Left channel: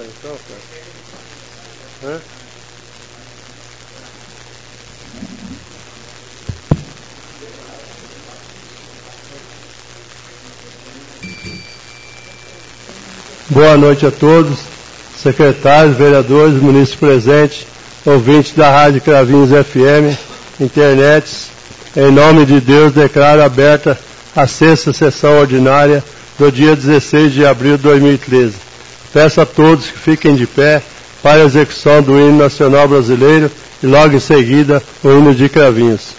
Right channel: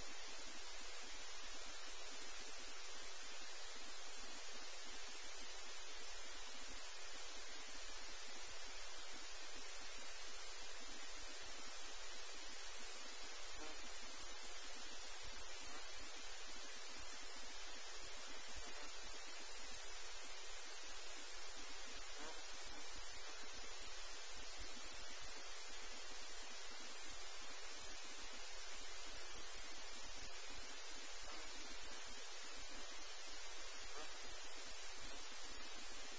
Então, cara. Hã? Boa noite a todos, secretários, vereadores, munícipes presentes, ouvintes da Rádio Cravinhos FM, internet. Em nome de Deus, declaro aberta a 6ª sessão ordinária do dia 16 de abril de 2013. Peço a todos que fiquem de pé para a execução do hino nacional brasileiro e logo em seguida o hino de Cravinhos.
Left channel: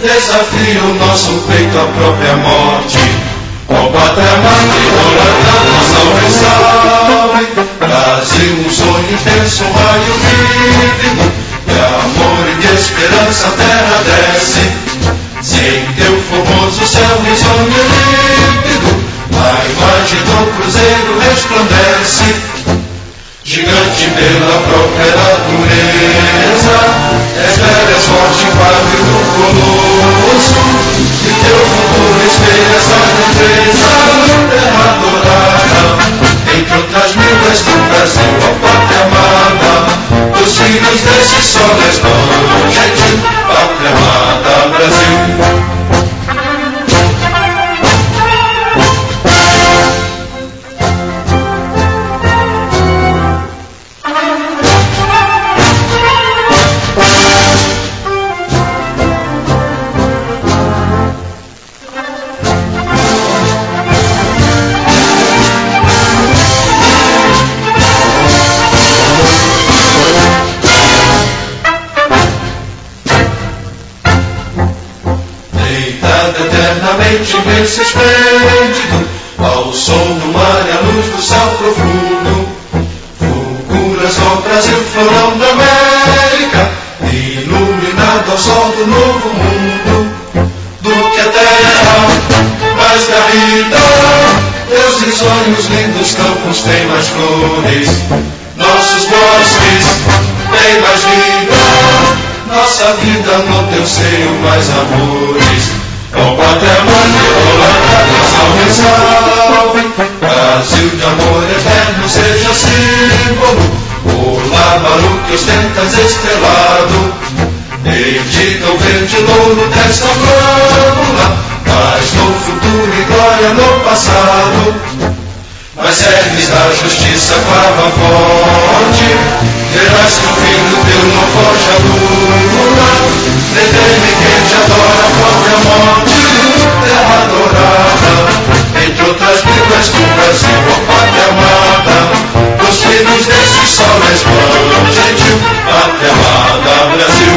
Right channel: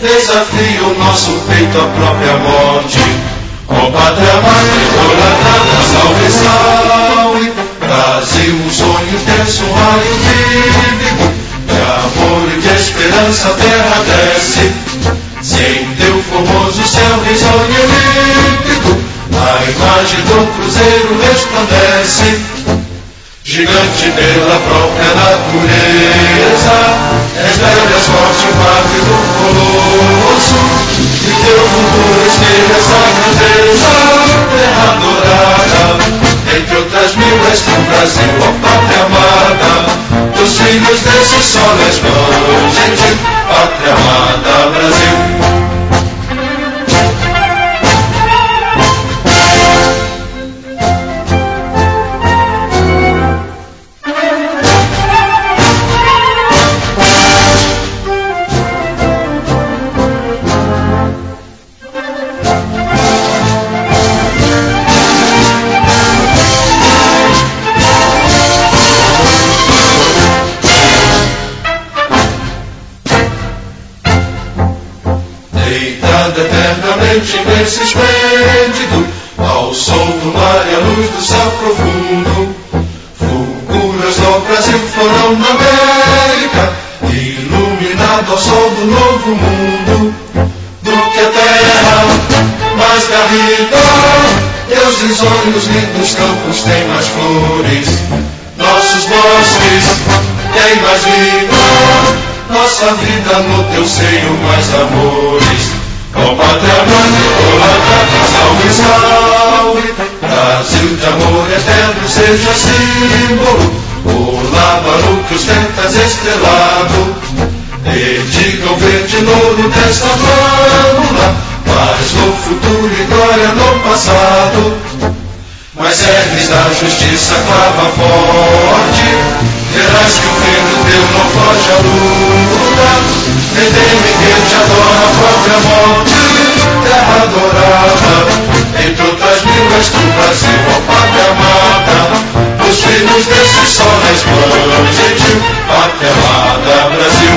Desafio o nosso peito à própria morte. Ó pátria amada, salve, salve. Brasil, um sonho intenso, um raio vívido de amor e de esperança a terra desce. Sem teu formoso céu risonho e límpido, a imagem do cruzeiro resplandece. Gigante pela própria natureza, és velho, és forte, padre do colosso, e teu futuro espelha essa grandeza, terra adorada, entre outras mil és tu, Brasil, ó pátria amada, dos filhos desse sol resplandente, pátria amada, Brasil. Imenso esplêndido, ao sol do mar e à luz do céu profundo, fulguras ao Brasil, florão na América, iluminado ao sol do novo mundo, do que a terra mais garrida, teus risonhos lindos campos têm mais flores, nossos bosques têm mais vida, nossa vida no teu seio mais amores. Ó pátria amada, salve, salve. Brasil de amor eterno seja símbolo, o lábaro que ostentas estrelado, dedica o verde louro desta flâmula, paz no futuro e glória no passado. Mas ergues da justiça clava forte, verás que o reino teu não foge à luta, nem teme quem te adora a própria morte, terra adorada, entre outras línguas do Brasil, ó pátria amada, os filhos desse sol resplandente, pátria amada, Brasil.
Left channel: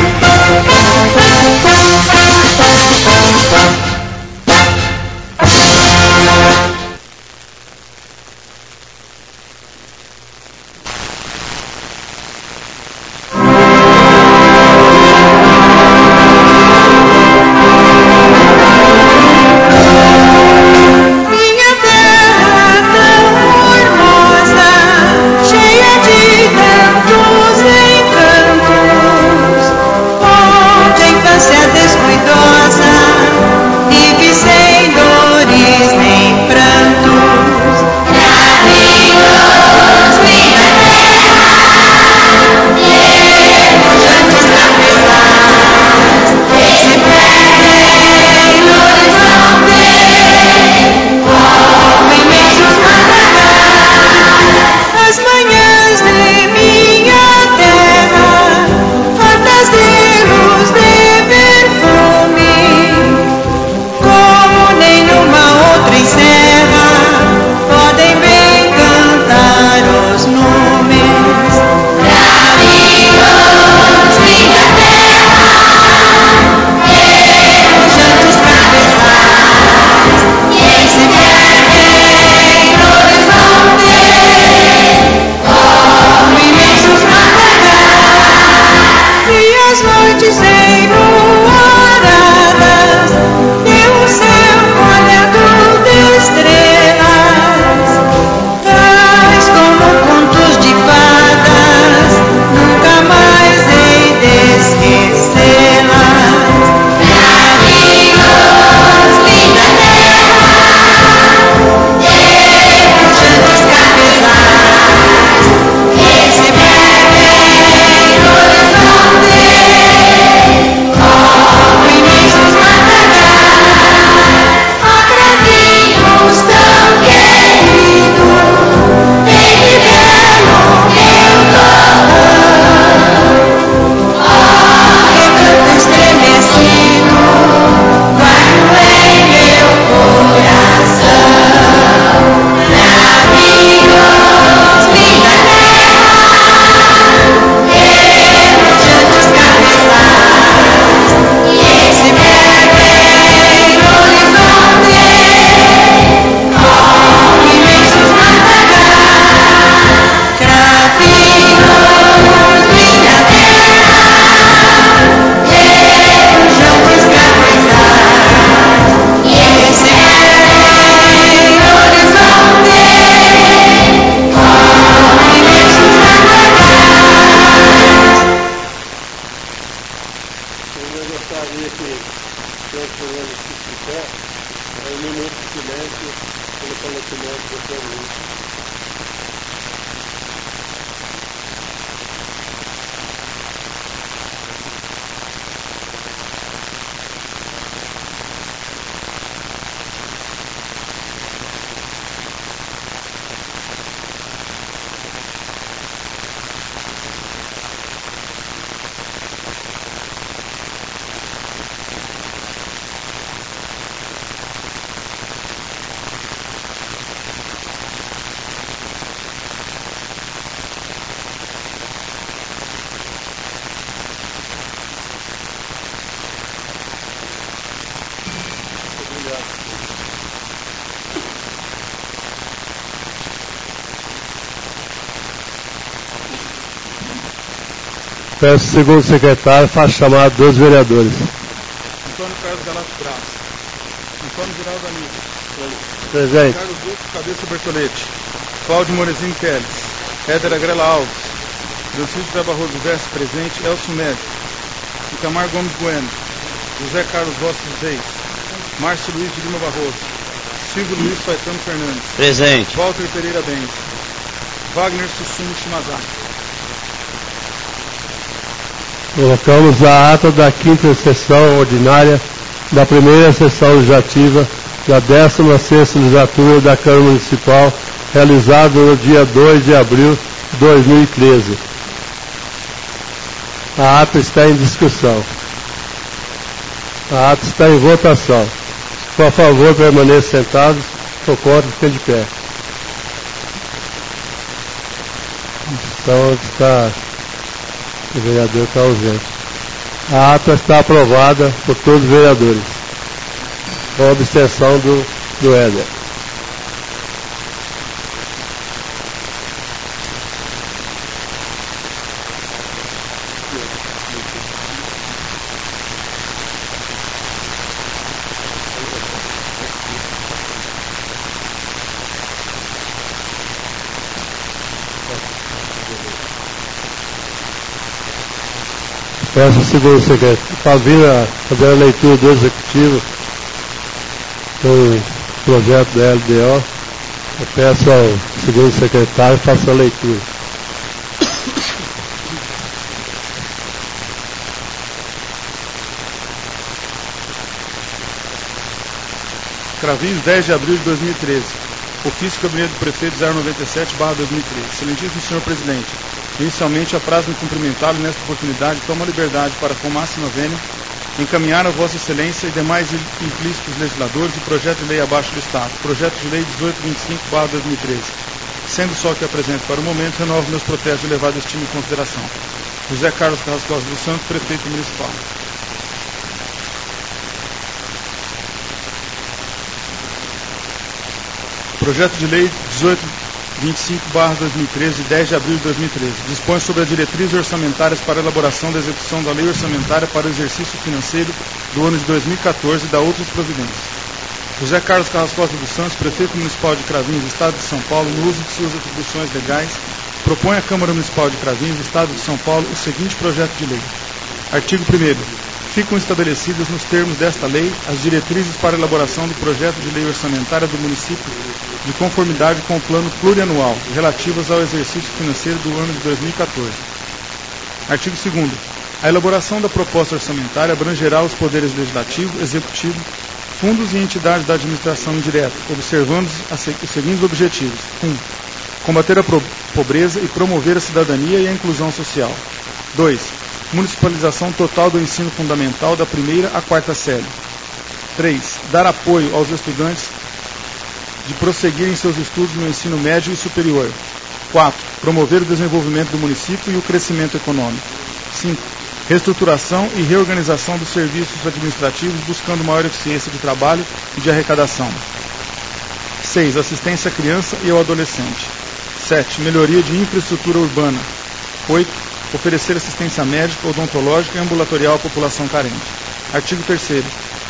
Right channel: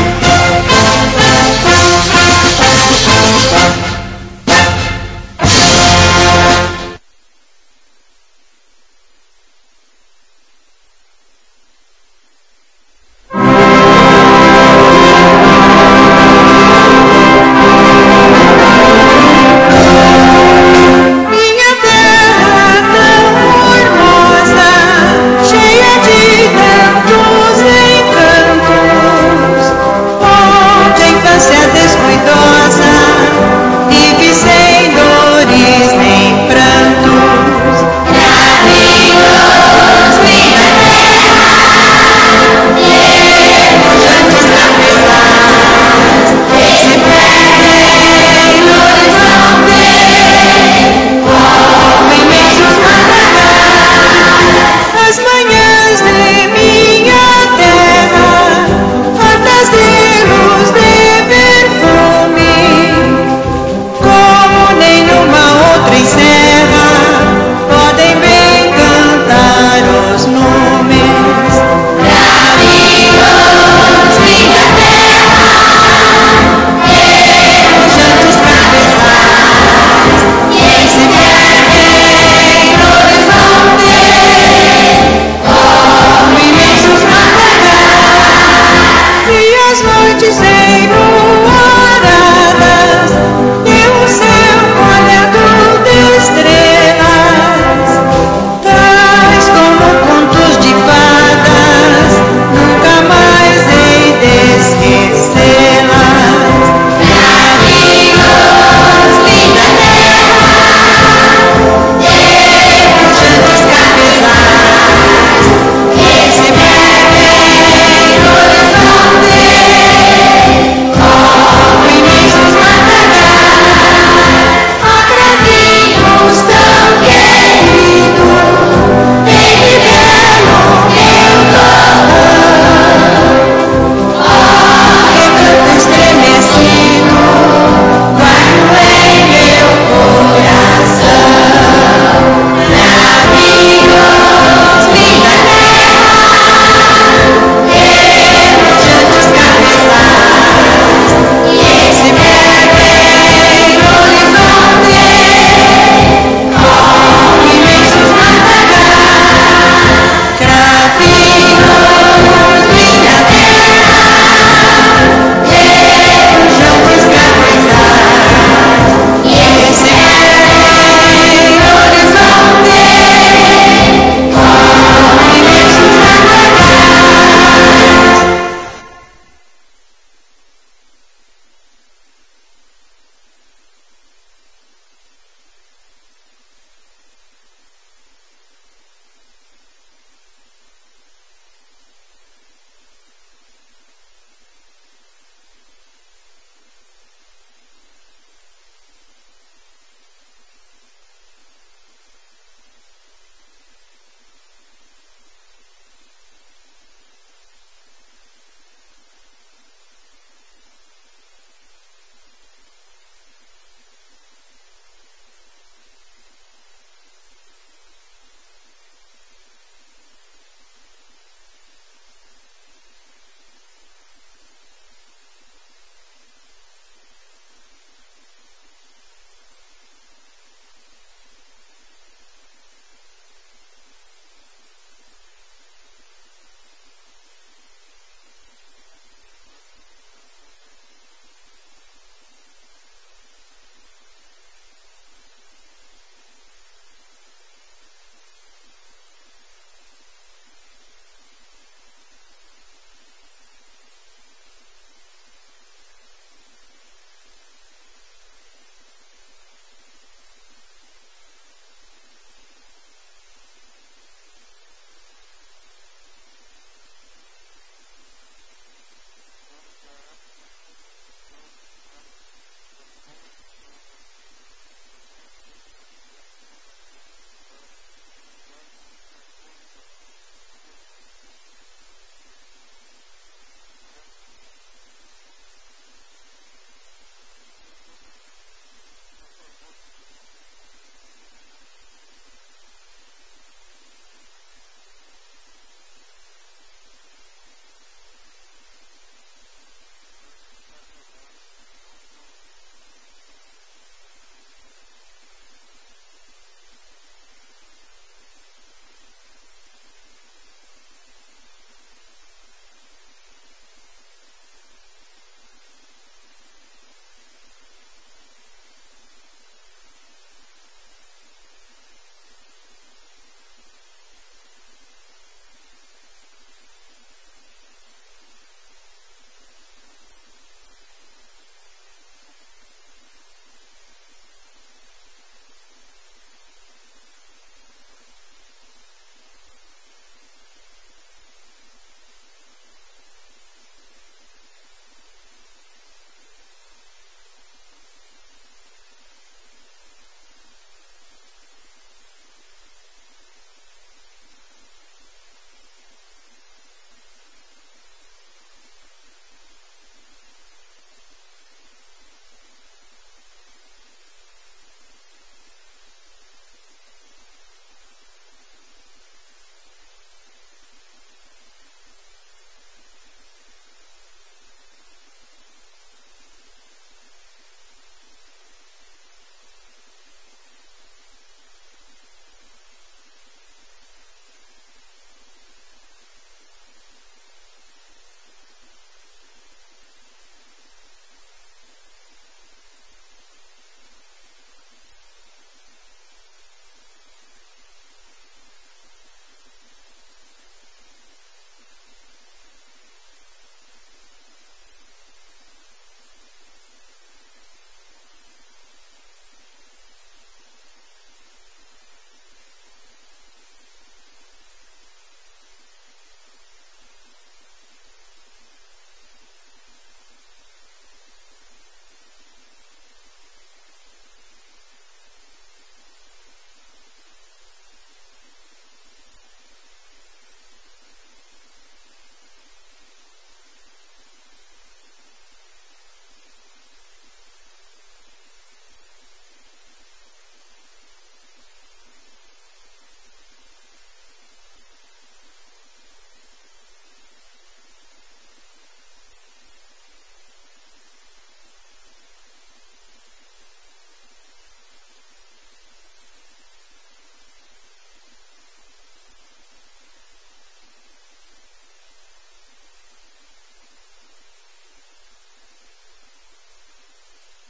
Um minuto de silêncio pelo falecimento do Sr. Luiz. Peço ao segundo secretário, faça chamado dos vereadores. Antônio Carlos Galato Braz. Antônio Geraldo Aníbal. Presente. Carlos Duque Cabeça Bertolete. Cláudio Morezinho Teles. Éder Agrela Alves. Francisco Zé Barroso Veste, presente. Elcio Médico. Itamar Gomes Bueno. José Carlos Rossi Reis. Márcio Luiz de Lima Barroso. Silvio Luiz Faetano Fernandes. Presente. Walter Pereira Bens. Wagner Susumu Shimazaki. Colocamos a ata da 5ª sessão ordinária da primeira sessão legislativa da 16ª legislatura da Câmara Municipal, realizada no dia 2 de abril de 2013. A ata está em discussão. A ata está em votação. Por favor, permaneçam sentados. Por contra, fiquem de pé. Então, o vereador está ausente. A ata está aprovada por todos os vereadores, com abstenção do Éder. Peço ao segundo secretário para vir fazer a leitura do executivo do projeto da LDO. Eu peço ao segundo secretário que faça a leitura. Cravinhos, 10 de abril de 2013. Ofício do Gabinete do Prefeito 097/2013. Excelentíssimo senhor presidente, inicialmente apraz-me cumprimentá-lo nesta oportunidade, tomo a liberdade para, com máxima vênia, encaminhar a Vossa Excelência e demais implícitos legisladores o projeto de lei abaixo do Estado, projeto de lei 1825/2013. Sendo só que apresento para o momento, renovo meus protestos de elevada estima e consideração. José Carlos Carrascosa dos Santos, Prefeito Municipal. Projeto de lei 1825/2013, de 10 de abril de 2013, dispõe sobre as diretrizes orçamentárias para a elaboração da execução da lei orçamentária para o exercício financeiro do ano de 2014 e da outras providências. José Carlos Carrascosa dos Santos, Prefeito Municipal de Cravinhos, Estado de São Paulo, no uso de suas atribuições legais, propõe à Câmara Municipal de Cravinhos, Estado de São Paulo, o seguinte projeto de lei. Artigo 1º. Ficam estabelecidas nos termos desta lei as diretrizes para a elaboração do projeto de lei orçamentária do município de conformidade com o plano plurianual relativas ao exercício financeiro do ano de 2014. Artigo 2º. A elaboração da proposta orçamentária abrangerá os poderes legislativo, executivo, fundos e entidades da administração indireta, observando os seguintes objetivos. 1. Combater a pobreza e promover a cidadania e a inclusão social. 2. Municipalização total do ensino fundamental da 1ª à 4ª série. 3. Dar apoio aos estudantes de prosseguirem seus estudos no ensino médio e superior. 4. Promover o desenvolvimento do município e o crescimento econômico. 5. Reestruturação e reorganização dos serviços administrativos buscando maior eficiência de trabalho e de arrecadação. 6. Assistência à criança e ao adolescente. 7. Melhoria de infraestrutura urbana. 8. Oferecer assistência médica, odontológica e ambulatorial à população carente. Artigo 3º.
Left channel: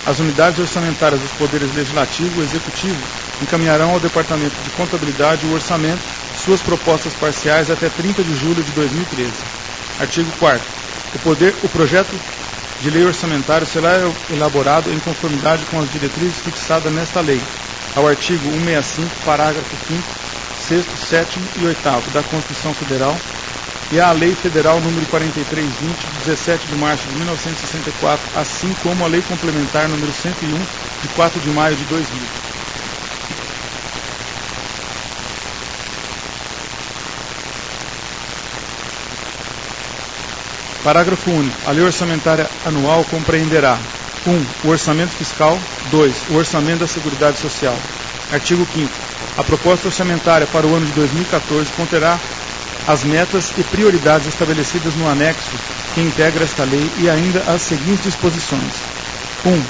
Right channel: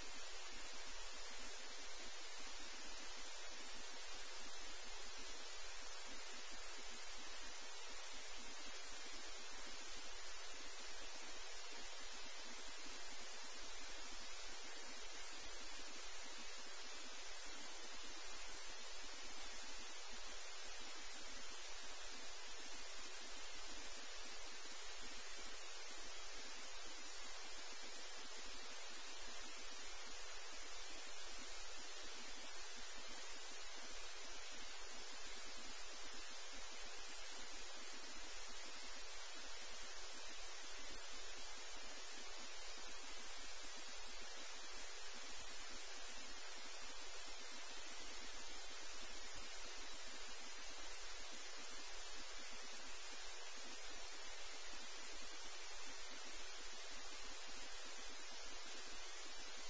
As unidades orçamentárias dos poderes legislativo e executivo encaminharão ao Departamento de Contabilidade o orçamento de suas propostas parciais até 30 de julho de 2013. Artigo 4º. O projeto de lei orçamentária será elaborado em conformidade com as diretrizes fixadas nesta lei, ao artigo 165, parágrafo 5º, 6º, 7º e 8º da Constituição Federal e à Lei Federal número 4320, de 17 de março de 1964, assim como a Lei Complementar número 101, de 4 de maio de 2000. Parágrafo único. A lei orçamentária anual compreenderá 1. O orçamento fiscal. 2. O orçamento da Seguridade Social. Artigo 5º. A proposta orçamentária para o ano de 2014 conterá as metas e prioridades estabelecidas no anexo que integra esta lei e ainda as seguintes disposições. 1.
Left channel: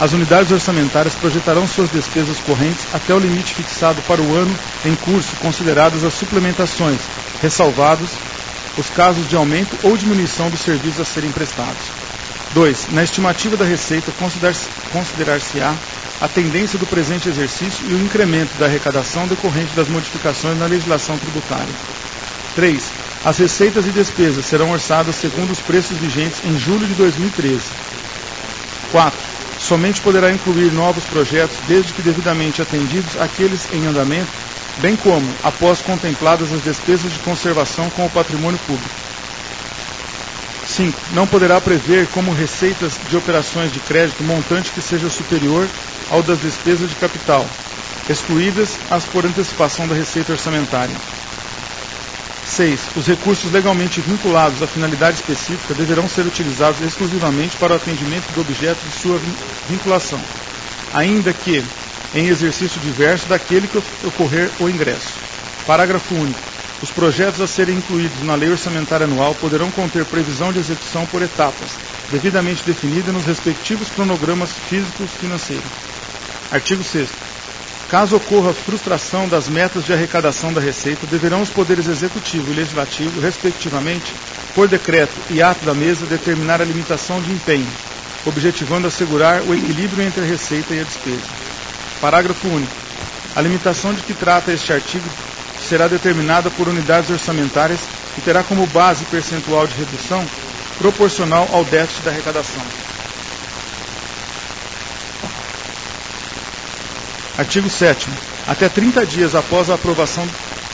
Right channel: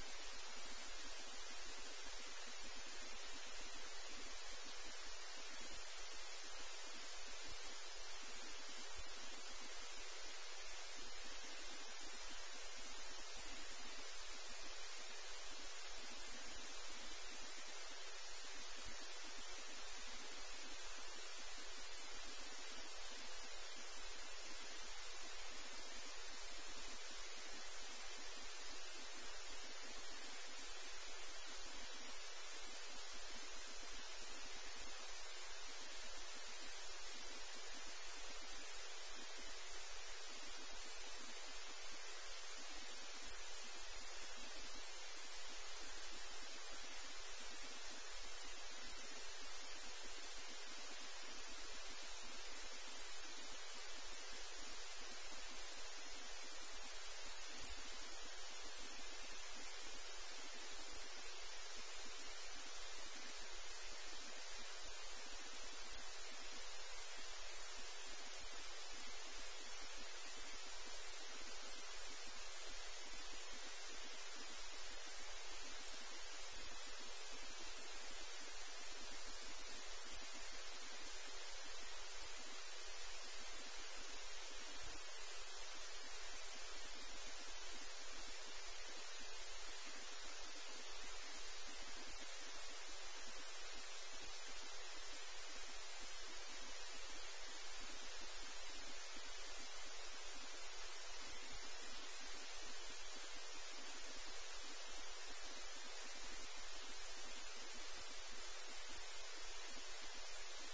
As unidades orçamentárias projetarão suas despesas correntes até o limite fixado para o ano em curso, consideradas as suplementações, ressalvados os casos de aumento ou diminuição dos serviços a serem prestados. 2. Na estimativa da receita, considerar-se-á a tendência do presente exercício e o incremento da arrecadação decorrente das modificações na legislação tributária. 3. As receitas e despesas serão orçadas segundo os preços vigentes em julho de 2013. 4. Somente poderá incluir novos projetos desde que devidamente atendidos aqueles em andamento, bem como após contempladas as despesas de conservação com o patrimônio público. 5. Não poderá prever como receitas de operações de crédito montante que seja superior ao das despesas de capital, excluídas as por antecipação da receita orçamentária. 6. Os recursos legalmente vinculados à finalidade específica deverão ser utilizados exclusivamente para o atendimento do objeto de sua vinculação, ainda que em exercício diverso daquele que ocorrer o ingresso. Parágrafo único. Os projetos a serem incluídos na lei orçamentária anual poderão conter previsão de execução por etapas, devidamente definida nos respectivos cronogramas físicos financeiros. Artigo 6º. Caso ocorra frustração das metas de arrecadação da Receita, deverão os poderes executivo e legislativo, respectivamente, por decreto e ato da mesa, determinar a limitação de empenho, objetivando assegurar o equilíbrio entre a receita e a despesa. Parágrafo único. A limitação de que trata este artigo será determinada por unidades orçamentárias e terá como base percentual de redução proporcional ao déficit da arrecadação. Artigo 7º. Até 30 dias após a aprovação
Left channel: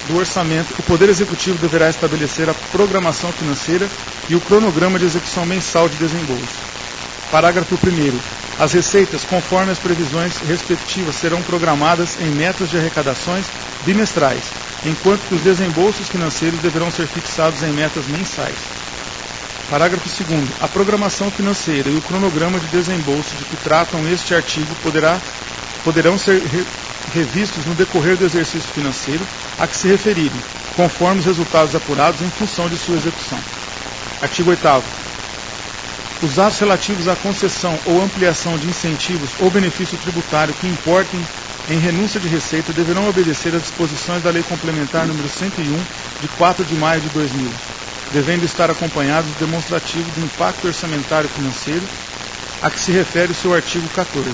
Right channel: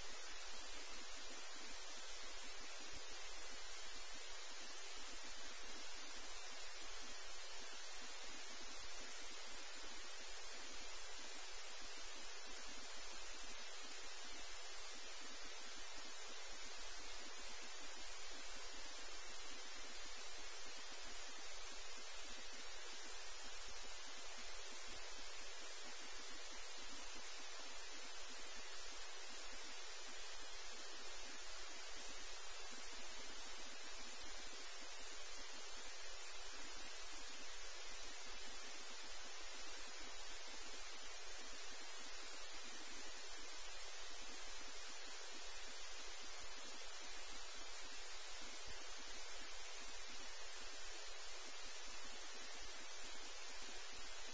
do orçamento, o Poder Executivo deverá estabelecer a programação financeira e o cronograma de execução mensal de desembolso. Parágrafo 1º. As receitas, conforme as previsões respectivas, serão programadas em metas de arrecadações bimestrais, enquanto que os desembolsos financeiros deverão ser fixados em metas mensais. Parágrafo 2º. A programação financeira e o cronograma de desembolso de que tratam este artigo poderão ser revistos no decorrer do exercício financeiro a que se referirem, conforme os resultados apurados em função de sua execução. Artigo 8º. Os atos relativos à concessão ou ampliação de incentivos ou benefício tributário que importem em renúncia de receita deverão obedecer às disposições da Lei Complementar número 101, de 4 de maio de 2000, devendo estar acompanhados de demonstrativo do impacto orçamentário financeiro a que se refere o seu artigo 14.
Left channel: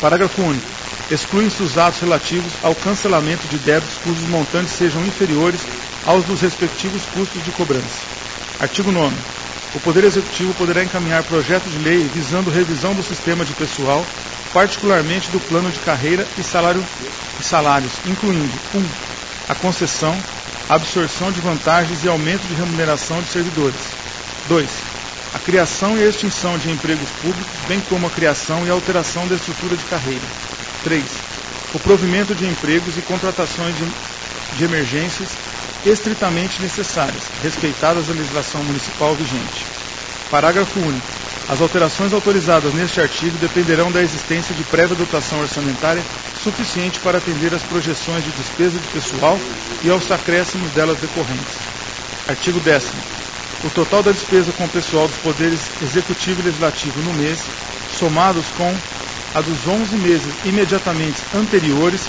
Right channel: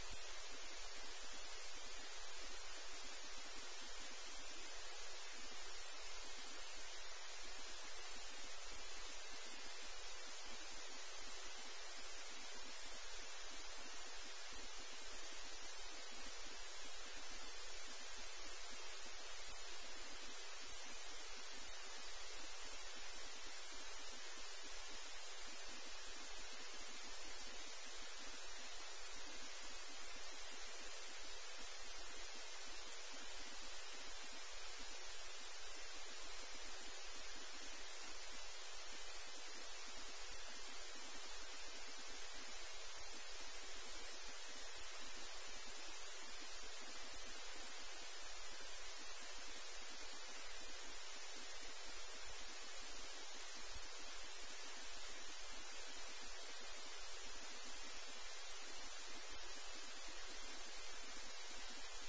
Parágrafo único. Excluem-se os atos relativos ao cancelamento de débitos cujos montantes sejam inferiores aos dos respectivos custos de cobrança. Artigo 9º. O Poder Executivo poderá encaminhar projeto de lei visando revisão do sistema de pessoal, particularmente do plano de carreira e salários, incluindo 1. A concessão, absorção de vantagens e aumento de remuneração de servidores. 2. A criação e a extinção de empregos públicos, bem como a criação e alteração da estrutura de carreira. 3. O provimento de empregos e contratações de emergências estritamente necessárias, respeitadas a legislação municipal vigente. Parágrafo único. As alterações autorizadas neste artigo dependerão da existência de prévia dotação orçamentária suficiente para atender às projeções de despesa de pessoal e aos acréscimos delas decorrentes. Artigo 10º. O total da despesa com o pessoal dos poderes executivo e legislativo no mês, somados com a dos 11 meses imediatamente anteriores,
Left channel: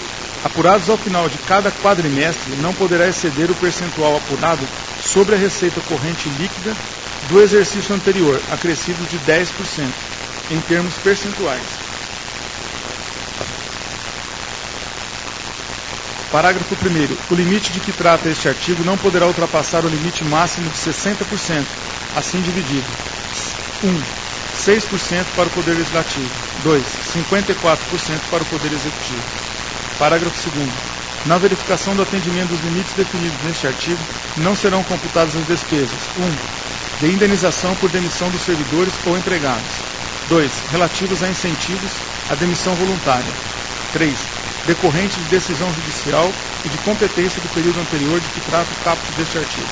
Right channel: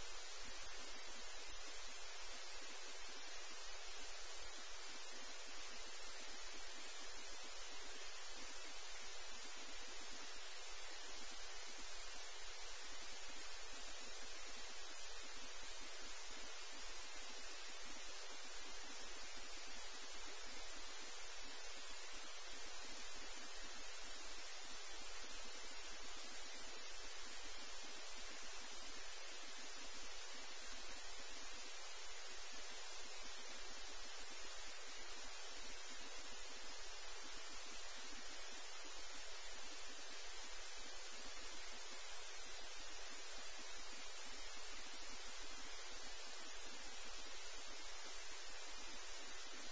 apurados ao final de cada quadrimestre, não poderá exceder o percentual apurado sobre a receita corrente líquida do exercício anterior, acrescido de 10%, em termos percentuais. Parágrafo 1º. O limite de que trata este artigo não poderá ultrapassar o limite máximo de 60%, assim dividido. 1. 6% para o Poder Legislativo. 2. 54% para o Poder Executivo. Parágrafo 2º. Na verificação do atendimento dos limites definidos neste artigo, não serão computadas as despesas: 1. De indenização por demissão dos servidores ou empregados. 2. Relativas a incentivos à demissão voluntária. 3. Decorrentes de decisão judicial e de competência do período anterior de que trata o caput deste artigo.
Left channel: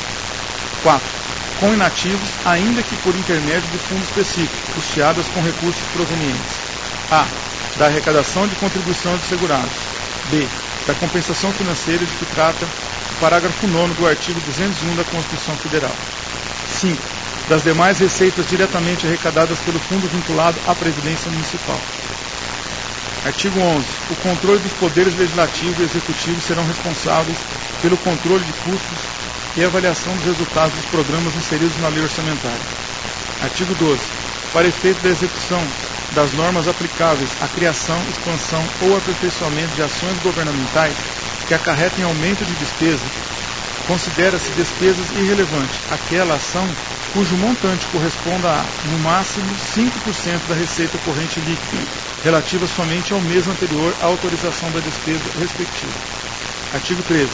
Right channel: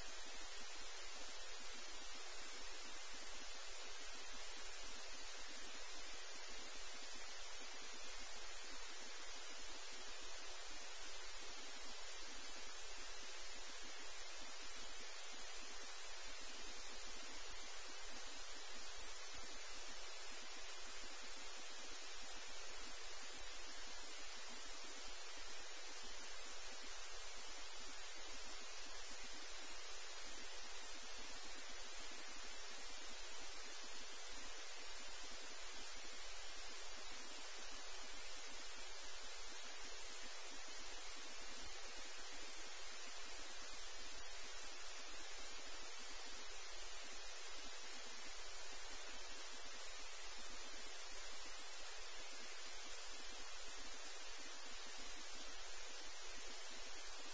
4. Com inativos, ainda que por intermédio de fundo específico, custeadas com recursos provenientes: a. Da arrecadação de contribuição dos segurados. b. Da compensação financeira de que trata o parágrafo 9º do artigo 201 da Constituição Federal. 5. Das demais receitas diretamente arrecadadas pelo fundo vinculado à Previdência Municipal. Artigo 11. O controle dos poderes legislativo e executivo serão responsáveis pelo controle de custos e avaliação dos resultados dos programas inseridos na lei orçamentária. Artigo 12. Para efeito da execução das normas aplicáveis à criação, expansão ou aperfeiçoamento de ações governamentais que acarretem aumento de despesa, considera-se despesas irrelevante aquela ação cujo montante corresponda a, no máximo, 5% da receita corrente líquida, relativa somente ao mês anterior à autorização da despesa respectiva. Artigo 13.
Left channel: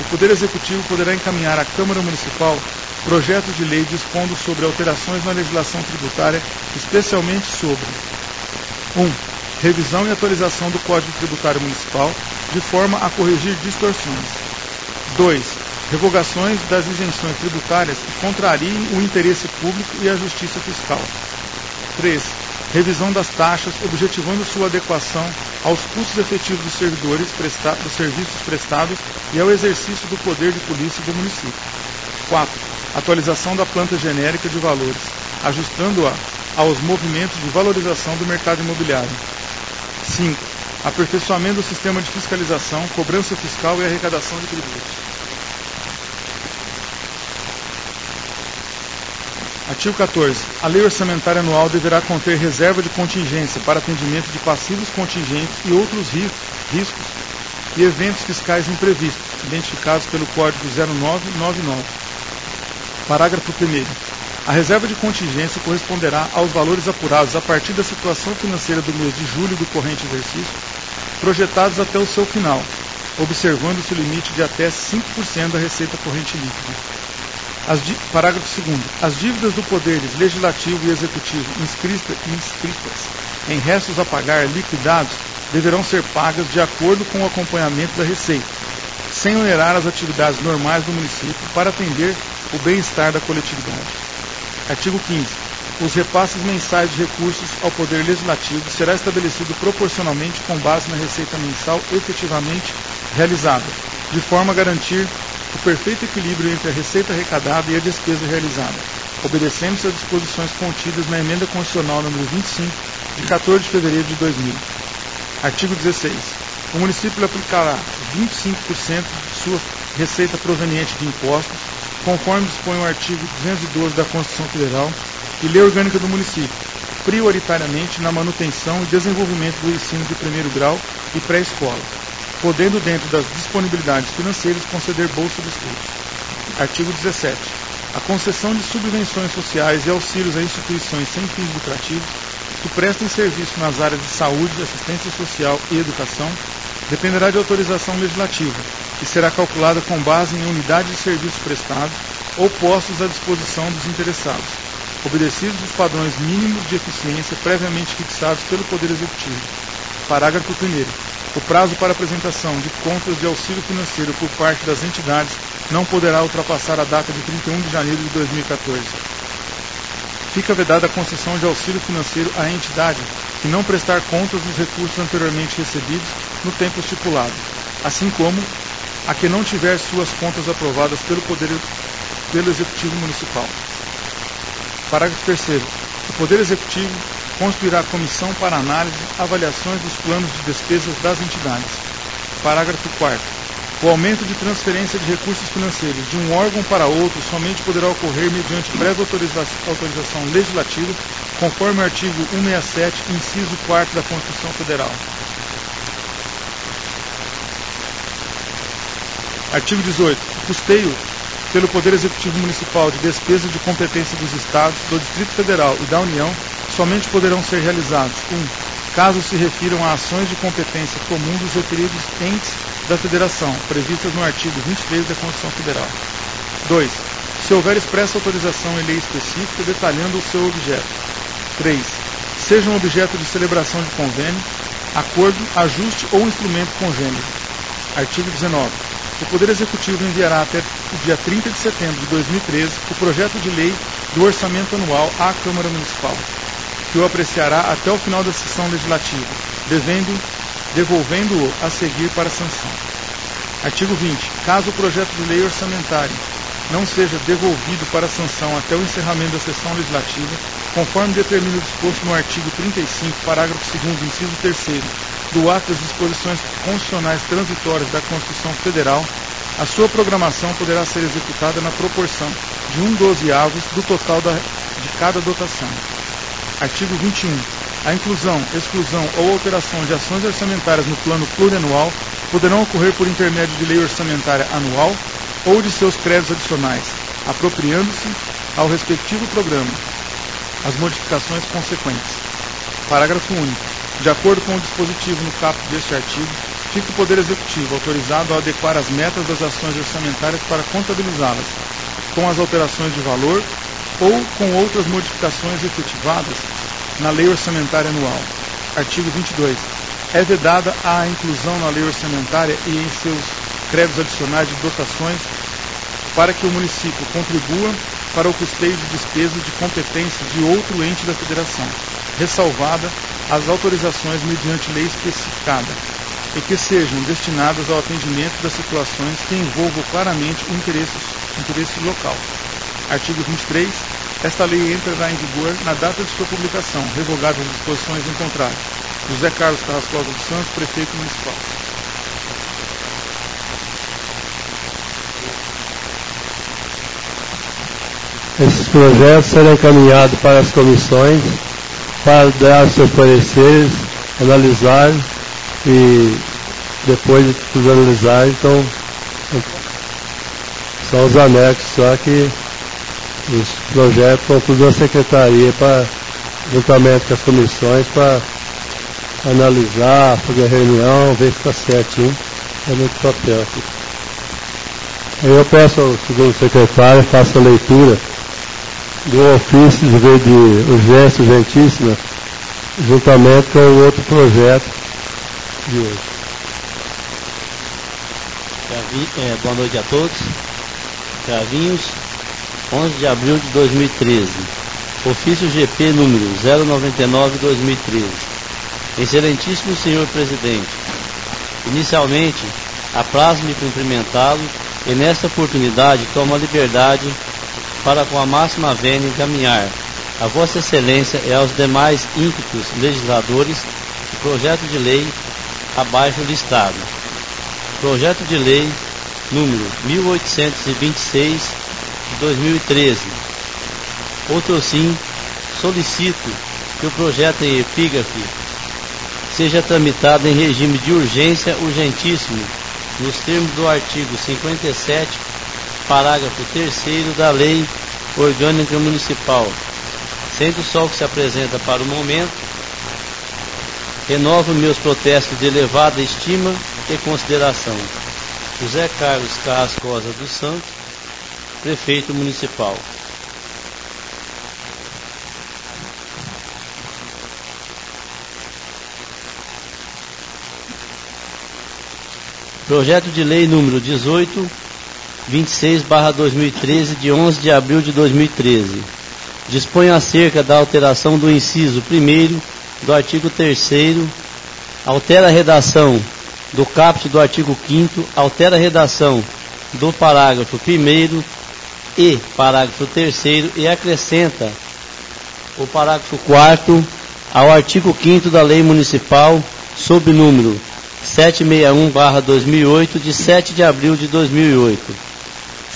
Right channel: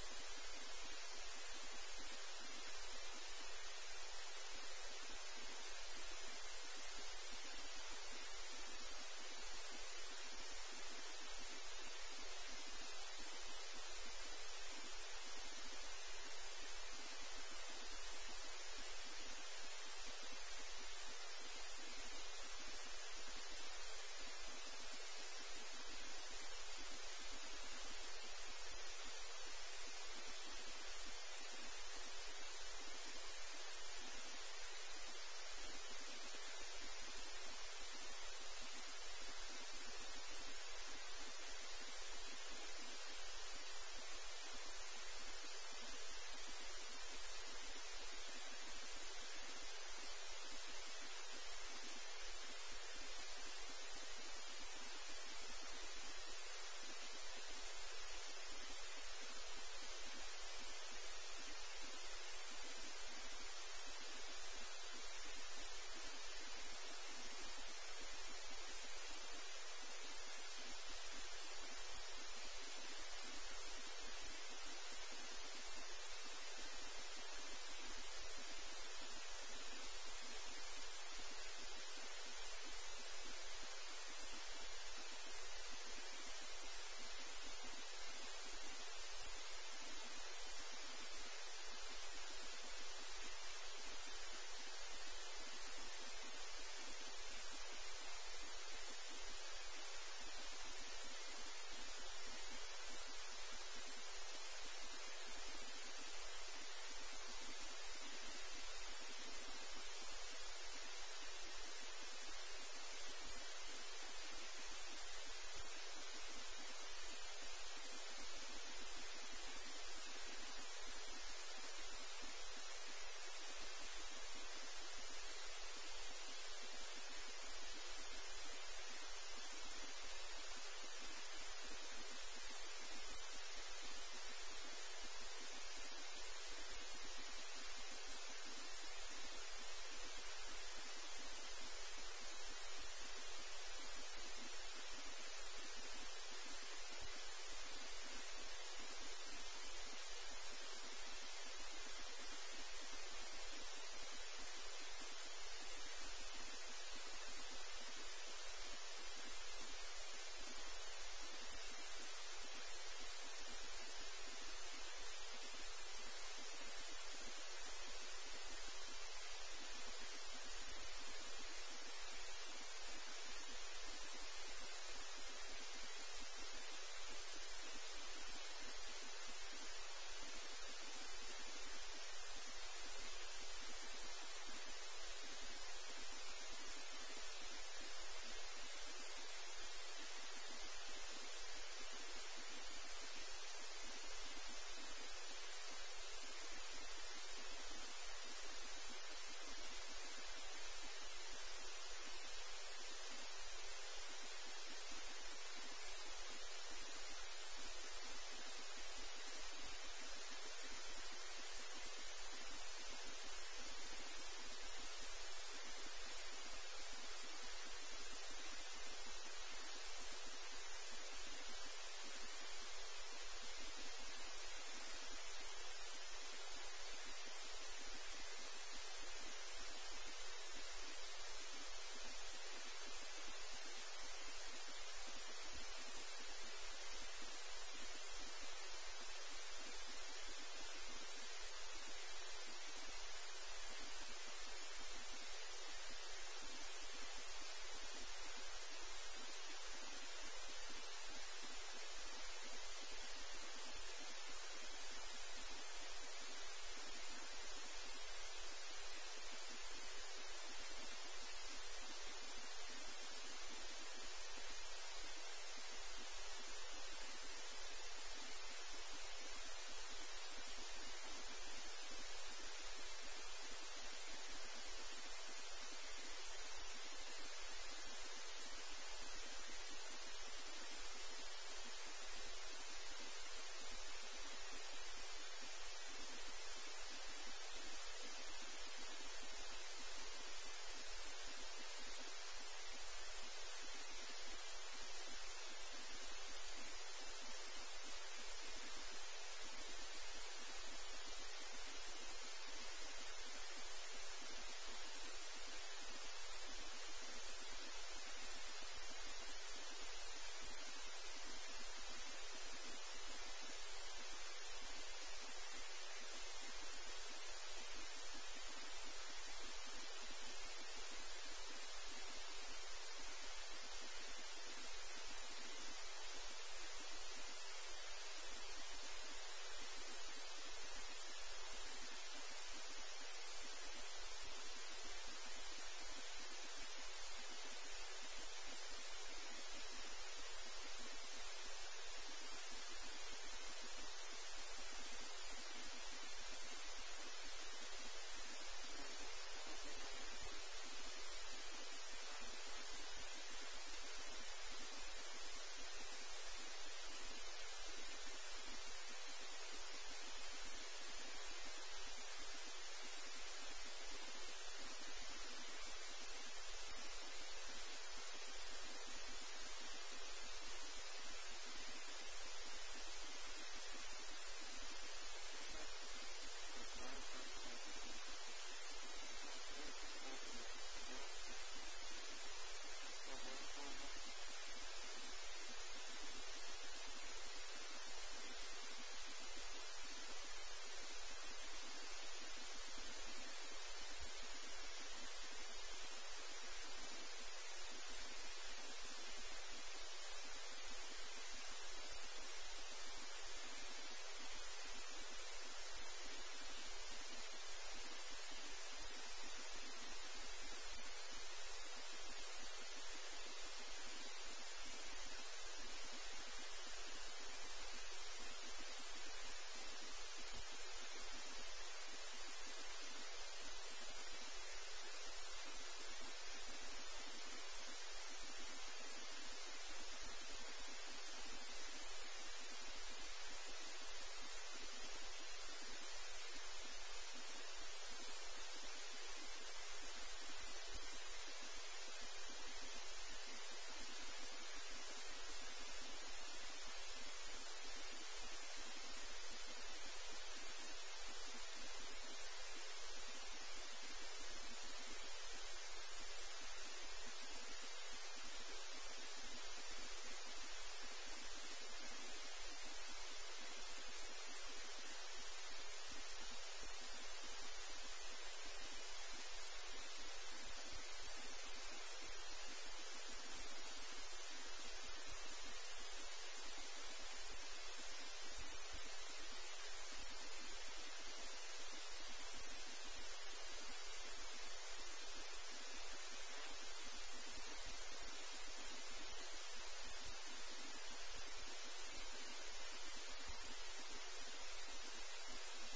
O Poder Executivo poderá encaminhar à Câmara Municipal projetos de lei dispondo sobre alterações na legislação tributária, especialmente sobre: 1. Revisão e atualização do Código Tributário Municipal, de forma a corrigir distorções. 2. Revogações das isenções tributárias que contrariem o interesse público e a justiça fiscal. 3. Revisão das taxas, objetivando sua adequação aos custos efetivos dos servidores, dos serviços prestados e ao exercício do poder de polícia do município. 4. Atualização da planta genérica de valores, ajustando-a aos movimentos de valorização do mercado imobiliário. 5. Aperfeiçoamento do sistema de fiscalização, cobrança fiscal e arrecadação de tributos. Artigo 14. A lei orçamentária anual deverá conter reserva de contingência para atendimento de passivos contingentes e outros riscos e eventos fiscais imprevistos, identificados pelo Código 0999. Parágrafo 1º. A reserva de contingência corresponderá aos valores apurados a partir da situação financeira do mês de julho do corrente exercício, projetados até o seu final, observando-se o limite de até 5% da receita corrente líquida. Parágrafo 2º. As dívidas do Poder Legislativo e Executivo inscritas em restos a pagar liquidados deverão ser pagas de acordo com o acompanhamento da receita, sem onerar as atividades normais do município para atender o bem-estar da coletividade. Artigo 15. Os repasses mensais de recursos ao Poder Legislativo será estabelecido proporcionalmente com base na receita mensal efetivamente realizada, de forma a garantir o perfeito equilíbrio entre a receita arrecadada e a despesa realizada, obedecendo-se às disposições contidas na Emenda Constitucional nº 25, de 14 de fevereiro de 2000. Artigo 16. O município aplicará 25% de sua receita proveniente de impostos, conforme dispõe o artigo 212 da Constituição Federal e Lei Orgânica do Município, prioritariamente na manutenção e desenvolvimento do ensino de primeiro grau e pré-escola, podendo, dentro das disponibilidades financeiras, conceder bolsa de estudos. Artigo 17. A concessão de subvenções sociais e auxílios a instituições sem fins lucrativos que prestem serviço nas áreas de saúde, assistência social e educação dependerá de autorização legislativa e será calculada com base em unidade de serviços prestados ou postos à disposição dos interessados, obedecidos os padrões mínimos de eficiência previamente fixados pelo Poder Executivo. Parágrafo 1º. O prazo para apresentação de contas de auxílio financeiro por parte das entidades não poderá ultrapassar a data de 31 de janeiro de 2014. Fica vedada a concessão de auxílio financeiro à entidade que não prestar contas dos recursos anteriormente recebidos no tempo estipulado, assim como a que não tiver suas contas aprovadas pelo Executivo Municipal. Parágrafo 3º. O Poder Executivo constituirá comissão para análise e avaliações dos planos de despesas das entidades. Parágrafo 4º. O aumento de transferência de recursos financeiros de um órgão para outro somente poderá ocorrer mediante prévia autorização legislativa, conforme o artigo 167, inciso 4º da Constituição Federal. Artigo 18. O custeio pelo Poder Executivo Municipal de despesas de competência dos Estados, do Distrito Federal e da União, somente poderão ser realizados: 1. Caso se refiram a ações de competência comum dos referidos entes da Federação, previstas no artigo 23 da Constituição Federal. 2. Se houver expressa autorização em lei específica detalhando o seu objeto. 3. Sejam objeto de celebração de convênio, acordo, ajuste ou instrumento congênero. Artigo 19. O Poder Executivo enviará até o dia 30 de setembro de 2013 o projeto de lei do orçamento anual à Câmara Municipal, que o apreciará até o final da sessão legislativa, devolvendo-o a seguir para sanção. Artigo 20. Caso o projeto de lei orçamentária não seja devolvido para sanção até o encerramento da sessão legislativa, conforme determina o disposto no artigo 35, parágrafo 2º, inciso 3º, do ato das disposições constitucionais transitórias da Constituição Federal, a sua programação poderá ser executada na proporção de 1/12 do total de cada dotação. Artigo 21. A inclusão, exclusão ou alteração de ações orçamentárias no plano plurianual poderão ocorrer por intermédio de lei orçamentária anual ou de seus créditos adicionais, apropriando-se ao respectivo programa as modificações consequentes. Parágrafo único. De acordo com o dispositivo no caput deste artigo, fica o Poder Executivo autorizado a adequar as metas das ações orçamentárias para contabilizá-las, com as alterações de valor ou com outras modificações efetivadas na Lei Orçamentária Anual. Artigo 22. É vedada a inclusão na Lei Orçamentária e em seus créditos adicionais de dotações para que o município contribua para o custeio de despesas de competência de outro ente da Federação, ressalvada as autorizações mediante lei especificada, e que sejam destinadas ao atendimento das situações que envolvam claramente o interesse local. Artigo 23. Esta lei entrará em vigor na data de sua publicação, revogadas as disposições em contrário. José Carlos Carrascosa dos Santos, Prefeito Municipal. Esses projetos serão encaminhados para as comissões para dar seus pareceres, analisar e depois de tudo analisar, então são os anexos só que os projetos vão tudo na secretaria para juntamente com as comissões para analisar, fazer reunião, ver se está certinho. É muito papel aqui. Aí eu peço ao segundo secretário, faça a leitura do ofício de vez de urgência urgentíssima, juntamente com o outro projeto de hoje. Boa noite a todos. Cravinhos, 11 de abril de 2013. Ofício GP número 099/2013. Excelentíssimo senhor presidente, inicialmente, apraz-me cumprimentá-lo e nesta oportunidade tomo a liberdade para com a máxima vênia encaminhar a Vossa Excelência e aos demais ímpetos legisladores o projeto de lei abaixo listado. Projeto de lei número 1826 de 2013. Outro sim, solicito que o projeto em epígrafe seja tramitado em regime de urgência urgentíssimo, nos termos do artigo 57, parágrafo 3º da Lei Orgânica Municipal. Sendo só o que se apresenta para o momento, renovo meus protestos de elevada estima e consideração. José Carlos Carrascosa dos Santos, Prefeito Municipal. Projeto de Lei número 1826/2013, de 11 de abril de 2013. Dispõe acerca da alteração do inciso 1º do artigo 3º, altera a redação do caput do artigo 5º, altera a redação do parágrafo 1º e parágrafo 3º e acrescenta o parágrafo 4º ao artigo 5º da Lei Municipal sob número 761/2008, de 7 de abril de 2008.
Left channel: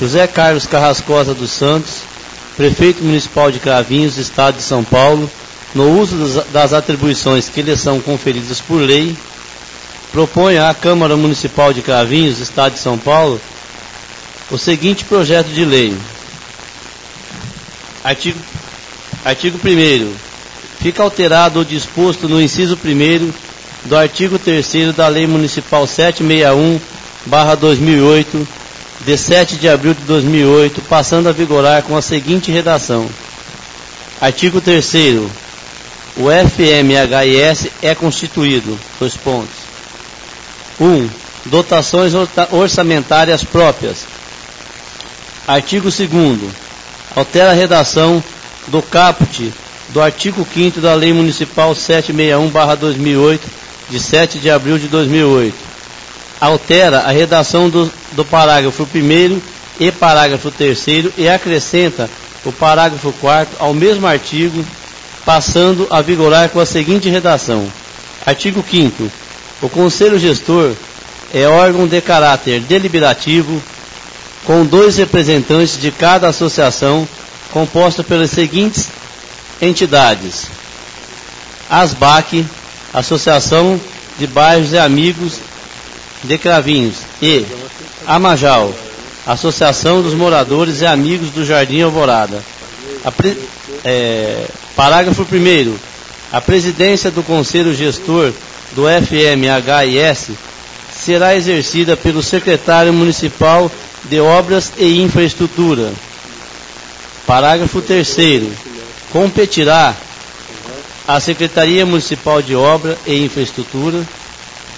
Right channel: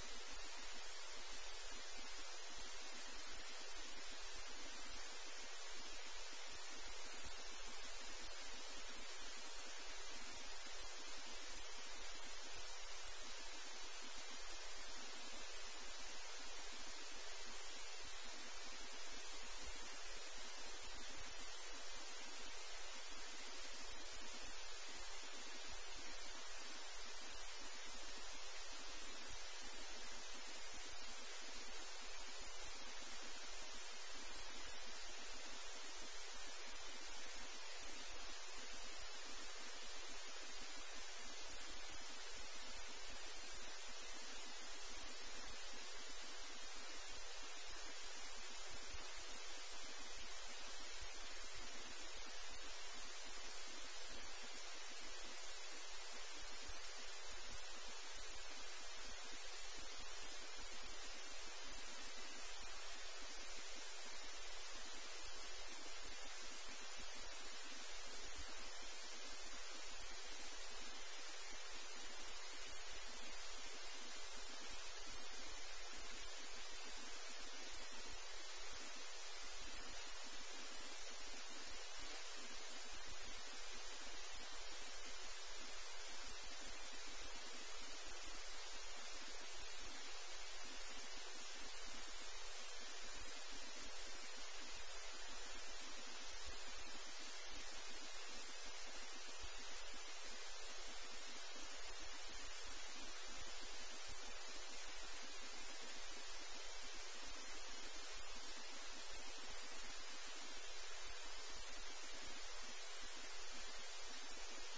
José Carlos Carrascosa dos Santos, Prefeito Municipal de Cravinhos, Estado de São Paulo, no uso das atribuições que lhe são conferidas por lei, propõe à Câmara Municipal de Cravinhos, Estado de São Paulo, o seguinte projeto de lei. Artigo 1º. Fica alterado o disposto no inciso 1º do artigo 3º da Lei Municipal 761/2008, de 7 de abril de 2008, passando a vigorar com a seguinte redação. Artigo 3º. O FMHIS é constituído. 1. Dotações orçamentárias próprias. Artigo 2º. Altera a redação do caput do artigo 5º da Lei Municipal 761/2008, de 7 de abril de 2008. Altera a redação do parágrafo 1º e parágrafo 3º e acrescenta o parágrafo 4º ao mesmo artigo, passando a vigorar com a seguinte redação. Artigo 5º. O Conselho Gestor é órgão de caráter deliberativo, com 2 representantes de cada associação, composta pelas seguintes entidades: ASBAC, Associação de Bairros e Amigos de Cravinhos, e AMAJAL, Associação dos Moradores e Amigos do Jardim Alvorada. Parágrafo 1º. A presidência do Conselho Gestor do FMHIS será exercida pelo secretário municipal de Obras e Infraestrutura. Parágrafo 3º. Competirá à Secretaria Municipal de Obra e Infraestrutura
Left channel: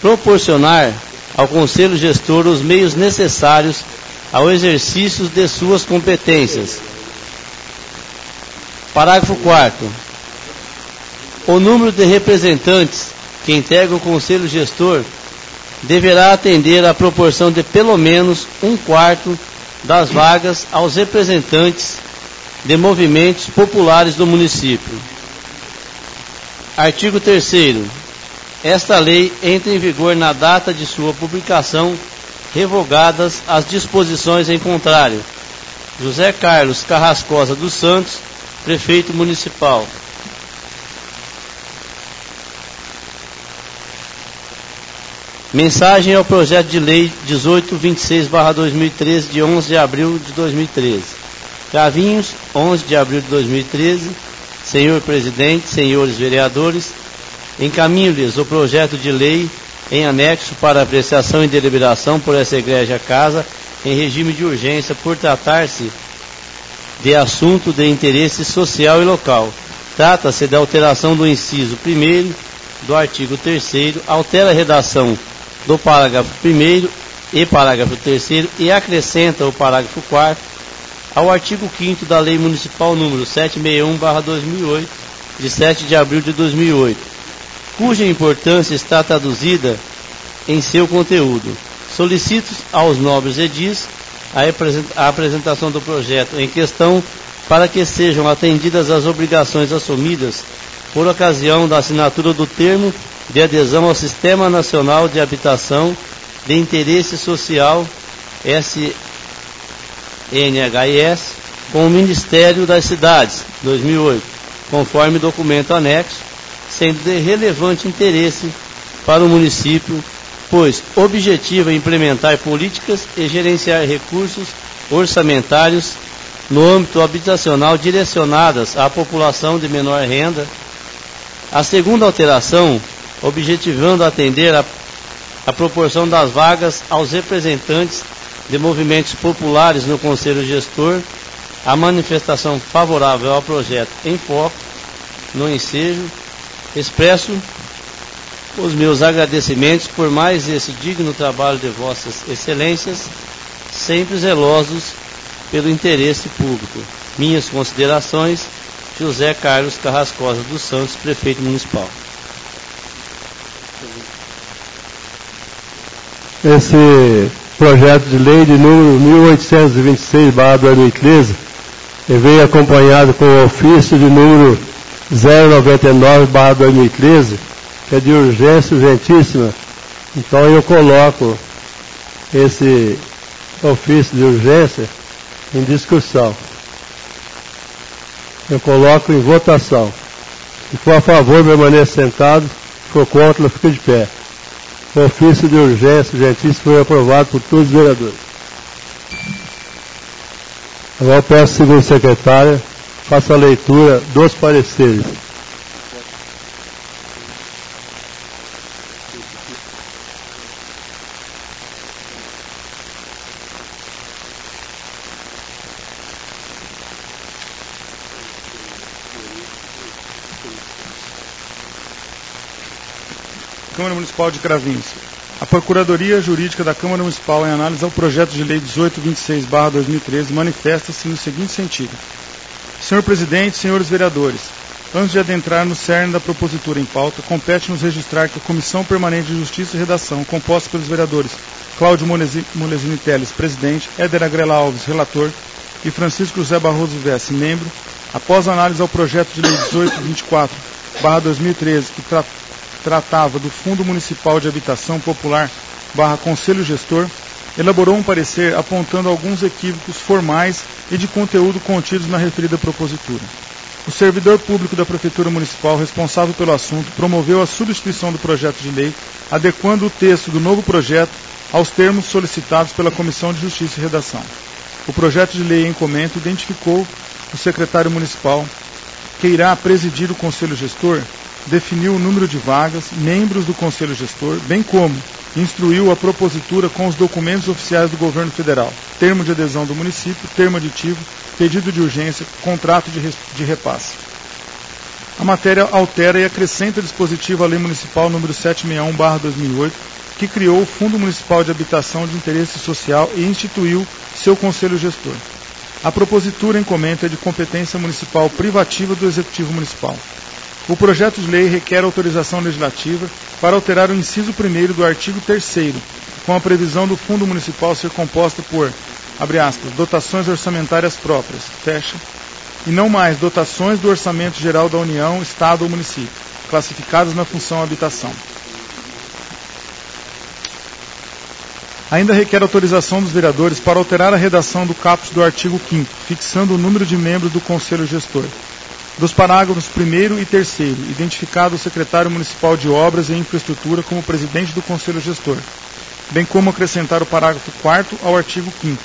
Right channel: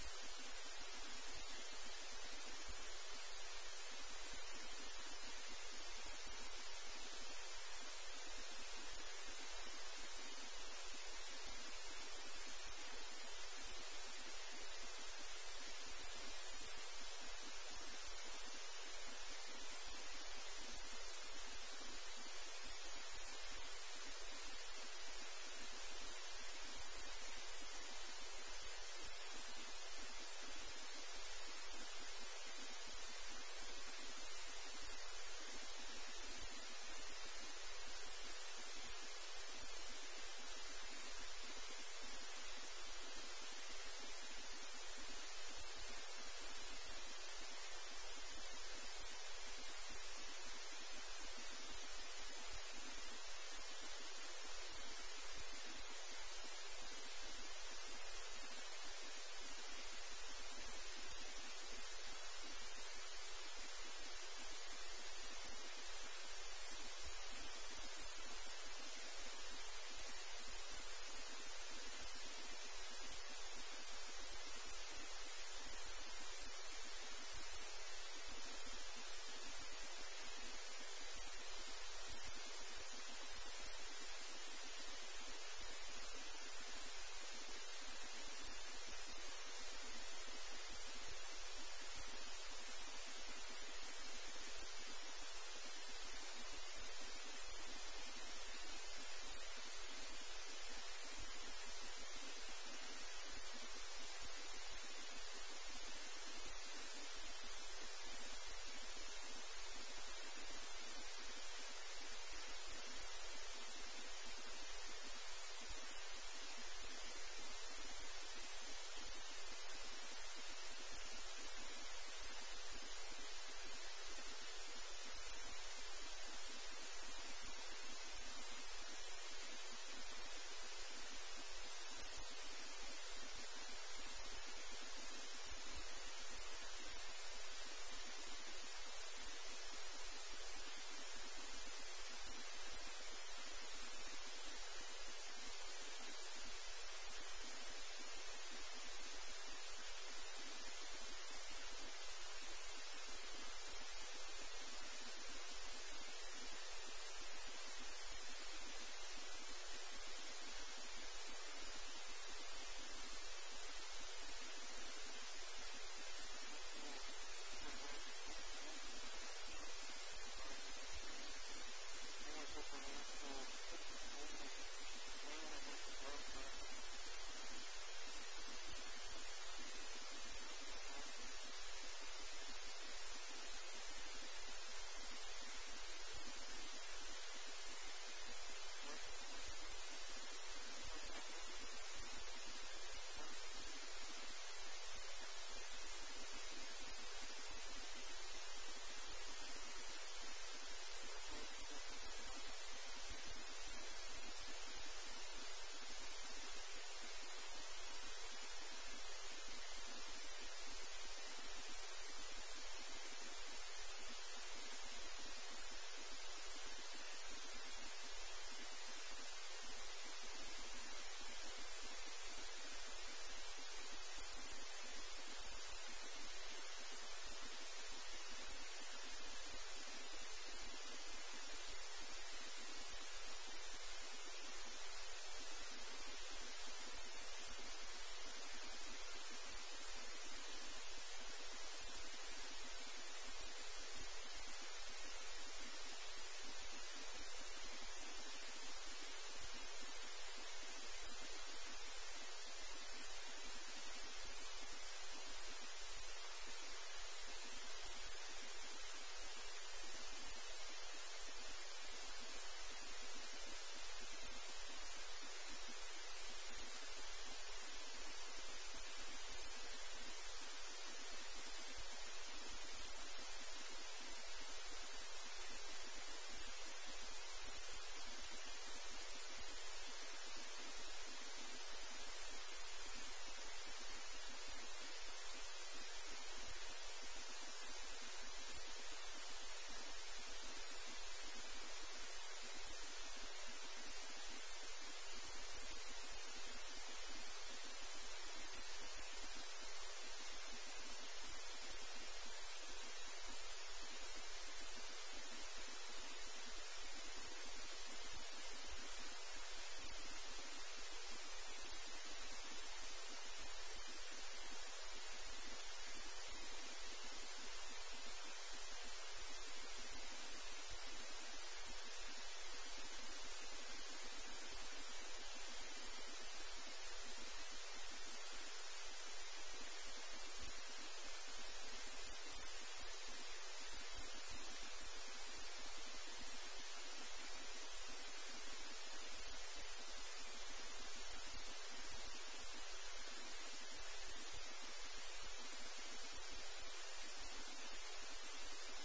proporcionar ao Conselho Gestor os meios necessários ao exercício de suas competências. Parágrafo 4º. O número de representantes que integram o Conselho Gestor deverá atender à proporção de pelo menos 1/4 das vagas aos representantes de movimentos populares do município. Artigo 3º. Esta lei entra em vigor na data de sua publicação, revogadas as disposições em contrário. José Carlos Carrascosa dos Santos, Prefeito Municipal. Mensagem ao projeto de lei 1826/2013, de 11 de abril de 2013. Cravinhos, 11 de abril de 2013. Senhor Presidente, senhores vereadores, encaminho-lhes o projeto de lei em anexo para apreciação e deliberação por essa egrégia casa em regime de urgência, por tratar-se de assunto de interesse social e local. Trata-se da alteração do inciso 1º do artigo 3º, altera a redação do parágrafo 1º e parágrafo 3º e acrescenta o parágrafo 4º ao artigo 5º da Lei Municipal número 761/2008, de 7 de abril de 2008, cuja importância está traduzida em seu conteúdo. Solicito aos nobres edis a apresentação do projeto em questão para que sejam atendidas as obrigações assumidas por ocasião da assinatura do termo de adesão ao Sistema Nacional de Habitação de Interesse Social, SNHIS, com o Ministério das Cidades, 2008, conforme documento anexo, sendo de relevante interesse para o município, pois objetiva implementar políticas e gerenciar recursos orçamentários no âmbito habitacional direcionadas à população de menor renda. A segunda alteração, objetivando atender a proporção das vagas aos representantes de movimentos populares no Conselho Gestor, a manifestação favorável ao projeto em foco no ensejo. Expresso os meus agradecimentos por mais esse digno trabalho de vossas excelências, sempre zelosos pelo interesse público. Minhas considerações, José Carlos Carrascosa dos Santos, Prefeito Municipal. Esse projeto de lei de número 1826/2013 veio acompanhado com o ofício de número 099/2013, que é de urgência urgentíssima. Então eu coloco esse ofício de urgência em discussão. Eu coloco em votação. Se for a favor, permaneça sentado. Se for contra, fica de pé. O ofício de urgência urgentíssima foi aprovado por todos os vereadores. Agora peço ao segundo secretário, faça a leitura dos pareceres. Câmara Municipal de Cravinhos. A Procuradoria Jurídica da Câmara Municipal, em análise ao projeto de lei 1826/2013, manifesta-se no seguinte sentido. Senhor Presidente, senhores vereadores, antes de adentrar no cerne da propositura em pauta, compete-nos registrar que a Comissão Permanente de Justiça e Redação, composta pelos vereadores Cláudio Molesini Teles, presidente, Éder Agrela Alves, relator, e Francisco José Barroso Vesse, membro, após análise ao projeto de lei 1824/2013, que tratava do Fundo Municipal de Habitação Popular Conselho Gestor, elaborou um parecer apontando alguns equívocos formais e de conteúdo contidos na referida propositura. O servidor público da Prefeitura Municipal responsável pelo assunto promoveu a substituição do projeto de lei, adequando o texto do novo projeto aos termos solicitados pela Comissão de Justiça e Redação. O projeto de lei em comento identificou o secretário municipal que irá presidir o Conselho Gestor, definiu o número de vagas, membros do Conselho Gestor, bem como instruiu a propositura com os documentos oficiais do Governo Federal, termo de adesão do município, termo aditivo, pedido de urgência, contrato de repasse. A matéria altera e acrescenta dispositivo à Lei Municipal número 761/2008, que criou o Fundo Municipal de Habitação de Interesse Social e instituiu seu Conselho Gestor. A propositura em comento é de competência municipal privativa do Executivo Municipal. O projeto de lei requer autorização legislativa para alterar o inciso 1º do artigo 3º, com a previsão do Fundo Municipal ser composta por, abre aspas, dotações orçamentárias próprias, fecha, e não mais dotações do Orçamento Geral da União, Estado ou Município, classificadas na função habitação. Ainda requer autorização dos vereadores para alterar a redação do caput do artigo 5º, fixando o número de membros do Conselho Gestor. Dos parágrafos 1º e 3º, identificado o secretário municipal de Obras e Infraestrutura como presidente do Conselho Gestor, bem como acrescentar o parágrafo 4º ao artigo 5º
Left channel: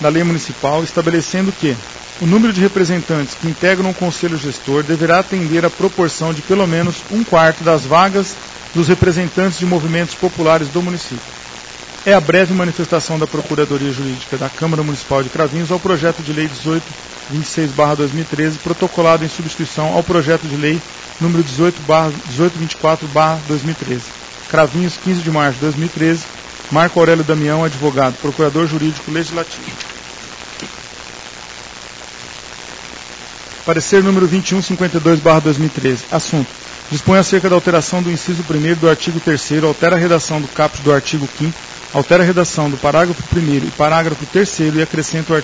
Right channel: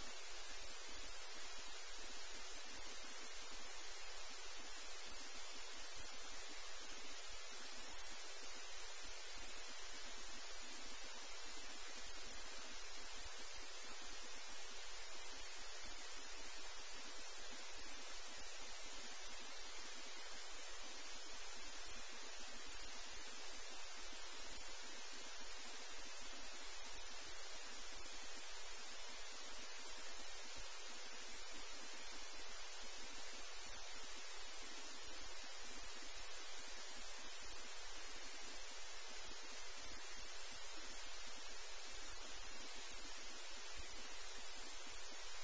da Lei Municipal, estabelecendo que o número de representantes que integram o Conselho Gestor deverá atender à proporção de pelo menos 1/4 das vagas dos representantes de movimentos populares do município. É a breve manifestação da Procuradoria Jurídica da Câmara Municipal de Cravinhos ao projeto de lei 1826/2013, protocolado em substituição ao projeto de lei número 1824/2013. Cravinhos, 15 de março de 2013. Marco Aurélio Damião, advogado, Procurador Jurídico Legislativo. Parecer número 2152/2013. Assunto. Dispõe acerca da alteração do inciso 1º do artigo 3º, altera a redação do caput do artigo 5º, altera a redação do parágrafo 1º e parágrafo 3º e acrescenta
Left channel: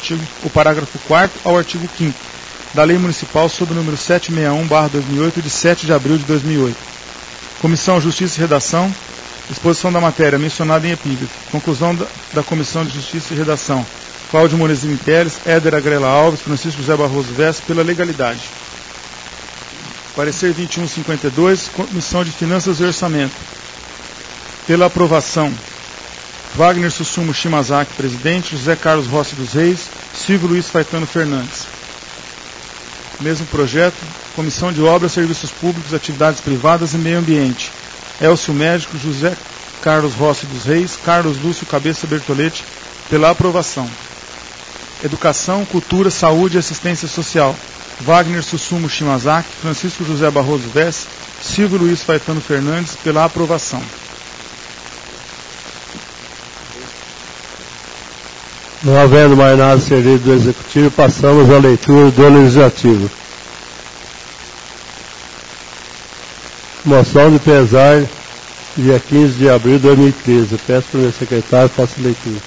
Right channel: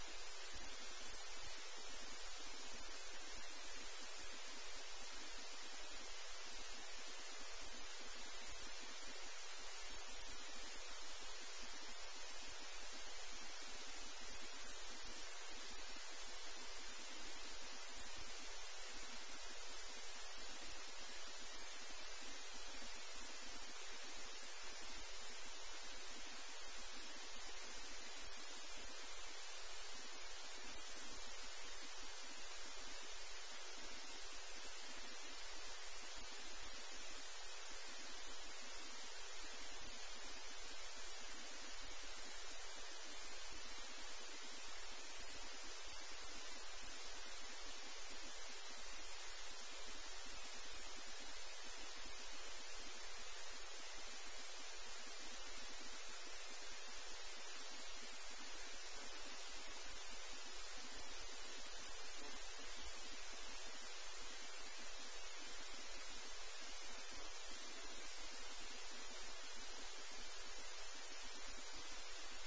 o parágrafo 4º ao artigo 5º da Lei Municipal sob o número 761/2008 de 7 de abril de 2008. Comissão Justiça e Redação. Exposição da matéria mencionada em epígrafe. Conclusão da Comissão de Justiça e Redação. Cláudio Molesini Teles, Éder Agrela Alves, Francisco José Barroso Vesse, pela legalidade. Parecer 2152, Comissão de Finanças e Orçamento. Pela aprovação. Wagner Sussumo Shimazaki, presidente, José Carlos Rossi dos Reis, Silvio Luiz Faetano Fernandes. Mesmo projeto, Comissão de Obras, Serviços Públicos, Atividades Privadas e Meio Ambiente. Elcio Médico, José Carlos Rossi dos Reis, Carlos Lúcio Cabeça Bertoletti, pela aprovação. Educação, Cultura, Saúde e Assistência Social. Wagner Sussumo Shimazaki, Francisco José Barroso Vesse, Silvio Luiz Faetano Fernandes, pela aprovação. Não havendo mais nada servido do Executivo, passamos à leitura do Legislativo. Moção de pesar, dia 15 de abril de 2013. Peço para o meu secretário que faça a leitura.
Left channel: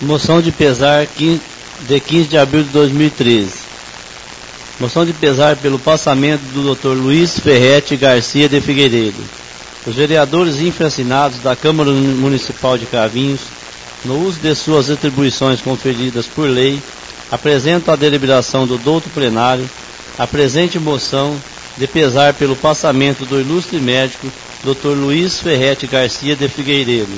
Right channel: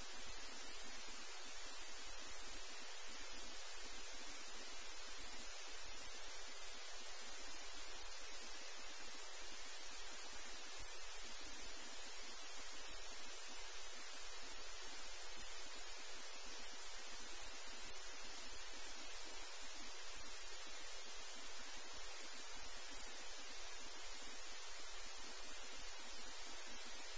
Moção de pesar de 15 de abril de 2013. Moção de pesar pelo passamento do Dr. Luiz Ferretti Garcia de Figueiredo. Os vereadores infracinados da Câmara Municipal de Cravinhos, no uso de suas atribuições conferidas por lei, apresentam à deliberação do douto plenário a presente moção de pesar pelo passamento do ilustre médico Dr. Luiz Ferretti Garcia de Figueiredo,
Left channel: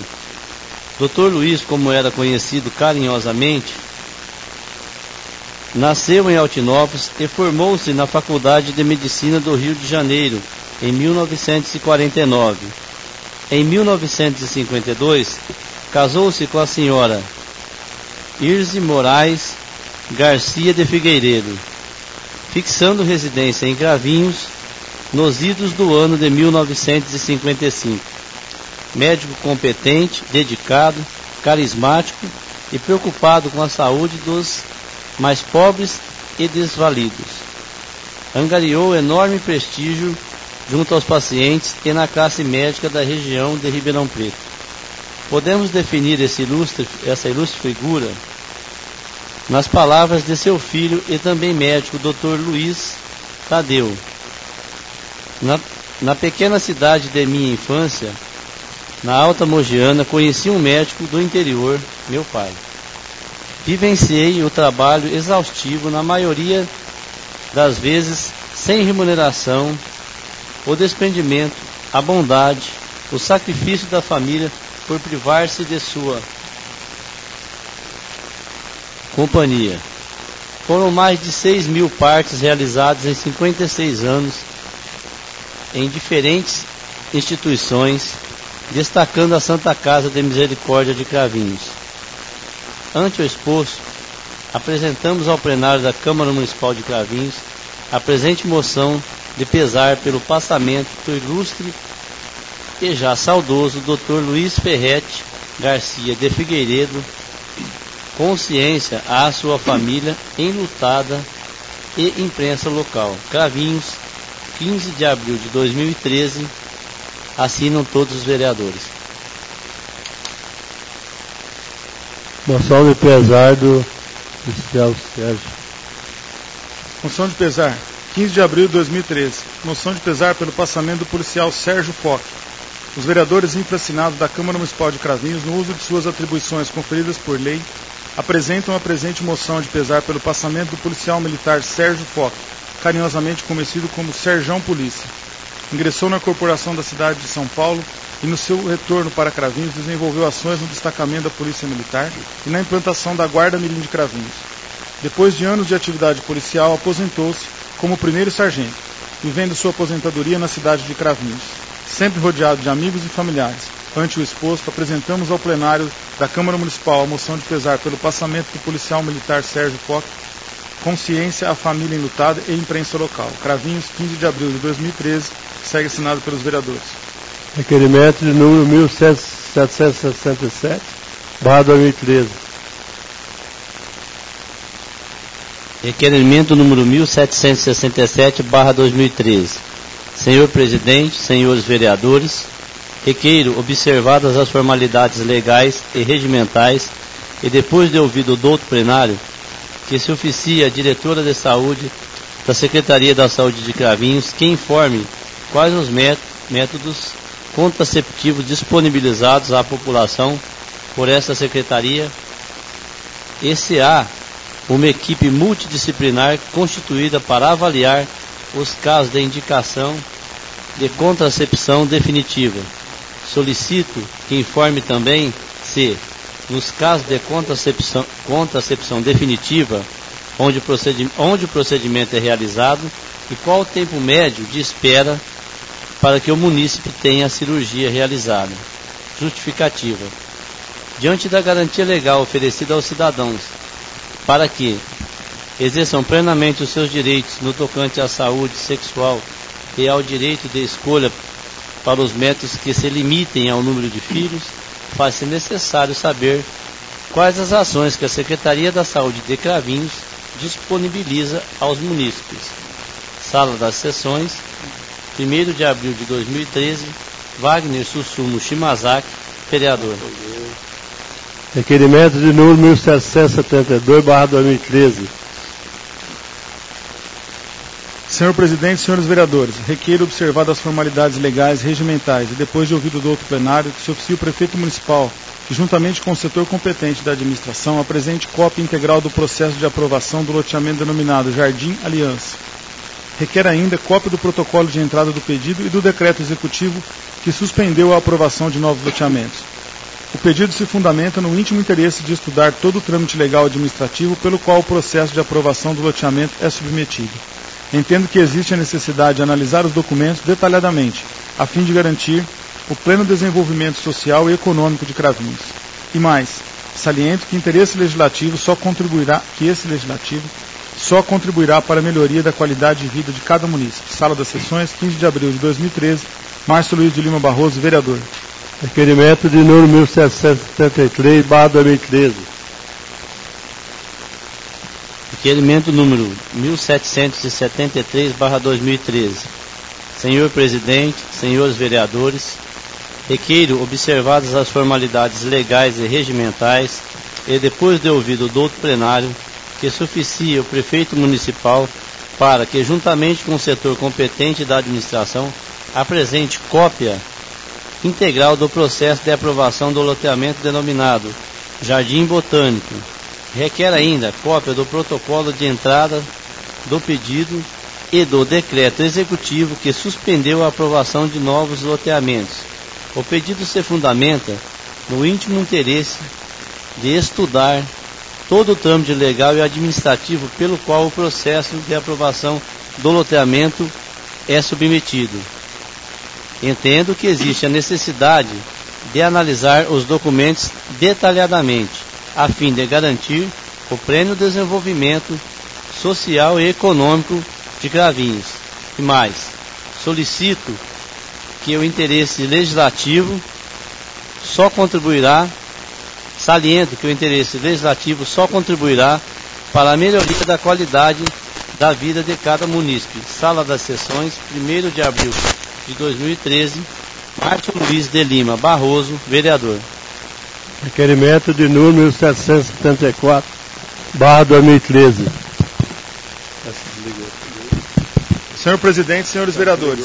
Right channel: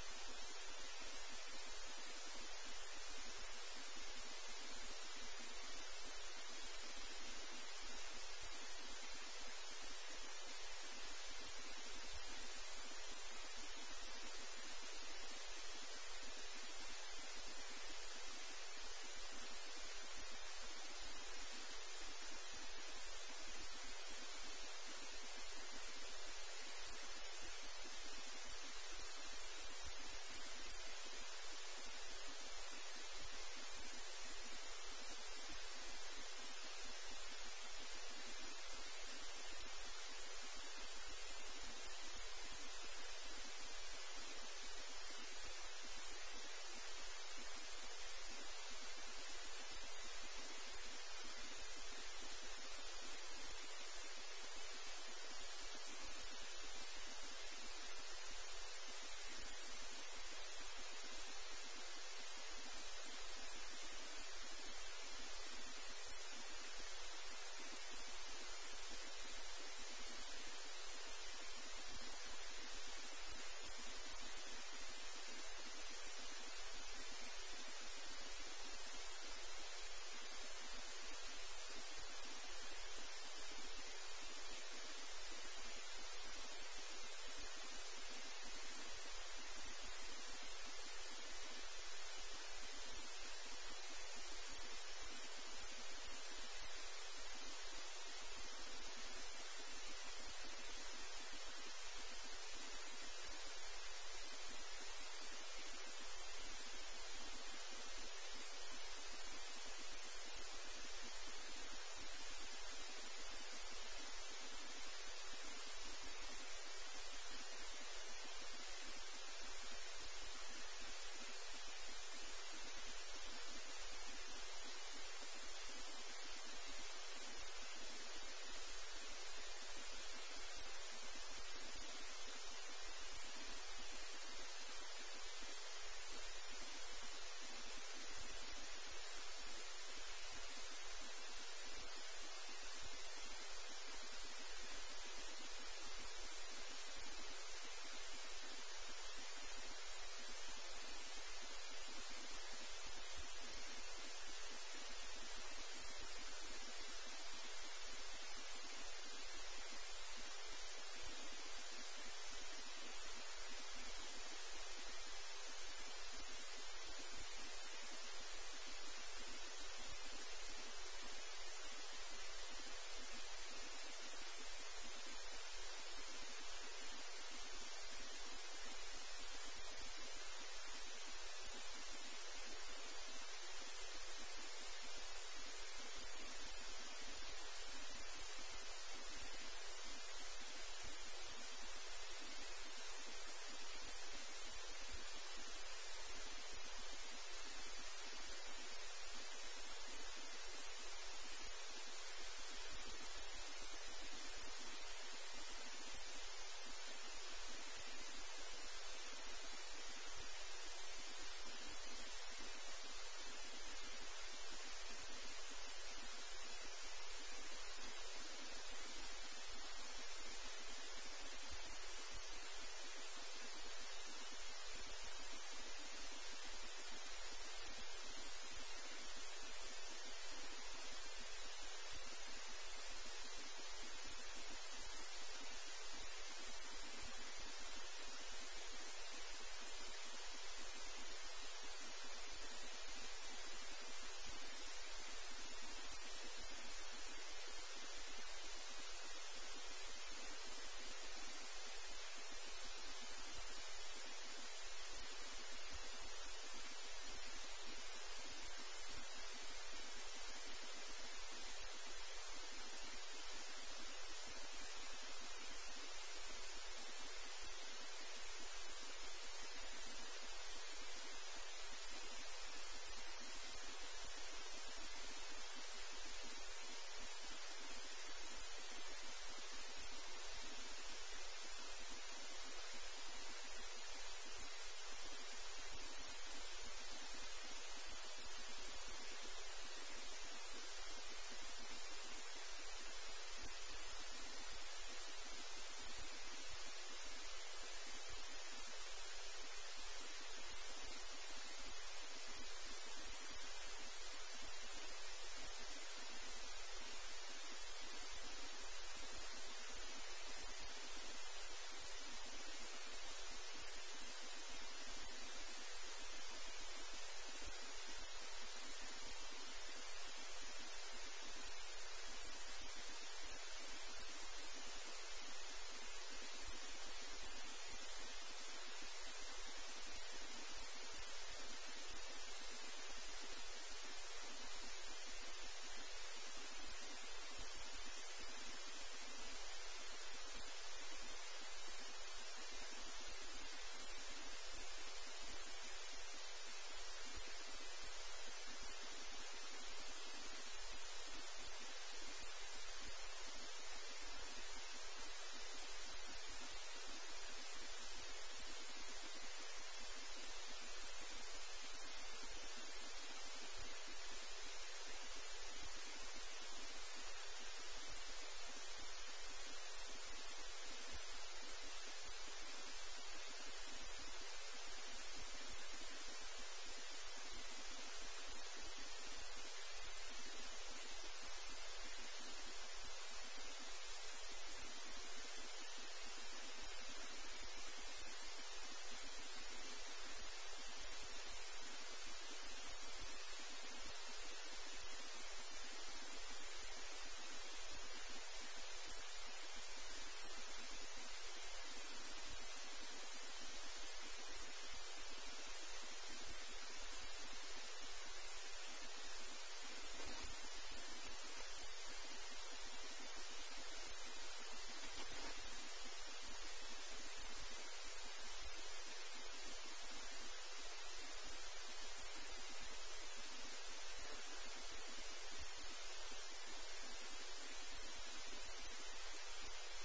Dr. Luiz, como era conhecido carinhosamente, nasceu em Altinópolis e formou-se na Faculdade de Medicina do Rio de Janeiro em 1949. Em 1952, casou-se com a senhora Irse Moraes Garcia de Figueiredo, fixando residência em Cravinhos nos idos do ano de 1955. Médico competente, dedicado, carismático e preocupado com a saúde dos mais pobres e desvalidos. Angariou enorme prestígio junto aos pacientes e na classe médica da região de Ribeirão Preto. Podemos definir essa ilustre figura nas palavras de seu filho e também médico, Dr. Luiz Tadeu. Na pequena cidade de minha infância, na Alta Mogiana, conheci um médico do interior, meu pai. Vivenciei o trabalho exaustivo, na maioria das vezes sem remuneração, o desprendimento, a bondade, o sacrifício da família por privar-se de sua companhia. Foram mais de 6.000 partes realizadas em 56 anos em diferentes instituições, destacando a Santa Casa de Misericórdia de Cravinhos. Ante o exposto, apresentamos ao plenário da Câmara Municipal de Cravinhos a presente moção de pesar pelo passamento do ilustre e já saudoso Dr. Luiz Ferretti Garcia de Figueiredo, consciência à sua família enlutada e imprensa local. Cravinhos, 15 de abril de 2013, assinam todos os vereadores. Moção de pesar do oficial Sérgio. Moção de pesar, 15 de abril de 2013. Moção de pesar pelo passamento do policial Sérgio Foch. Os vereadores infracinados da Câmara Municipal de Cravinhos, no uso de suas atribuições conferidas por lei, apresentam a presente moção de pesar pelo passamento do policial militar Sérgio Foch, carinhosamente conhecido como Serjão Polícia. Ingressou na corporação da cidade de São Paulo e no seu retorno para Cravinhos desenvolveu ações no destacamento da Polícia Militar e na implantação da Guarda Mirim de Cravinhos. Depois de anos de atividade policial, aposentou-se como primeiro sargento, vivendo sua aposentadoria na cidade de Cravinhos. Sempre rodeado de amigos e familiares, ante o exposto, apresentamos ao plenário da Câmara Municipal a moção de pesar pelo passamento do policial militar Sérgio Foch, consciência à família enlutada e imprensa local. Cravinhos, 15 de abril de 2013, segue assinado pelos vereadores. Requerimento de número 1767/2013. Requerimento número 1767/2013. Senhor Presidente, senhores vereadores, requeiro, observadas as formalidades legais e regimentais, e depois de ouvido o douto plenário, que se oficie a diretora de saúde da Secretaria da Saúde de Cravinhos, que informe quais os métodos contraceptivos disponibilizados à população por esta secretaria, e se há uma equipe multidisciplinar constituída para avaliar os casos de indicação de contracepção definitiva. Solicito que informe também se, nos casos de contracepção definitiva, onde o procedimento é realizado, e qual o tempo médio de espera para que o munícipe tenha a cirurgia realizada. Justificativa. Diante da garantia legal oferecida aos cidadãos para que exerçam plenamente os seus direitos no tocante à saúde sexual e ao direito de escolha para os métodos que se limitem ao número de filhos, faz-se necessário saber quais as ações que a Secretaria da Saúde de Cravinhos disponibiliza aos munícipes. Sala das Sessões, 1º de abril de 2013, Wagner Sussumo Shimazaki, vereador. Requerimento de número 1772/2013. Senhor Presidente, senhores vereadores, requeiro observadas as formalidades legais e regimentais e depois de ouvido do outro plenário, que se oficie o prefeito municipal, que juntamente com o setor competente da administração, apresente cópia integral do processo de aprovação do loteamento denominado Jardim Aliança. Requer ainda cópia do protocolo de entrada do pedido e do decreto executivo que suspendeu a aprovação de novos loteamentos. O pedido se fundamenta no íntimo interesse de estudar todo o trâmite legal administrativo pelo qual o processo de aprovação do loteamento é submetido. Entendo que existe a necessidade de analisar os documentos detalhadamente, a fim de garantir o pleno desenvolvimento social e econômico de Cravinhos. E mais, saliento que esse legislativo só contribuirá para a melhoria da qualidade de vida de cada munícipe. Sala das Sessões, 15 de abril de 2013, Márcio Luiz de Lima Barroso, vereador. Requerimento de número 1773/2013. Requerimento número 1773/2013. Senhor presidente, senhores vereadores, requeiro, observadas as formalidades legais e regimentais, e depois de ouvido o douto plenário, que se oficie o prefeito municipal para que, juntamente com o setor competente da administração, apresente cópia integral do processo de aprovação do loteamento denominado Jardim Botânico. Requer ainda cópia do protocolo de entrada do pedido e do decreto executivo que suspendeu a aprovação de novos loteamentos. O pedido se fundamenta no íntimo interesse de estudar todo o trâmite legal e administrativo pelo qual o processo de aprovação do loteamento é submetido. Entendo que existe a necessidade de analisar os documentos detalhadamente, a fim de garantir o pleno desenvolvimento social e econômico de Cravinhos. E mais, solicito que o interesse legislativo só contribuirá, saliento que o interesse legislativo só contribuirá para a melhoria da qualidade da vida de cada munícipe. Sala das Sessões, 1º de abril de 2013, Márcio Luiz de Lima Barroso, vereador. Requerimento de número 774/2013. Senhor presidente, senhores vereadores,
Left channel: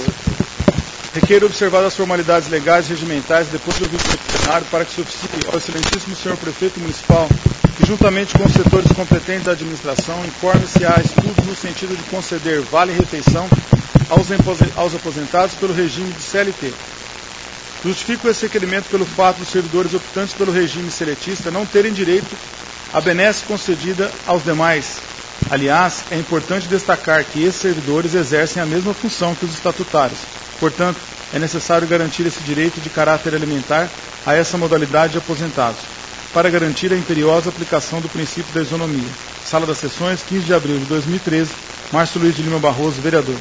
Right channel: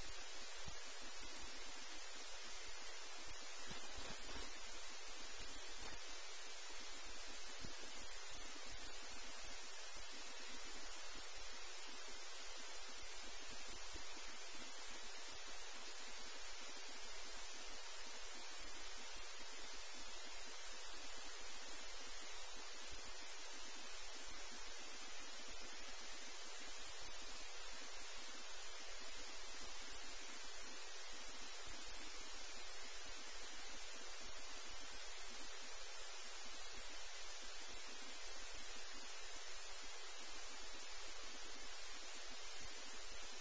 requeiro observar as formalidades legais e regimentais depois de ouvir o plenário para que se oficie ao excelentíssimo senhor prefeito municipal que, juntamente com os setores competentes da administração, informe se há estudos no sentido de conceder vale-refeição aos aposentados pelo regime de CLT. Justifico esse requerimento pelo fato dos servidores optantes pelo regime seletista não terem direito à benesse concedida aos demais. Aliás, é importante destacar que esses servidores exercem a mesma função que os estatutários. Portanto, é necessário garantir esse direito de caráter alimentar a essa modalidade de aposentados, para garantir a imperiosa aplicação do princípio da isonomia. Sala das Sessões, 15 de abril de 2013, Márcio Luiz de Lima Barroso, vereador.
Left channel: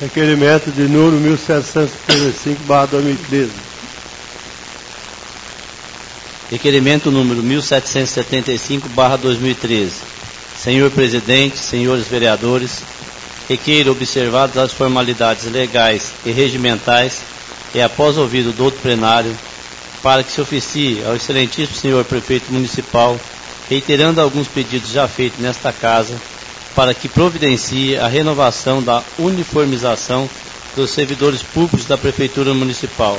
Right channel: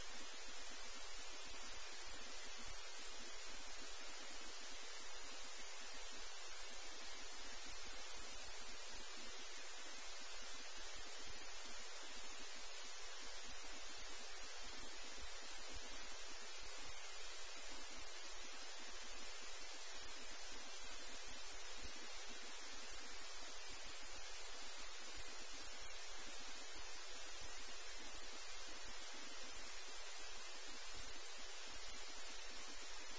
Requerimento de número 1775/2013. Requerimento número 1775/2013. Senhor presidente, senhores vereadores, requeiro, observadas as formalidades legais e regimentais, e após ouvido do douto plenário, para que se oficie ao excelentíssimo senhor prefeito municipal, reiterando alguns pedidos já feitos nesta casa, para que providencie a renovação da uniformização dos servidores públicos da Prefeitura Municipal,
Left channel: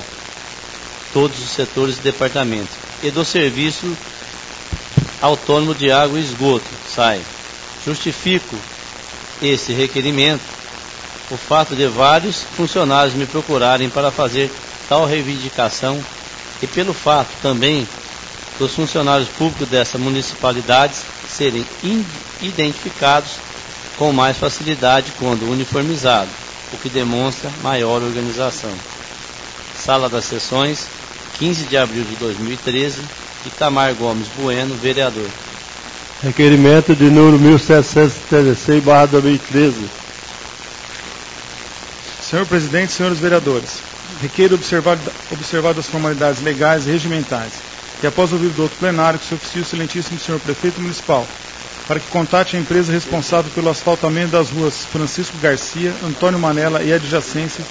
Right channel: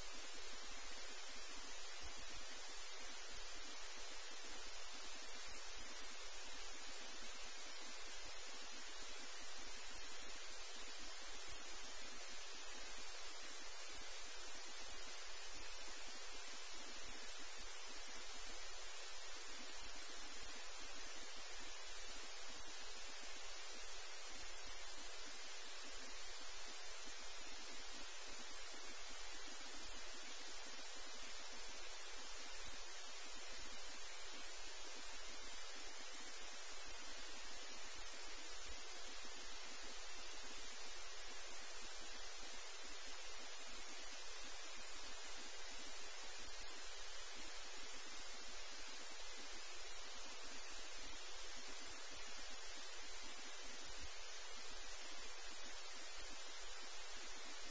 todos os setores e departamentos, e do Serviço Autônomo de Água e Esgoto, SAI. Justifico esse requerimento o fato de vários funcionários me procurarem para fazer tal reivindicação e pelo fato também dos funcionários públicos dessa municipalidade serem identificados com mais facilidade quando uniformizado, o que demonstra maior organização. Sala das Sessões, 15 de abril de 2013, Itamar Gomes Bueno, vereador. Requerimento de número 1776/2013. Senhor presidente, senhores vereadores, requeiro observar as formalidades legais e regimentais, e após ouvir do outro plenário que se oficie o excelentíssimo senhor prefeito municipal, para que contate a empresa responsável pelo asfaltamento das ruas Francisco Garcia, Antônio Manela e adjacências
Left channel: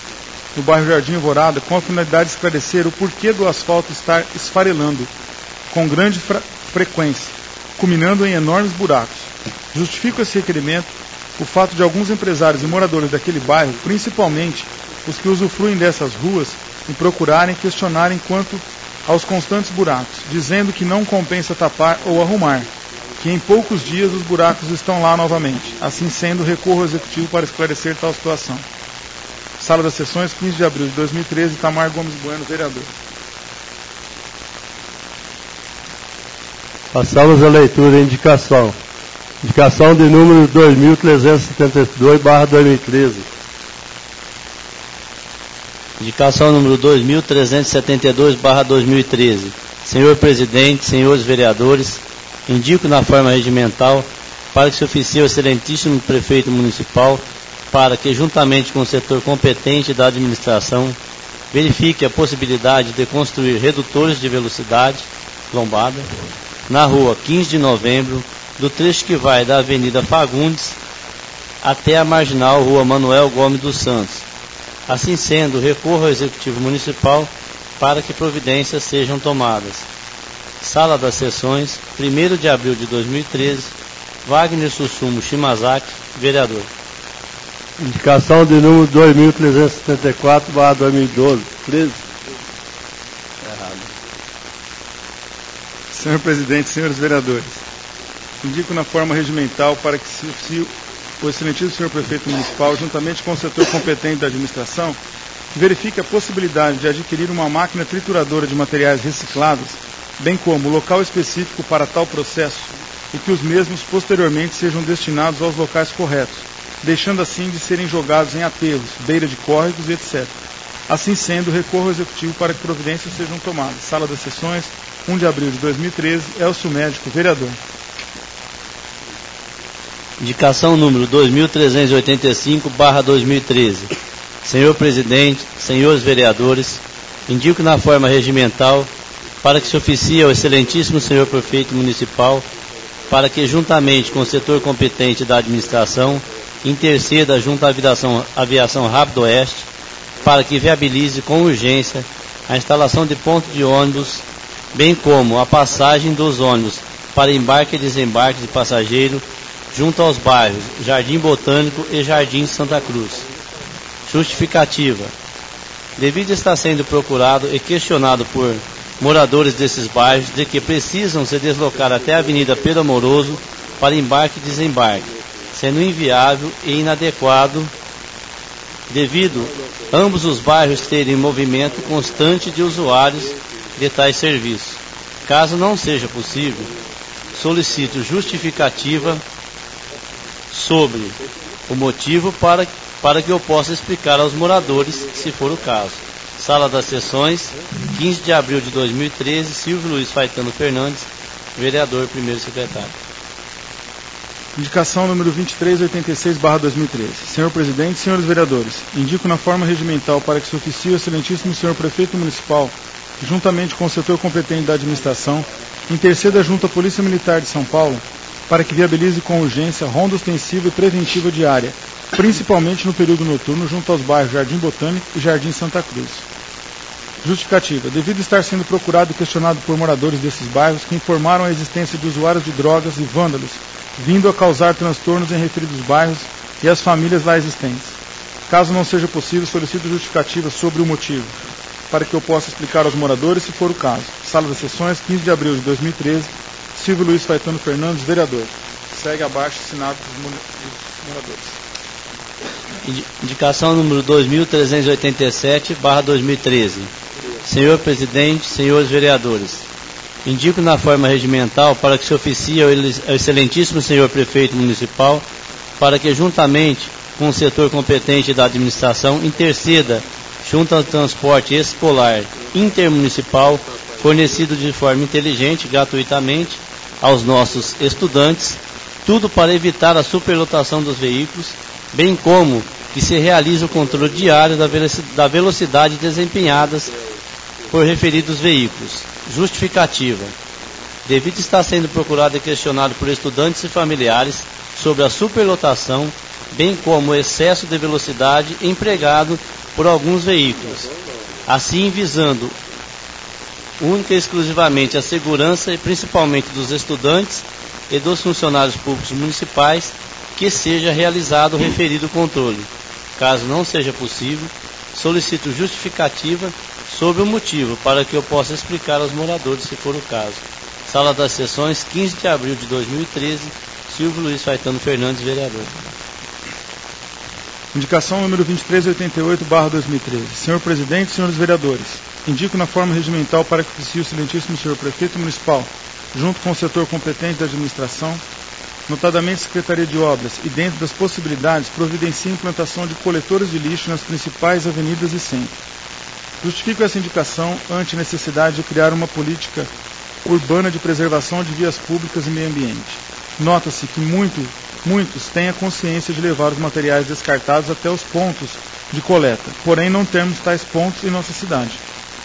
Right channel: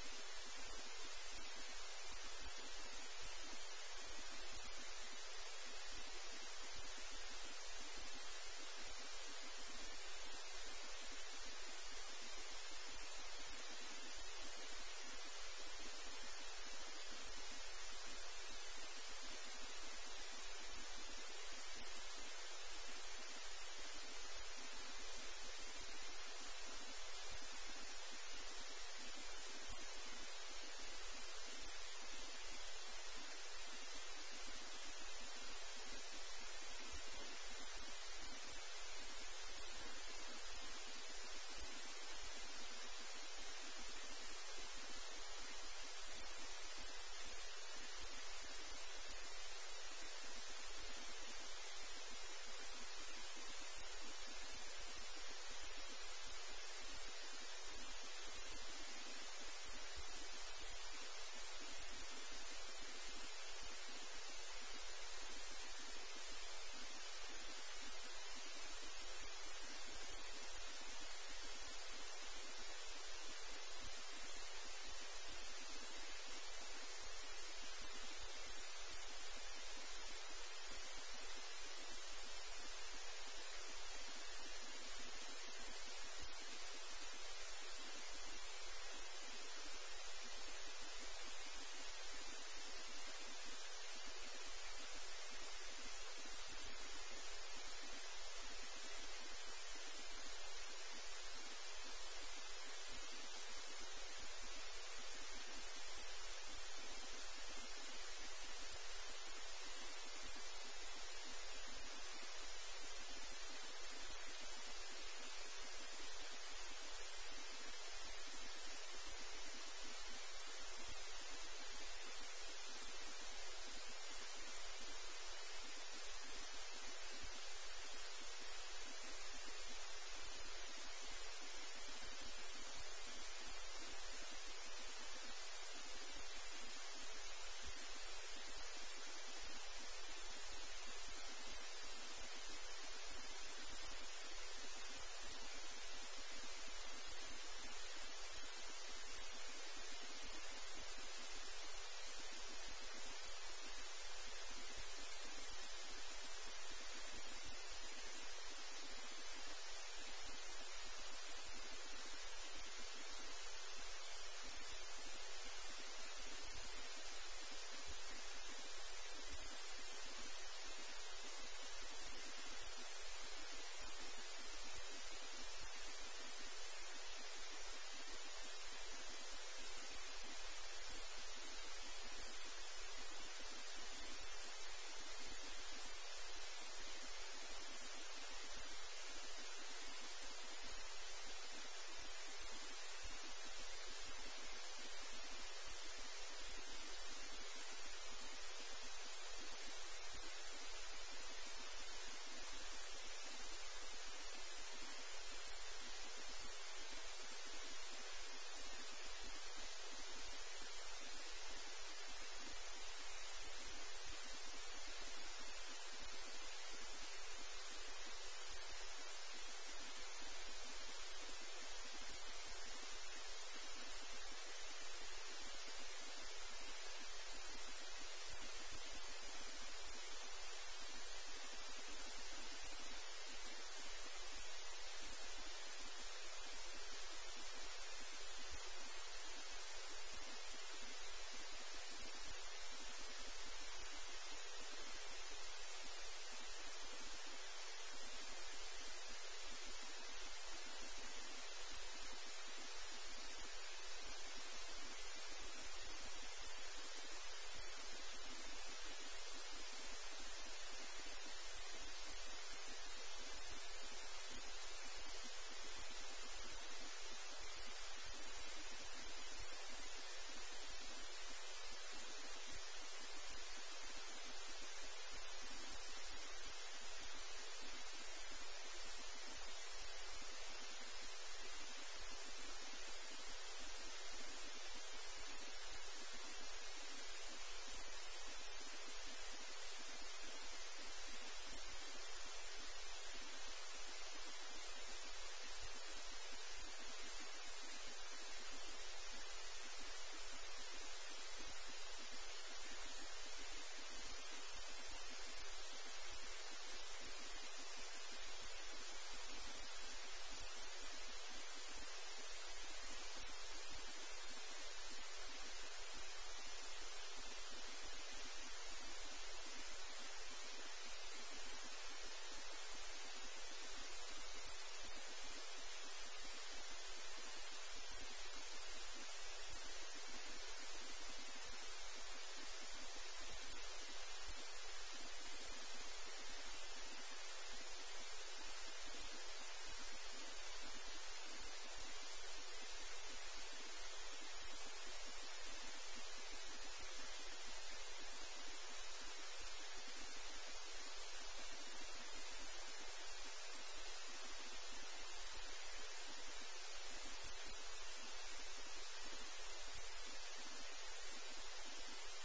no bairro Jardim Alvorada, com a finalidade de esclarecer o porquê do asfalto estar esfarelando com grande frequência, culminando em enormes buracos. Justifico esse requerimento o fato de alguns empresários e moradores daquele bairro, principalmente os que usufruem dessas ruas, me procurarem e questionarem quanto aos constantes buracos, dizendo que não compensa tapar ou arrumar, que em poucos dias os buracos estão lá novamente. Assim sendo, recorro ao Executivo para esclarecer tal situação. Sala das Sessões, 15 de abril de 2013, Itamar Gomes Bueno, vereador. Passamos à leitura da indicação. Indicação de número 2372/2013. Indicação número 2372/2013. Senhor Presidente, senhores vereadores, indico na forma regimental para que se oficie o excelentíssimo prefeito municipal para que, juntamente com o setor competente da administração, verifique a possibilidade de construir redutores de velocidade lombada na rua 15 de novembro, do trecho que vai da Avenida Fagundes até a marginal Rua Manuel Gomes dos Santos. Assim sendo, recorro ao Executivo Municipal para que providências sejam tomadas. Sala das Sessões, 1º de abril de 2013, Wagner Sussumo Shimazaki, vereador. Indicação de número 2374/2012. 13. Errado. Senhor Presidente, senhores vereadores, indico na forma regimental para que se oficie o excelentíssimo senhor prefeito municipal, juntamente com o setor competente da administração, verifique a possibilidade de adquirir uma máquina trituradora de materiais recicláveis, bem como local específico para tal processo, e que os mesmos posteriormente sejam destinados aos locais corretos, deixando assim de serem jogados em aterros, beira de córregos e etc. Assim sendo, recorro ao Executivo para que providências sejam tomadas. Sala das Sessões, 1 de abril de 2013, Elcio Médico, vereador. Indicação número 2385/2013. Senhor Presidente, senhores vereadores, indico na forma regimental para que se oficie ao excelentíssimo senhor prefeito municipal para que, juntamente com o setor competente da administração, interceda junto à Aviação Rápido Oeste para que viabilize com urgência a instalação de pontos de ônibus, bem como a passagem dos ônibus para embarque e desembarque de passageiro junto aos bairros Jardim Botânico e Jardim Santa Cruz. Justificativa. Devido estar sendo procurado e questionado por moradores desses bairros de que precisam se deslocar até a Avenida Pedro Amoroso para embarque e desembarque, sendo inviável e inadequado devido ambos os bairros terem movimento constante de usuários de tais serviços. Caso não seja possível, solicito justificativa sobre o motivo para que eu possa explicar aos moradores, se for o caso. Sala das Sessões, 15 de abril de 2013, Silvio Luiz Faetano Fernandes, vereador, primeiro secretário. Indicação número 2386/2013. Senhor Presidente, senhores vereadores, indico na forma regimental para que se oficie o excelentíssimo senhor prefeito municipal, juntamente com o setor competente da administração, interceda junto à Polícia Militar de São Paulo para que viabilize com urgência ronda ostensiva e preventiva diária, principalmente no período noturno, junto aos bairros Jardim Botânico e Jardim Santa Cruz. Justificativa. Devido estar sendo procurado e questionado por moradores desses bairros que informaram a existência de usuários de drogas e vândalos, vindo a causar transtornos em referidos bairros e as famílias lá existentes. Caso não seja possível, solicito justificativa sobre o motivo, para que eu possa explicar aos moradores, se for o caso. Sala das Sessões, 15 de abril de 2013, Silvio Luiz Faetano Fernandes, vereador. Segue abaixo assinado dos moradores. Indicação número 2387/2013. Senhor Presidente, senhores vereadores, indico na forma regimental para que se oficie ao excelentíssimo senhor prefeito municipal para que, juntamente com o setor competente da administração, interceda junto ao transporte escolar intermunicipal fornecido de forma inteligente, gratuitamente, aos nossos estudantes, tudo para evitar a superlotação dos veículos, bem como que se realize o controle diário da velocidade desempenhadas por referidos veículos. Justificativa. Devido estar sendo procurado e questionado por estudantes e familiares sobre a superlotação, bem como o excesso de velocidade empregado por alguns veículos, assim visando única e exclusivamente a segurança e principalmente dos estudantes e dos funcionários públicos municipais, que seja realizado o referido controle. Caso não seja possível, solicito justificativa sobre o motivo para que eu possa explicar aos moradores, se for o caso. Sala das Sessões, 15 de abril de 2013, Silvio Luiz Faetano Fernandes, vereador. Indicação número 2388/2013. Senhor Presidente, senhores vereadores, indico na forma regimental para que oficie o excelentíssimo senhor prefeito municipal junto com o setor competente da administração, notadamente Secretaria de Obras, e dentro das possibilidades, providencie a implantação de coletores de lixo nas principais avenidas e centros. Justifico essa indicação ante a necessidade de criar uma política urbana de preservação de vias públicas e meio ambiente. Nota-se que muitos têm a consciência de levar os materiais descartados até os pontos de coleta, porém não temos tais pontos em nossa cidade,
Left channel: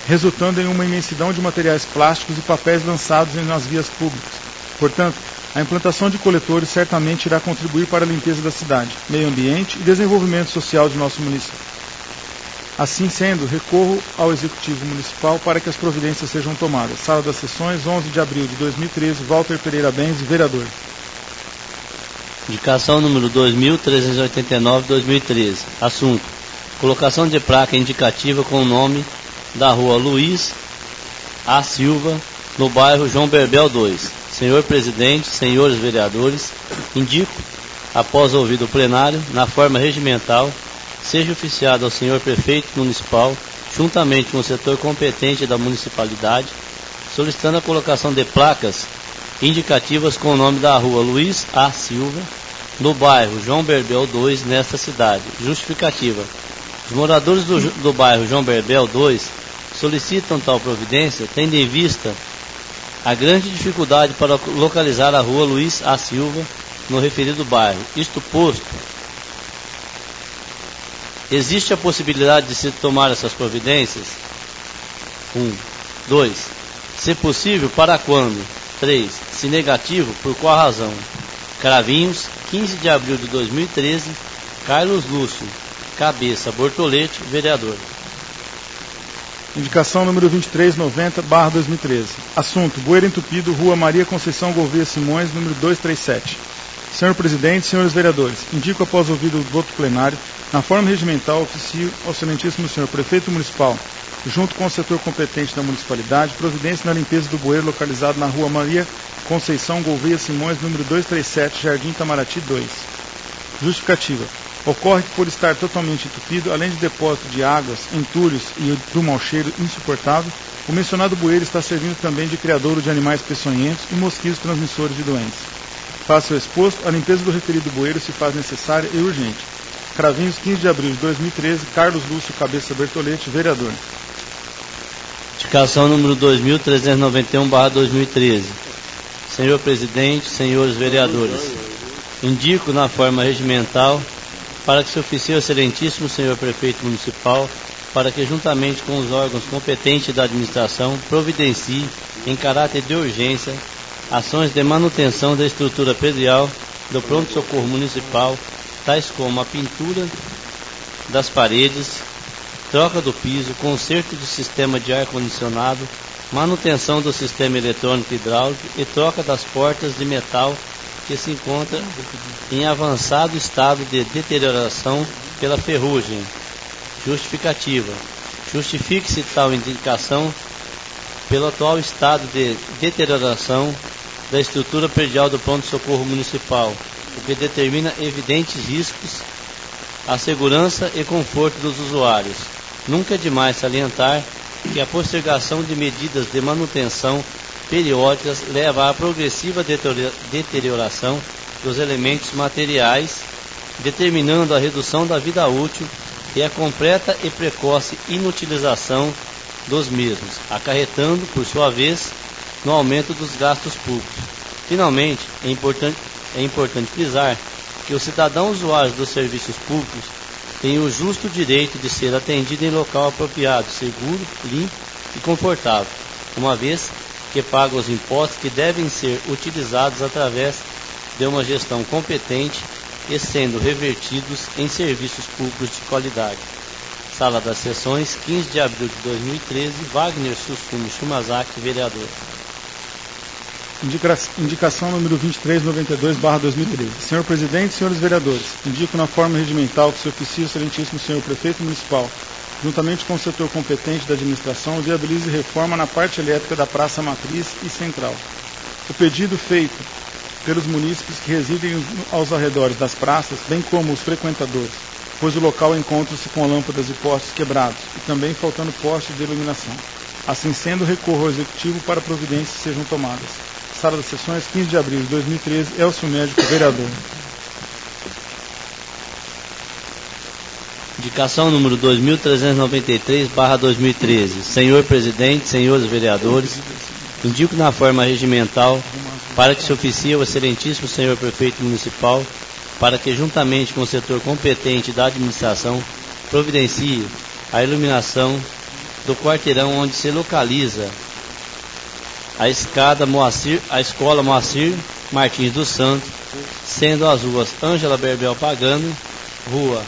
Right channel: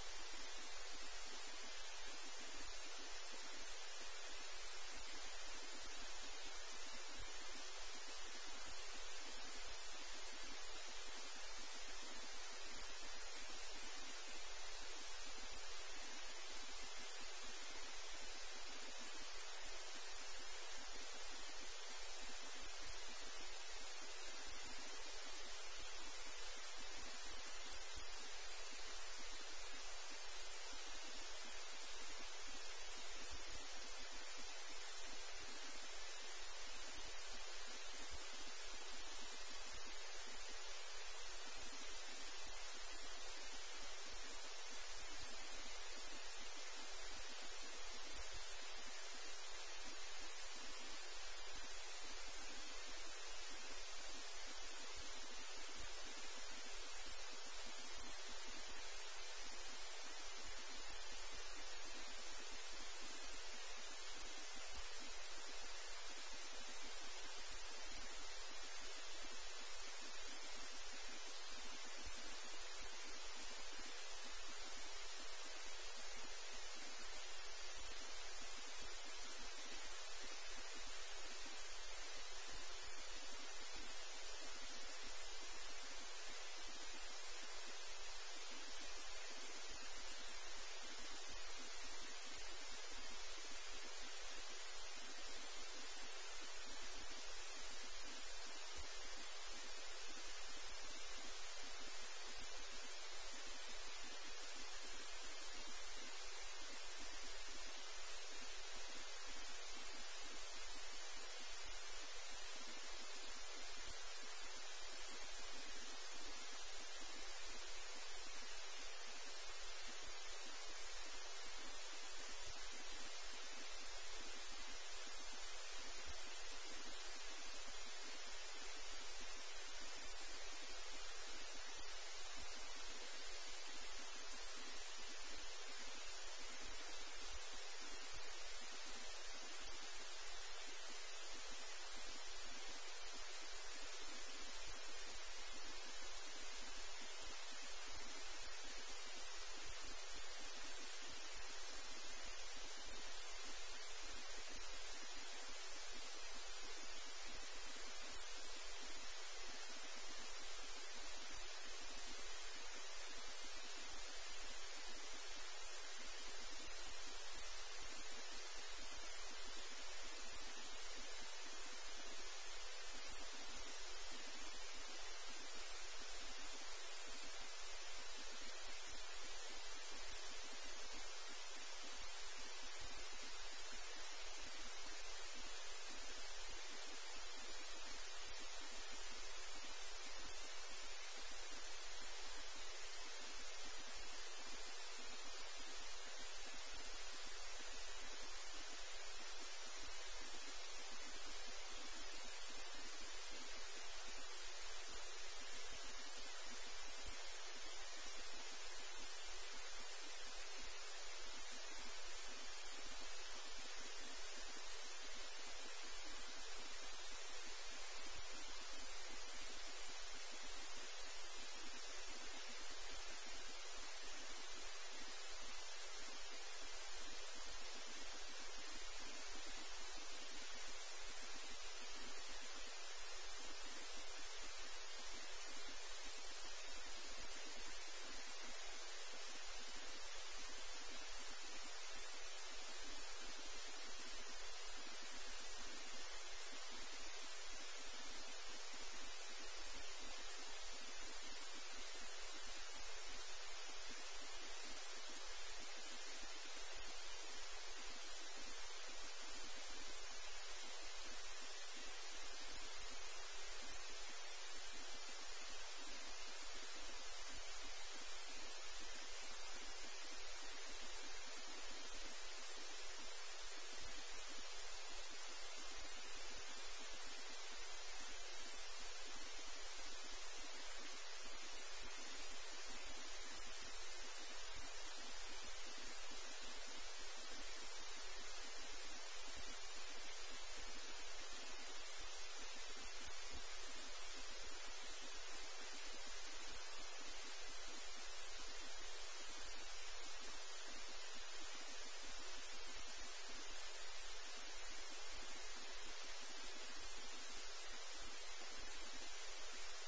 resultando em uma imensidão de materiais plásticos e papéis lançados nas vias públicas. Portanto, a implantação de coletores certamente irá contribuir para a limpeza da cidade, meio ambiente e desenvolvimento social de nosso município. Assim sendo, recorro ao Executivo Municipal para que as providências sejam tomadas. Sala das Sessões, 11 de abril de 2013, Walter Pereira Benz, vereador. Indicação número 2389-2013. Assunto: colocação de placa indicativa com o nome da rua Luiz A. Silva, no bairro João Berbel 2. Senhor Presidente, senhores vereadores, indico, após ouvido o plenário, na forma regimental, seja oficiado ao senhor Prefeito Municipal, juntamente com o setor competente da municipalidade, solicitando a colocação de placas indicativas com o nome da rua Luiz A. Silva, no bairro João Berbel 2, nesta cidade. Justificativa: os moradores do bairro João Berbel 2 solicitam tal providência, tendo em vista a grande dificuldade para localizar a rua Luiz A. Silva no referido bairro. Isto posto, existe a possibilidade de se tomar essas providências? 1. 2. Se possível, para quando? 3. Se negativo, por qual razão? Cravinhos, 15 de abril de 2013, Carlos Lúcio, Cabeça Bortolete, vereador. Indicação número 2390/2013. Assunto: bueiro entupido, Rua Maria Conceição Gouveia Simões, número 237. Senhor Presidente, senhores vereadores, indico após ouvido o voto plenário, na forma regimental, oficio ao excelentíssimo senhor Prefeito Municipal, junto com o setor competente da municipalidade, providência na limpeza do bueiro localizado na Rua Maria Conceição Gouveia Simões, número 237, Jardim Itamaraty 2. Justificativa: ocorre que, por estar totalmente entupido, além de depósito de águas, entulhos e do mau cheiro insuportável, o mencionado bueiro está servindo também de criadouro de animais peçonhentos e mosquitos transmissores de doenças. Face ao exposto, a limpeza do referido bueiro se faz necessária e urgente. Cravinhos, 15 de abril de 2013, Carlos Lúcio Cabeça Bertolete, vereador. Indicação número 2391/2013. Senhor Presidente, senhores vereadores, indico na forma regimental para que se oficie ao excelentíssimo senhor Prefeito Municipal para que, juntamente com os órgãos competentes da administração, providencie, em caráter de urgência, ações de manutenção da estrutura predial do pronto-socorro municipal, tais como a pintura das paredes, troca do piso, conserto do sistema de ar-condicionado, manutenção do sistema eletrônico hidráulico e troca das portas de metal que se encontra em avançado estado de deterioração pela ferrugem. Justificativa: justifique-se tal indicação pelo atual estado de deterioração da estrutura predial do pronto-socorro municipal, o que determina evidentes riscos à segurança e conforto dos usuários. Nunca é demais salientar que a postergação de medidas de manutenção periódicas leva à progressiva deterioração dos elementos materiais, determinando a redução da vida útil e a completa e precoce inutilização dos mesmos, acarretando, por sua vez, no aumento dos gastos públicos. Finalmente, é importante frisar que o cidadão usuário dos serviços públicos tem o justo direito de ser atendido em local apropriado, seguro, limpo e confortável, uma vez que paga os impostos que devem ser utilizados através de uma gestão competente e sendo revertidos em serviços públicos de qualidade. Sala das Sessões, 15 de abril de 2013, Wagner Susumo Shumazaki, vereador. Indicação número 2392/2013. Senhor Presidente, senhores vereadores, indico na forma regimental que se oficie o excelentíssimo senhor Prefeito Municipal, juntamente com o setor competente da administração, viabilize reforma na parte elétrica da Praça Matriz e Central. O pedido feito pelos munícipes que residem aos arredores das praças, bem como os frequentadores, pois o local encontra-se com lâmpadas e postes quebrados e também faltando postes de iluminação. Assim sendo, recorro ao Executivo para providências sejam tomadas. Sala das Sessões, 15 de abril de 2013, Elcio Médico, vereador. Indicação número 2393/2013. Senhor Presidente, senhores vereadores, indico na forma regimental para que se oficie o excelentíssimo senhor Prefeito Municipal para que, juntamente com o setor competente da administração, providencie a iluminação do quarteirão onde se localiza a Escola Moacir Martins dos Santos, sendo as ruas Ângela Berbel Pagano, Rua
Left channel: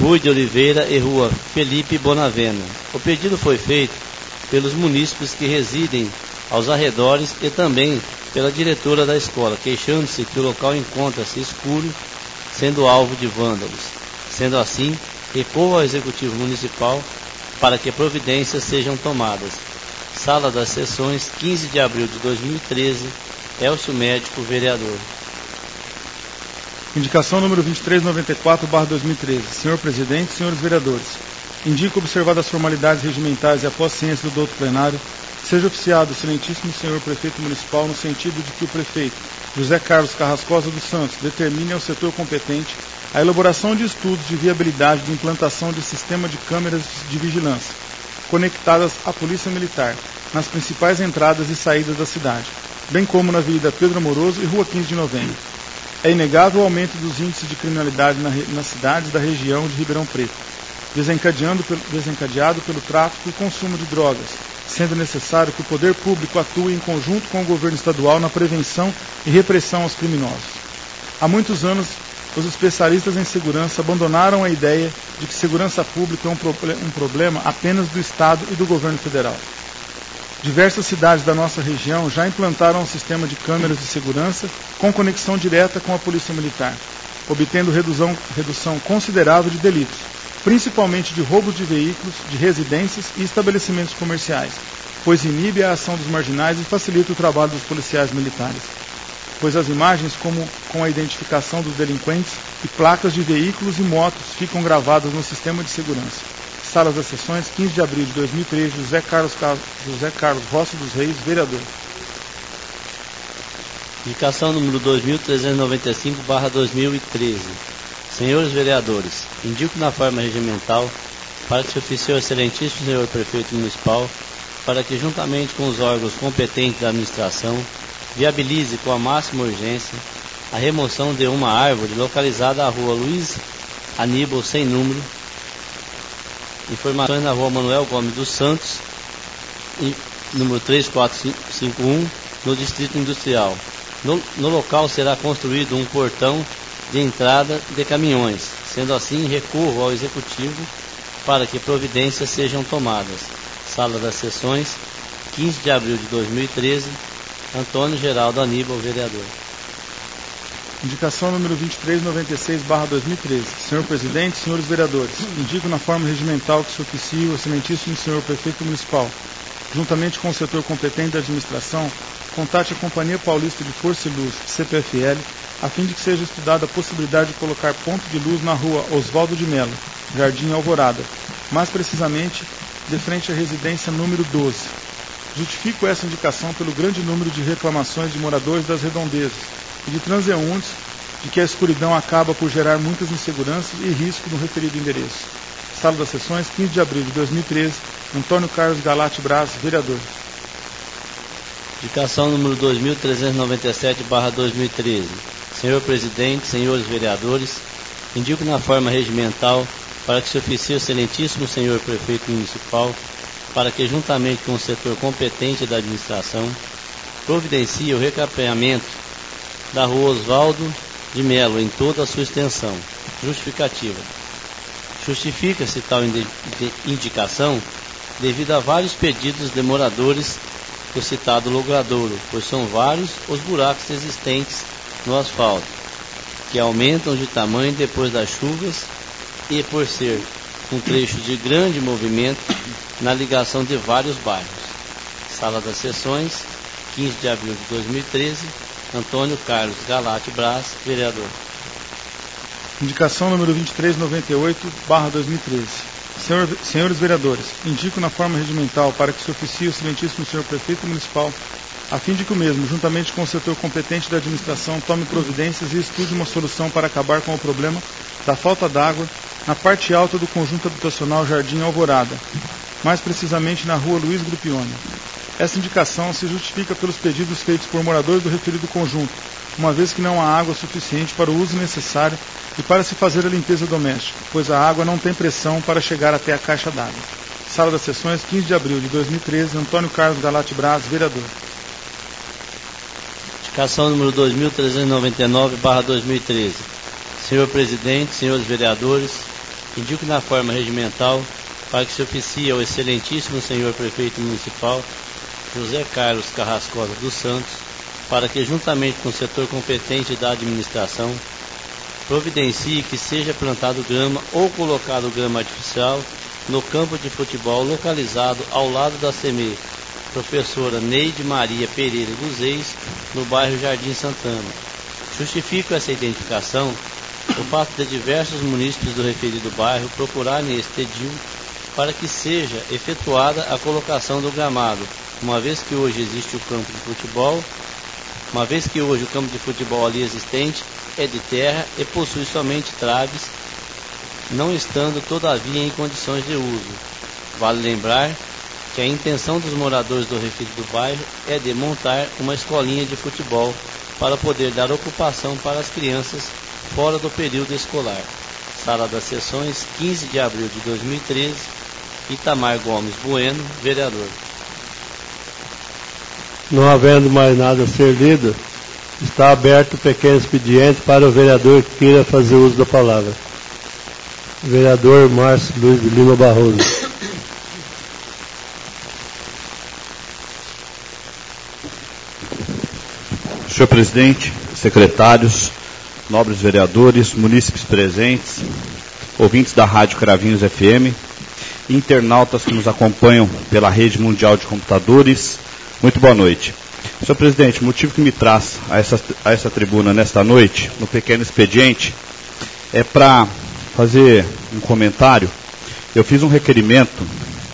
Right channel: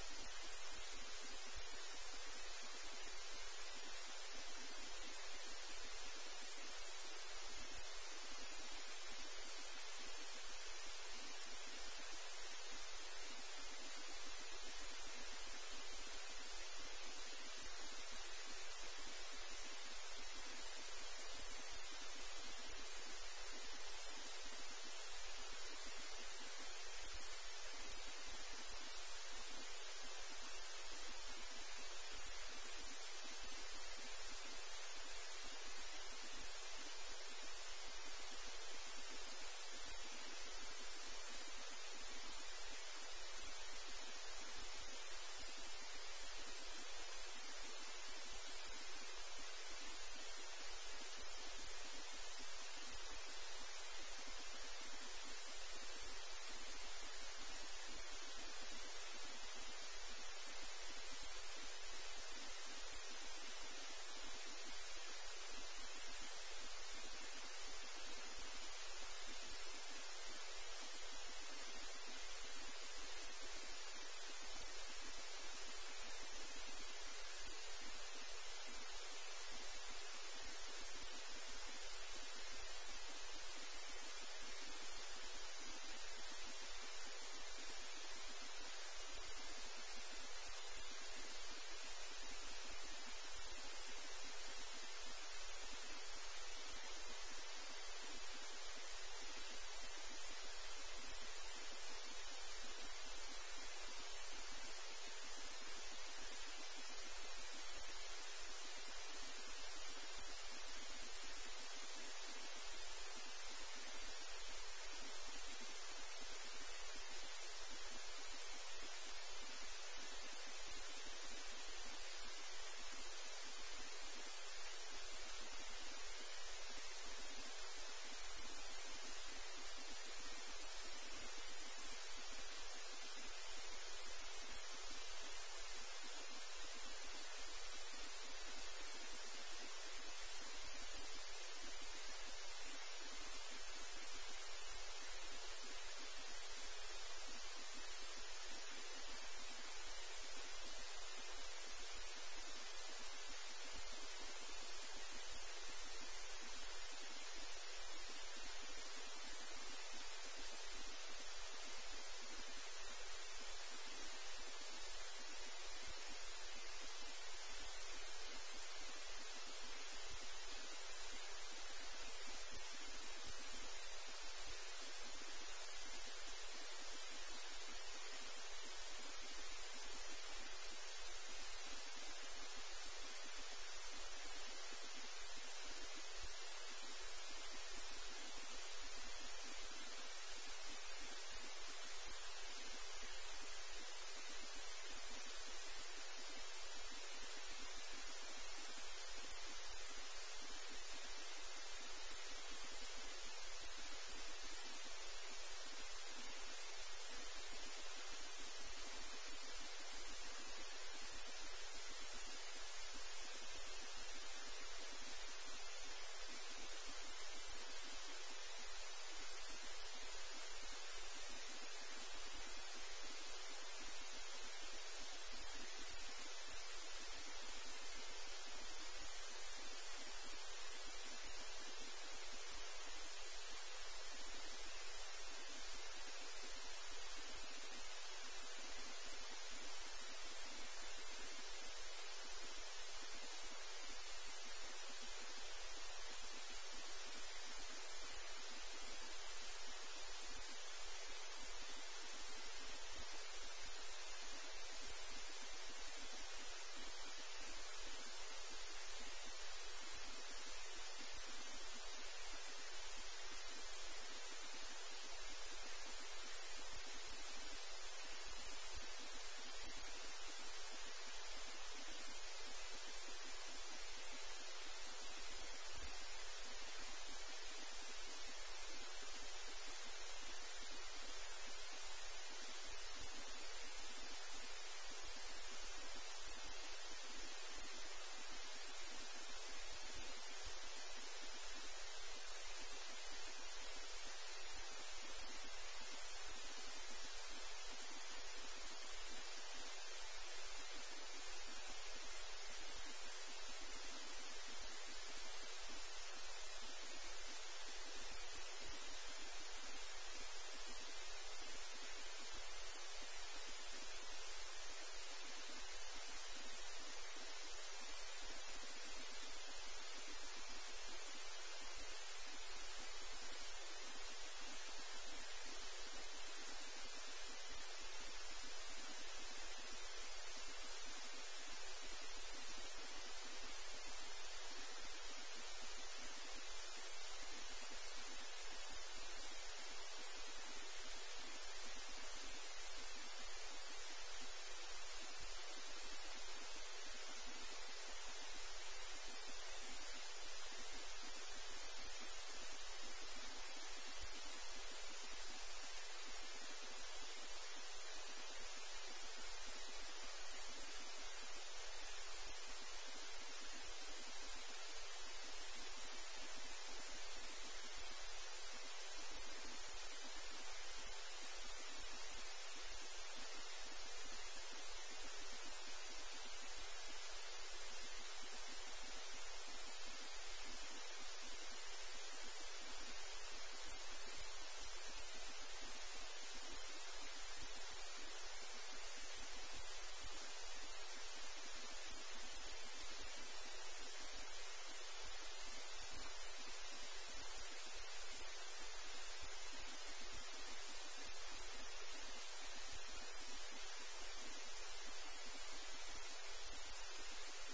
Rui de Oliveira e Rua Felipe Bonavena. O pedido foi feito pelos munícipes que residem aos arredores e também pela diretora da escola, queixando-se que o local encontra-se escuro, sendo alvo de vândalos. Sendo assim, recorro ao Executivo Municipal para que providências sejam tomadas. Sala das Sessões, 15 de abril de 2013, Elcio Médico, vereador. Indicação número 2394/2013. Senhor Presidente, senhores vereadores, indico, observadas as formalidades regimentais e após ciência do douto plenário, seja oficiado o excelentíssimo senhor Prefeito Municipal no sentido de que o Prefeito José Carlos Carrascosa dos Santos determine ao setor competente a elaboração de estudos de viabilidade de implantação de sistema de câmeras de vigilância conectadas à Polícia Militar nas principais entradas e saídas da cidade, bem como na Avenida Pedro Amoroso e Rua 15 de Novembro. É inegável o aumento dos índices de criminalidade nas cidades da região de Ribeirão Preto, desencadeado pelo tráfico e consumo de drogas, sendo necessário que o poder público atue em conjunto com o governo estadual na prevenção e repressão aos criminosos. Há muitos anos, os especialistas em segurança abandonaram a ideia de que segurança pública é um problema apenas do Estado e do governo federal. Diversas cidades da nossa região já implantaram um sistema de câmeras de segurança com conexão direta com a Polícia Militar, obtendo redução considerável de delitos, principalmente de roubos de veículos, de residências e estabelecimentos comerciais, pois inibe a ação dos marginais e facilita o trabalho dos policiais militares, pois as imagens, como com a identificação dos delinquentes e placas de veículos e motos, ficam gravadas no sistema de segurança. Salas das Sessões, 15 de abril de 2013, José Carlos Rossi dos Reis, vereador. Indicação número 2395/2013. Senhores vereadores, indico na forma regimental para que se oficie o excelentíssimo senhor Prefeito Municipal para que, juntamente com os órgãos competentes da administração, viabilize com a máxima urgência a remoção de uma árvore localizada à Rua Luiz Aníbal sem número. Informações na Rua Manuel Gomes dos Santos, número 3451, no Distrito Industrial. No local será construído um portão de entrada de caminhões. Sendo assim, recorro ao Executivo para que providências sejam tomadas. Sala das Sessões, 15 de abril de 2013, Antônio Geraldo Aníbal, vereador. Indicação número 2396/2013. Senhor Presidente, senhores vereadores, indico na forma regimental que se oficie o excelentíssimo senhor Prefeito Municipal, juntamente com o setor competente da administração, contate a Companhia Paulista de Força e Luz, CPFL, a fim de que seja estudada a possibilidade de colocar ponto de luz na Rua Oswaldo de Melo, Jardim Alvorada, mais precisamente de frente à residência número 12. Justifico essa indicação pelo grande número de reclamações de moradores das redondezas e de transeuntes de que a escuridão acaba por gerar muitas inseguranças e risco no referido endereço. Sala das Sessões, 15 de abril de 2013, Antônio Carlos Galate Braz, vereador. Indicação número 2397/2013. Senhor Presidente, senhores vereadores, indico na forma regimental para que se oficie o excelentíssimo senhor Prefeito Municipal para que, juntamente com o setor competente da administração, providencie o recapeamento da Rua Oswaldo de Melo em toda a sua extensão. Justificativa. Justifica-se tal indicação devido a vários pedidos de moradores do citado logradouro, pois são vários os buracos existentes no asfalto, que aumentam de tamanho depois das chuvas e por ser um trecho de grande movimento na ligação de vários bairros. Sala das Sessões, 15 de abril de 2013, Antônio Carlos Galate Braz, vereador. Indicação número 2398/2013. Senhores vereadores, indico na forma regimental para que se oficie o excelentíssimo senhor Prefeito Municipal a fim de que o mesmo, juntamente com o setor competente da administração, tome providências e estude uma solução para acabar com o problema da falta d'água na parte alta do conjunto habitacional Jardim Alvorada, mais precisamente na rua Luiz Grupione. Essa indicação se justifica pelos pedidos feitos por moradores do referido conjunto, uma vez que não há água suficiente para o uso necessário e para se fazer a limpeza doméstica, pois a água não tem pressão para chegar até a caixa d'água. Sala das Sessões, 15 de abril de 2013, Antônio Carlos Galati Braz, vereador. Indicação número 2399/2013. Senhor Presidente, senhores vereadores, indico na forma regimental para que se oficie ao excelentíssimo senhor Prefeito Municipal, José Carlos Carrascosa dos Santos, para que, juntamente com o setor competente da administração, providencie que seja plantado grama ou colocado grama artificial no campo de futebol localizado ao lado da CEMEI Professora Neide Maria Pereira dos Reis, no bairro Jardim Santana. Justifico essa identificação o fato de diversos munícipes do referido bairro procurarem este edil para que seja efetuada a colocação do gramado, uma vez que hoje existe o campo de futebol, o campo de futebol ali existente é de terra e possui somente traves, não estando todavia em condições de uso. Vale lembrar que a intenção dos moradores do referido bairro é de montar uma escolinha de futebol para poder dar ocupação para as crianças fora do período escolar. Sala das Sessões, 15 de abril de 2013, Itamar Gomes Bueno, vereador. Não havendo mais nada a ser lido, está aberto o pequeno expediente para o vereador que queira fazer uso da palavra. Vereador Márcio Luiz de Lima Barroso. Senhor Presidente, secretários, nobres vereadores, munícipes presentes, ouvintes da Rádio Cravinhos FM, internautas que nos acompanham pela rede mundial de computadores, muito boa noite. Senhor Presidente, o motivo que me traz a essa tribuna nesta noite, no pequeno expediente, é para fazer um comentário. Eu fiz um requerimento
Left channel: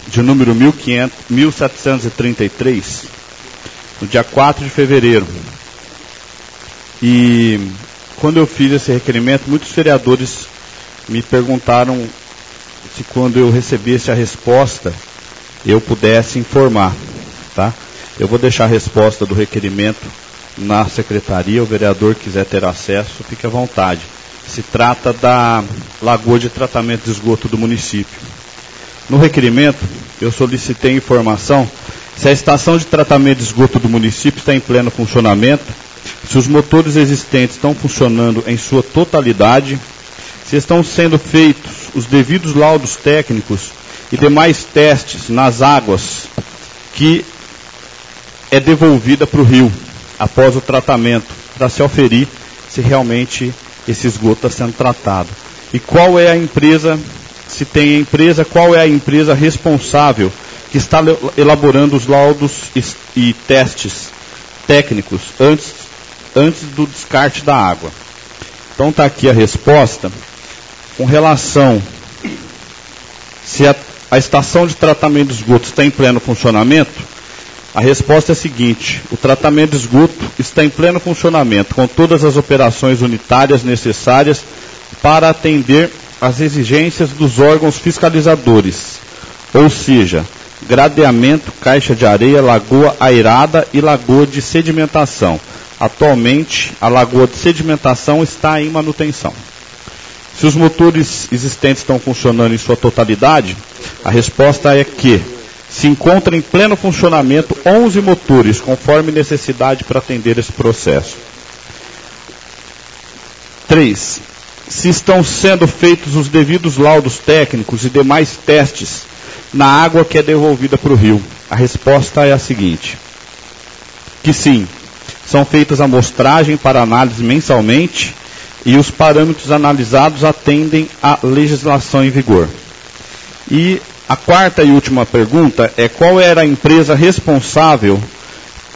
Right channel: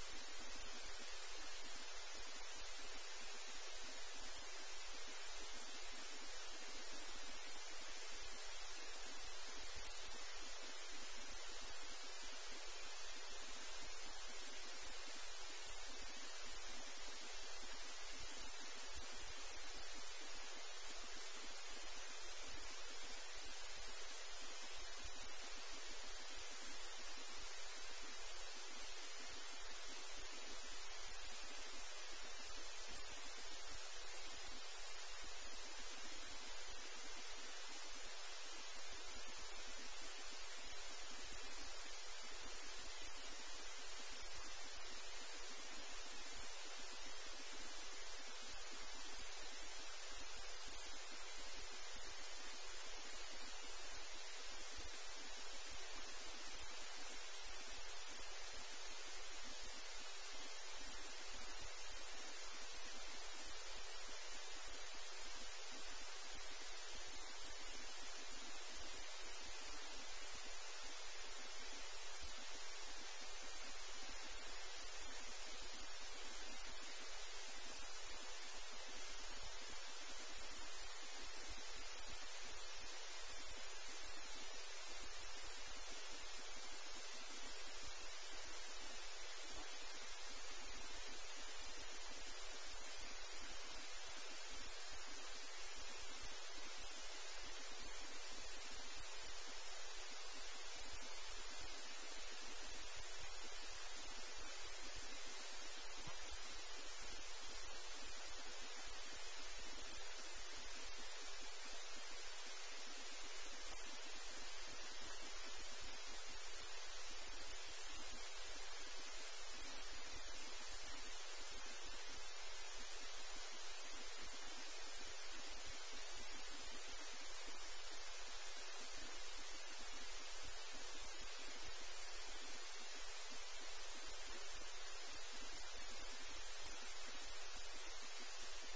de número 1733, no dia 4 de fevereiro. E quando eu fiz esse requerimento, muitos vereadores me perguntaram se quando eu recebesse a resposta, eu pudesse informar, tá? Eu vou deixar a resposta do requerimento na secretaria, o vereador quiser ter acesso, fique à vontade. Se trata da lagoa de tratamento de esgoto do município. No requerimento, eu solicitei informação se a estação de tratamento de esgoto do município está em pleno funcionamento, se os motores existentes estão funcionando em sua totalidade, se estão sendo feitos os devidos laudos técnicos e demais testes nas águas que é devolvida para o rio após o tratamento, para se aferir se realmente esse esgoto está sendo tratado. E qual é a empresa, se tem a empresa, qual é a empresa responsável que está elaborando os laudos e testes técnicos antes do descarte da água. Então está aqui a resposta. Com relação se a estação de tratamento de esgoto está em pleno funcionamento, a resposta é a seguinte: o tratamento de esgoto está em pleno funcionamento, com todas as operações unitárias necessárias para atender às exigências dos órgãos fiscalizadores, ou seja, gradeamento, caixa de areia, lagoa airada e lagoa de sedimentação. Atualmente, a lagoa de sedimentação está em manutenção. Se os motores existentes estão funcionando em sua totalidade, a resposta é que se encontram em pleno funcionamento 11 motores, conforme necessidade para atender esse processo. 3. Se estão sendo feitos os devidos laudos técnicos e demais testes na água que é devolvida para o rio. A resposta é a seguinte: que sim, são feitas amostragem para análise mensalmente e os parâmetros analisados atendem à legislação em vigor. E a quarta e última pergunta é: qual era a empresa responsável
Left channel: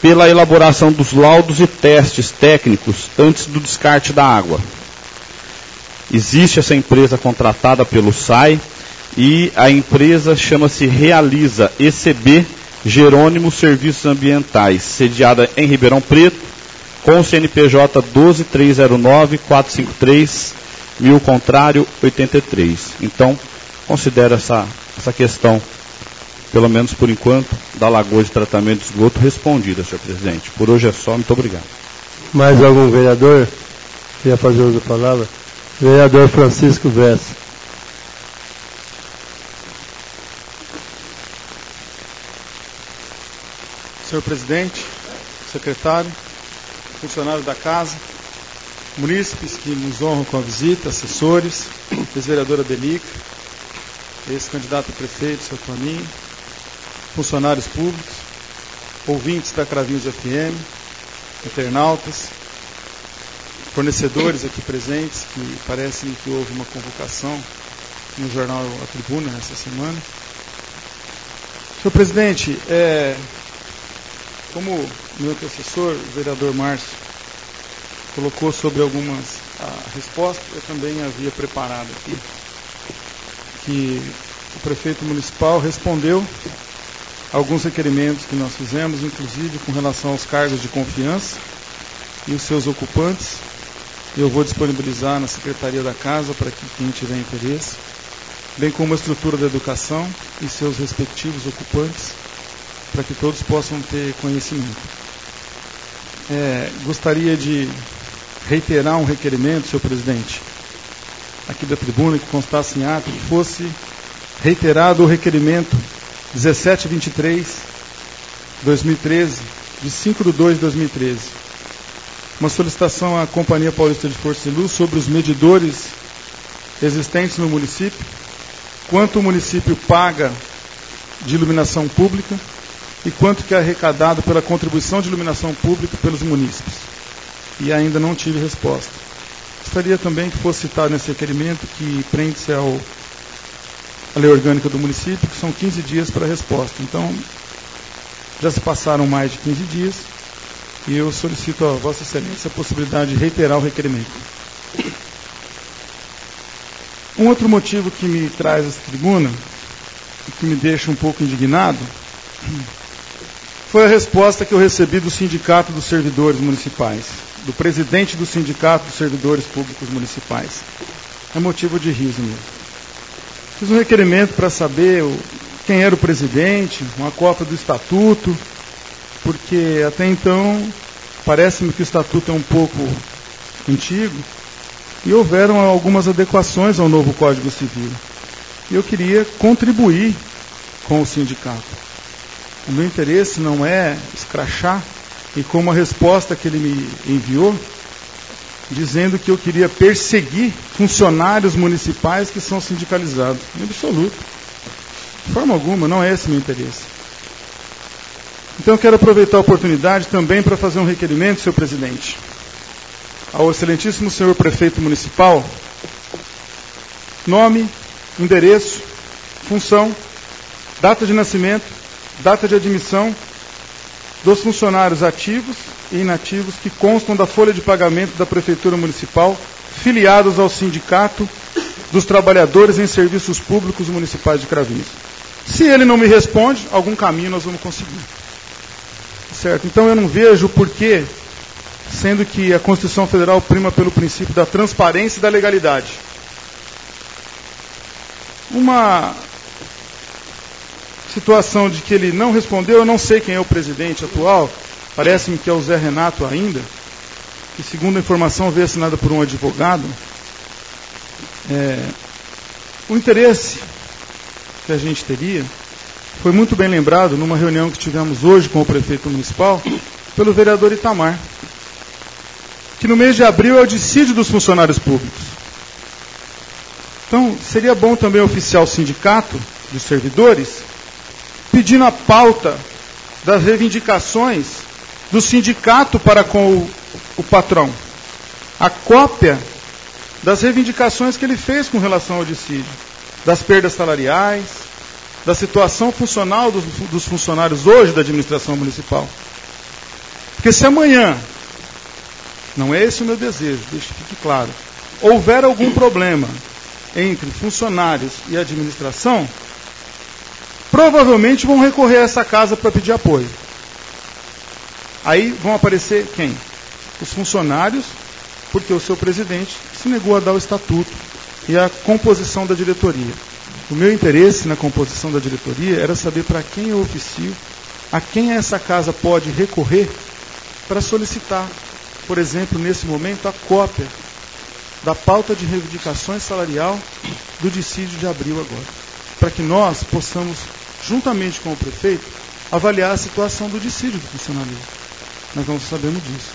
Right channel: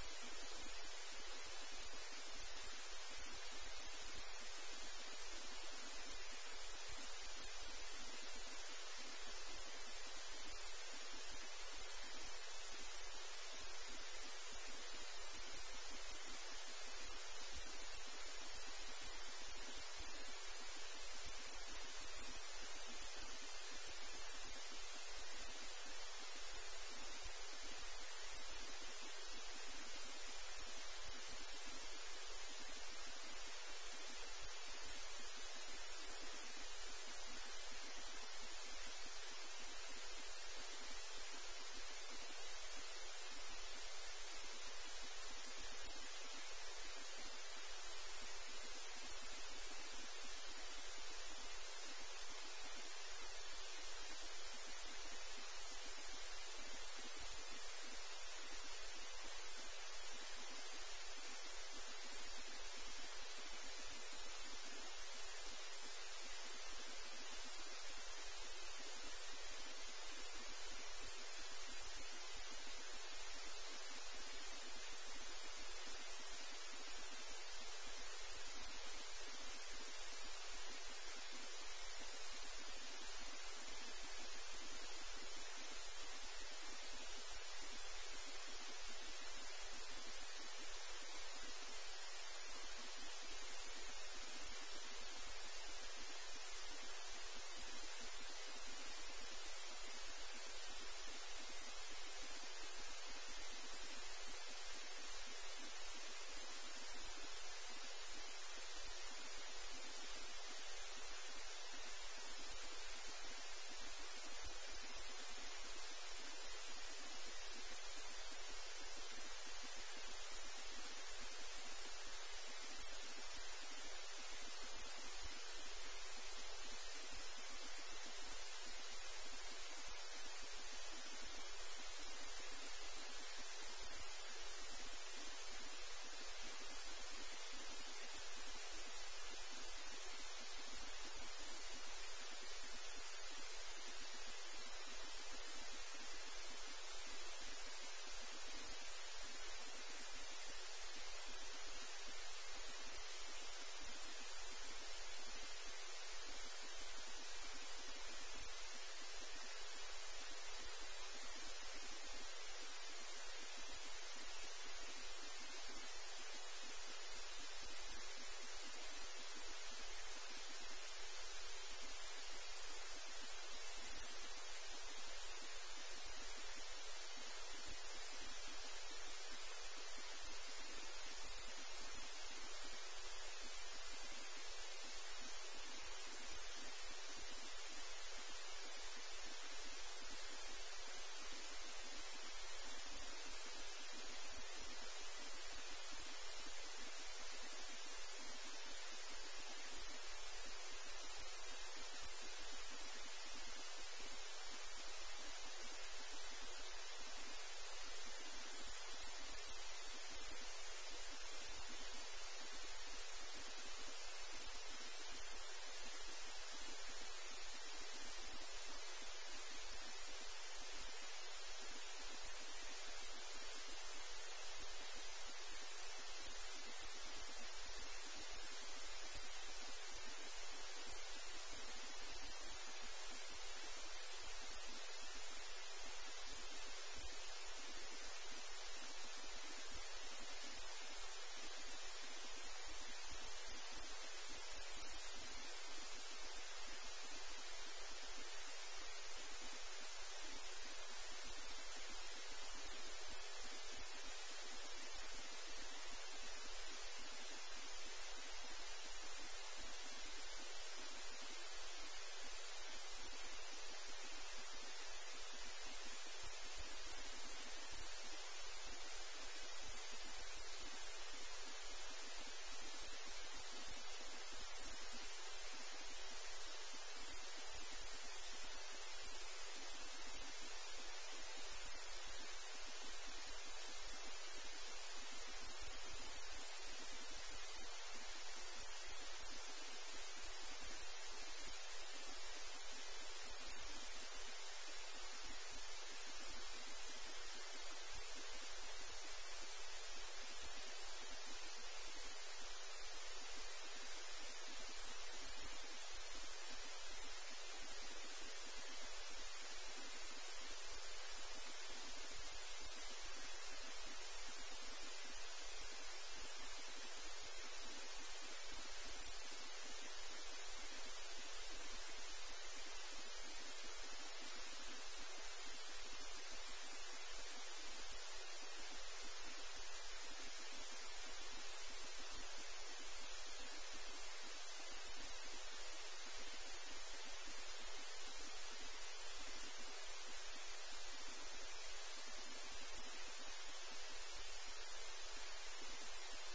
pela elaboração dos laudos e testes técnicos antes do descarte da água? Existe essa empresa contratada pelo SAI e a empresa chama-se Realiza ECB Jerônimo Serviços Ambientais, sediada em Ribeirão Preto, com o CNPJ 12.309.453.1000, contrário 83. Então, considero essa questão, pelo menos por enquanto, da Lagoa de Tratamento de Esgoto respondida, senhor presidente. Por hoje é só, muito obrigado. Mais algum vereador queria fazer uso da palavra? Vereador Francisco Bessa. Senhor presidente, secretário, funcionário da casa, munícipes que nos honram com a visita, assessores, ex-vereadora Denica, ex-candidato a prefeito, seu Toninho, funcionários públicos, ouvintes da Cravinhos FM, internautas, fornecedores aqui presentes, que parece que houve uma convocação no jornal A Tribuna essa semana. Senhor presidente, como meu antecessor, o vereador Márcio, colocou sobre algumas respostas, eu também havia preparado aqui, que o prefeito municipal respondeu a alguns requerimentos que nós fizemos, inclusive com relação aos cargos de confiança e os seus ocupantes. Eu vou disponibilizar na Secretaria da Casa para que quem tiver interesse, bem como a estrutura da educação e seus respectivos ocupantes, para que todos possam ter conhecimento. Gostaria de reiterar um requerimento, senhor presidente, aqui da tribuna, que constasse em ato, que fosse reiterado o requerimento 1723/2013, de 5/2/2013. Uma solicitação à Companhia Paulista de Força e Luz sobre os medidores existentes no município, quanto o município paga de iluminação pública e quanto que é arrecadado pela contribuição de iluminação pública pelos munícipes. E ainda não tive resposta. Gostaria também que fosse citado nesse requerimento que prende-se à lei orgânica do município, que são 15 dias para a resposta. Então, já se passaram mais de 15 dias e eu solicito a Vossa Excelência a possibilidade de reiterar o requerimento. Um outro motivo que me traz essa tribuna e que me deixa um pouco indignado foi a resposta que eu recebi do Sindicato dos Servidores Municipais, do presidente do Sindicato dos Servidores Públicos Municipais. É motivo de riso mesmo. Fiz um requerimento para saber quem era o presidente, uma cópia do estatuto, porque até então parece-me que o estatuto é um pouco antigo e houveram algumas adequações ao novo Código Civil. E eu queria contribuir com o sindicato. O meu interesse não é escrachar, e como a resposta que ele me enviou, dizendo que eu queria perseguir funcionários municipais que são sindicalizados. Em absoluto. De forma alguma, não é esse o meu interesse. Então eu quero aproveitar a oportunidade também para fazer um requerimento, senhor presidente, ao excelentíssimo senhor prefeito municipal, nome, endereço, função, data de nascimento, data de admissão dos funcionários ativos e inativos que constam da folha de pagamento da Prefeitura Municipal, filiados ao Sindicato dos Trabalhadores em Serviços Públicos Municipais de Cravinhos. Se ele não me responde, algum caminho nós vamos conseguir. Certo? Então eu não vejo porquê, sendo que a Constituição Federal prima pelo princípio da transparência e da legalidade. Uma situação de que ele não respondeu, eu não sei quem é o presidente atual, parece-me que é o Zé Renato ainda, que segundo a informação veio assinada por um advogado. O interesse que a gente teria foi muito bem lembrado numa reunião que tivemos hoje com o prefeito municipal, pelo vereador Itamar, que no mês de abril é o dissídio dos funcionários públicos. Então, seria bom também oficiar o sindicato dos servidores, pedindo a pauta das reivindicações do sindicato para com o patrão. A cópia das reivindicações que ele fez com relação ao dissídio, das perdas salariais, da situação funcional dos funcionários hoje da administração municipal. Porque se amanhã, não é esse o meu desejo, deixe que fique claro, houver algum problema entre funcionários e administração, provavelmente vão recorrer a essa casa para pedir apoio. Aí vão aparecer quem? Os funcionários, porque o seu presidente se negou a dar o estatuto e a composição da diretoria. O meu interesse na composição da diretoria era saber para quem eu oficio, a quem essa casa pode recorrer para solicitar, por exemplo, nesse momento, a cópia da pauta de reivindicações salarial do dissídio de abril agora, para que nós possamos, juntamente com o prefeito, avaliar a situação do dissídio do funcionalismo. Nós não sabemos disso.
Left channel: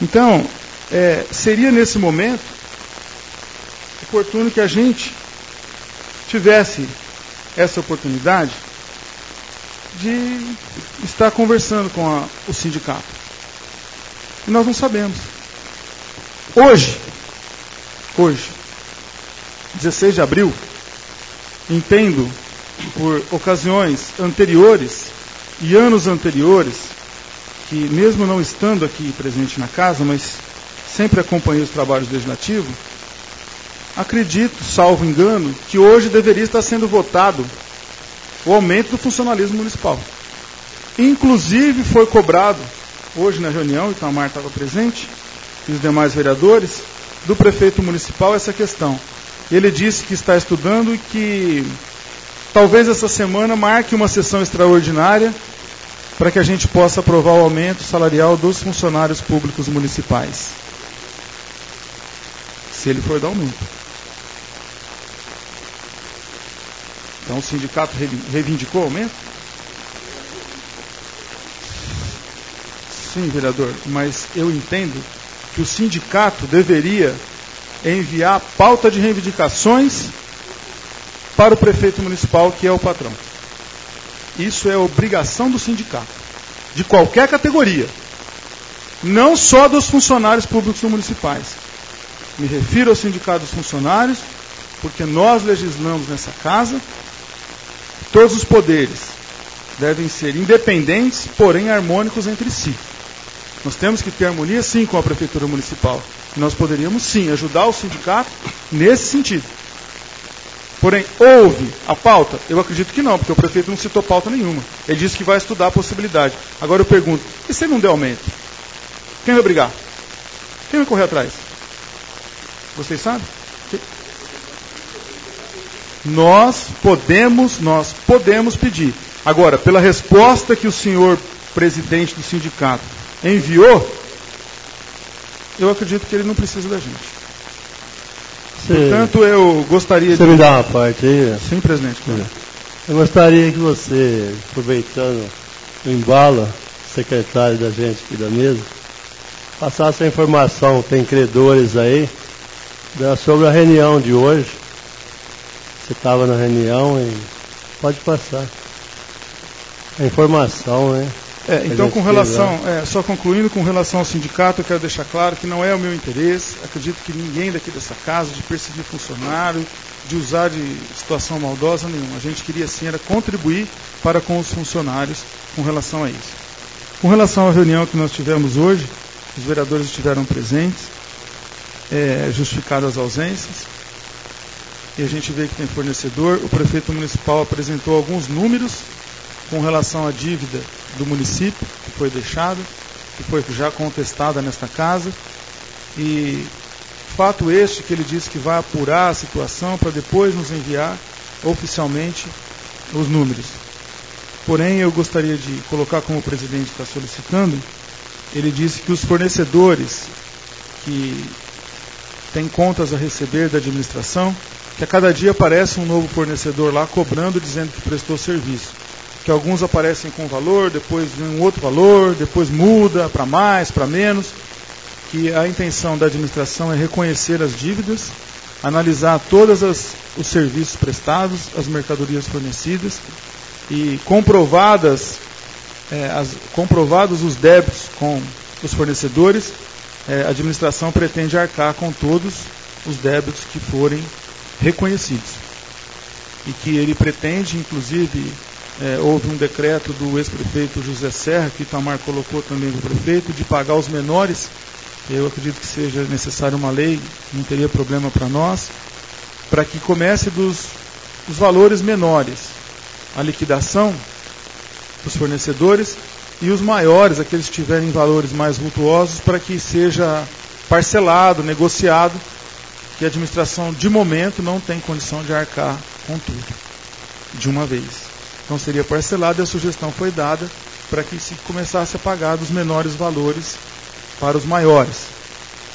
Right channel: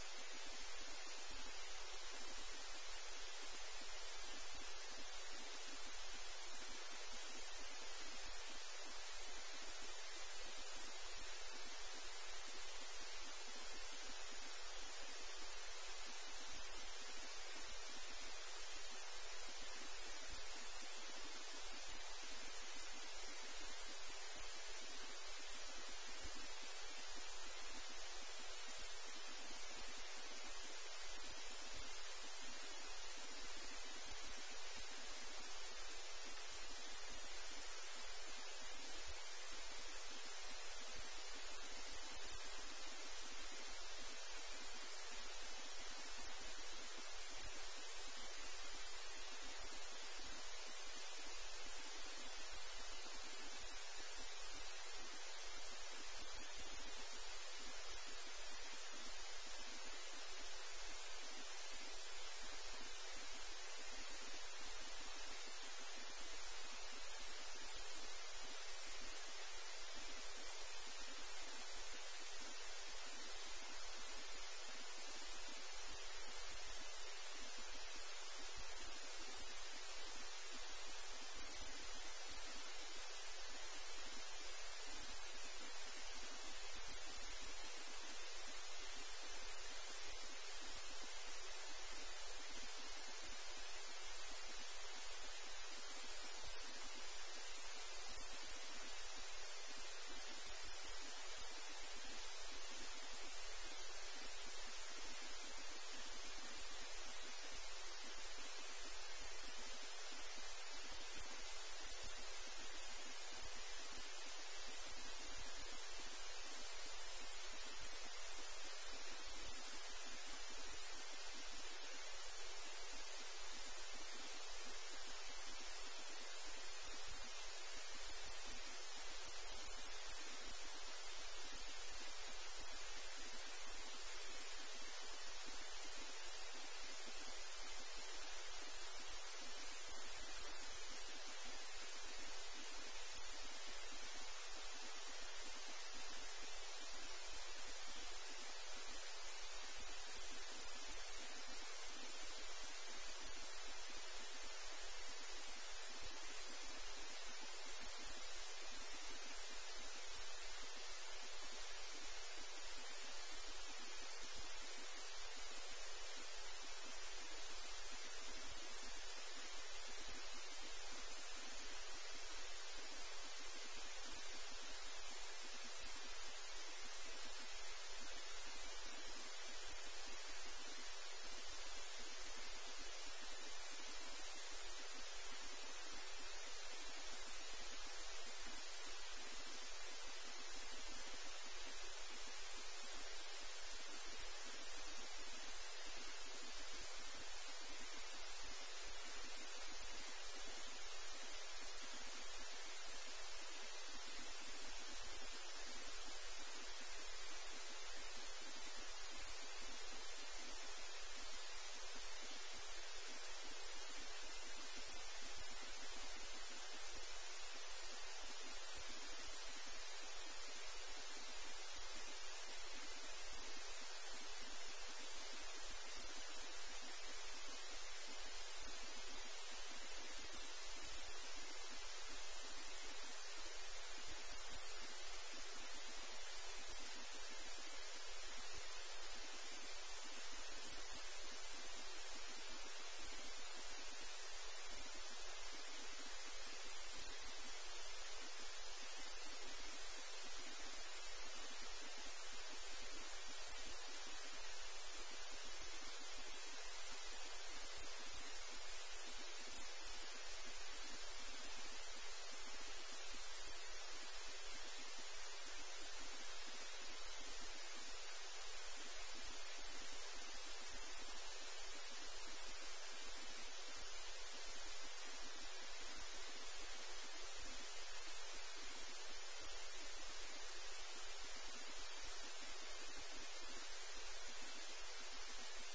Então, seria nesse momento oportuno que a gente tivesse essa oportunidade de estar conversando com o sindicato. E nós não sabemos. Hoje, 16 de abril, entendo, por ocasiões anteriores e anos anteriores, que mesmo não estando aqui presente na casa, mas sempre acompanhei os trabalhos legislativos, acredito, salvo engano, que hoje deveria estar sendo votado o aumento do funcionalismo municipal. Inclusive foi cobrado, hoje na reunião, o Itamar estava presente, e os demais vereadores, do prefeito municipal essa questão. Ele disse que está estudando e que talvez essa semana marque uma sessão extraordinária para que a gente possa aprovar o aumento salarial dos funcionários públicos municipais. Se ele for dar aumento. Então o sindicato reivindicou o aumento? Sim, vereador, mas eu entendo que o sindicato deveria enviar pauta de reivindicações para o prefeito municipal, que é o patrão. Isso é obrigação do sindicato, de qualquer categoria, não só dos funcionários públicos municipais. Me refiro ao sindicato dos funcionários, porque nós legislamos nessa casa, todos os poderes devem ser independentes, porém harmônicos entre si. Nós temos que ter harmonia, sim, com a prefeitura municipal. Nós poderíamos, sim, ajudar o sindicato nesse sentido. Porém, houve a pauta? Eu acredito que não, porque o prefeito não citou pauta nenhuma. Ele disse que vai estudar a possibilidade. Agora eu pergunto, e se ele não der aumento? Quem vai brigar? Quem vai correr atrás? Vocês sabem? Nós podemos pedir. Agora, pela resposta que o senhor presidente do sindicato enviou, eu acredito que ele não precisa da gente. Portanto, eu gostaria Você me dá uma parte aí? Sim, presidente. Claro. Eu gostaria que você, aproveitando o embalo, secretário da gente aqui da mesa, passasse a informação, tem credores aí, sobre a reunião de hoje. Você estava na reunião e pode passar. A informação, né? Então, com relação, só concluindo, com relação ao sindicato, eu quero deixar claro que não é o meu interesse, acredito que ninguém daqui dessa casa, de perseguir funcionário, de usar de situação maldosa nenhuma. A gente queria, sim, era contribuir para com os funcionários com relação a isso. Com relação à reunião que nós tivemos hoje, os vereadores estiveram presentes, justificadas as ausências, e a gente vê que tem fornecedor. O prefeito municipal apresentou alguns números com relação à dívida do município, que foi deixada, que foi já contestada nesta casa, e fato este que ele disse que vai apurar a situação para depois nos enviar oficialmente os números. Porém, eu gostaria de colocar como o presidente está solicitando, ele disse que os fornecedores que têm contas a receber da administração, que a cada dia aparece um novo fornecedor lá cobrando, dizendo que prestou serviço. Que alguns aparecem com valor, depois vem um outro valor, depois muda para mais, para menos, que a intenção da administração é reconhecer as dívidas, analisar todos os serviços prestados, as mercadorias fornecidas, e comprovados os débitos com os fornecedores, a administração pretende arcar com todos os débitos que forem reconhecidos. E que ele pretende, inclusive, houve um decreto do ex-prefeito José Serra, que Itamar colocou também do prefeito, de pagar os menores. Eu acredito que seja necessária uma lei, não teria problema para nós, para que comece dos valores menores. a liquidação dos fornecedores, e os maiores, aqueles que tiverem valores mais vultuosos, para que seja parcelado, negociado, que a administração, de momento, não tem condição de arcar com tudo, de uma vez. Então seria parcelado, e a sugestão foi dada para que se começasse a pagar dos menores valores para os maiores.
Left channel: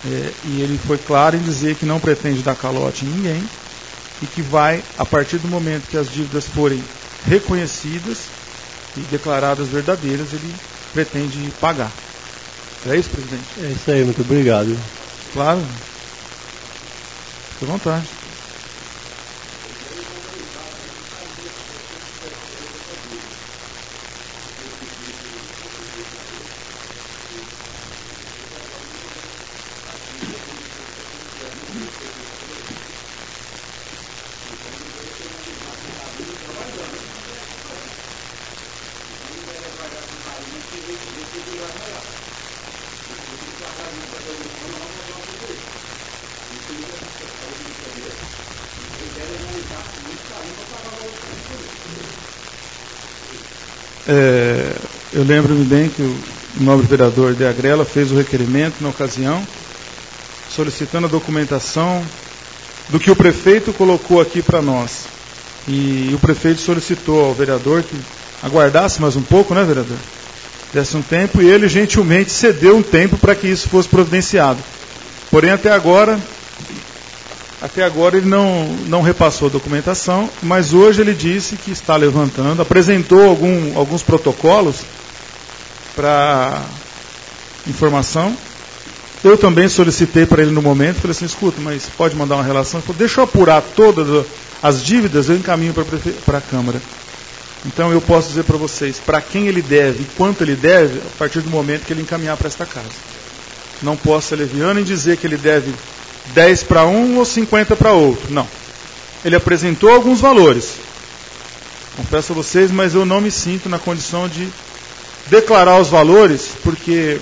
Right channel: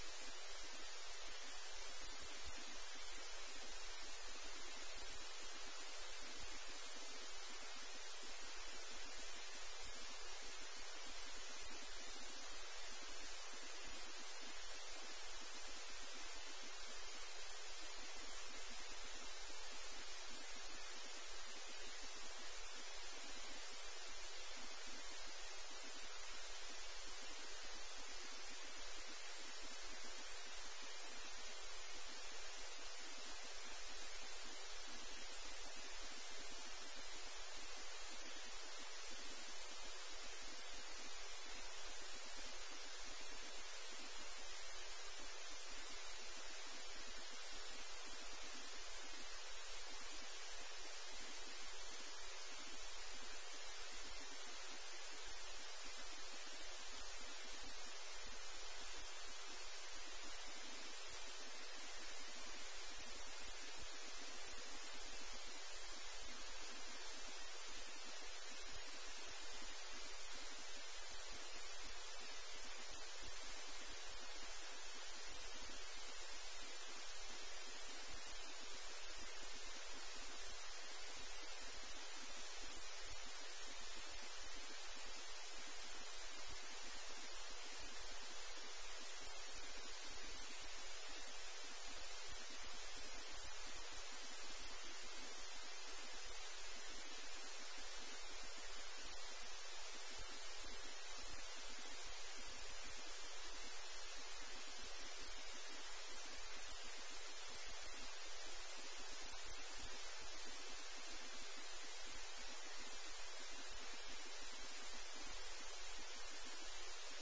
E ele foi claro em dizer que não pretende dar calote em ninguém, e que vai, a partir do momento que as dívidas forem reconhecidas e declaradas verdadeiras, ele pretende pagar. É isso, presidente? É isso aí, muito obrigado. Claro. Fique à vontade. Eu lembro-me bem que o nobre vereador de Agrela fez o requerimento na ocasião, solicitando a documentação do que o prefeito colocou aqui para nós. E o prefeito solicitou ao vereador que aguardasse mais um pouco, né, vereador? Desse um tempo, e ele gentilmente cedeu um tempo para que isso fosse providenciado. Porém, até agora ele não repassou a documentação, mas hoje ele disse que está levantando, apresentou alguns protocolos para informação. Eu também solicitei para ele no momento, falei assim, escuta, mas pode mandar uma relação? Ele falou, deixa eu apurar todas as dívidas, eu encaminho para a Câmara. Então eu posso dizer para vocês, para quem ele deve e quanto ele deve, a partir do momento que ele encaminhar para esta casa. Não posso ser leviano em dizer que ele deve 10 para um ou 50 para outro. Não. Ele apresentou alguns valores. Confesso a vocês, mas eu não me sinto na condição de declarar os valores, porque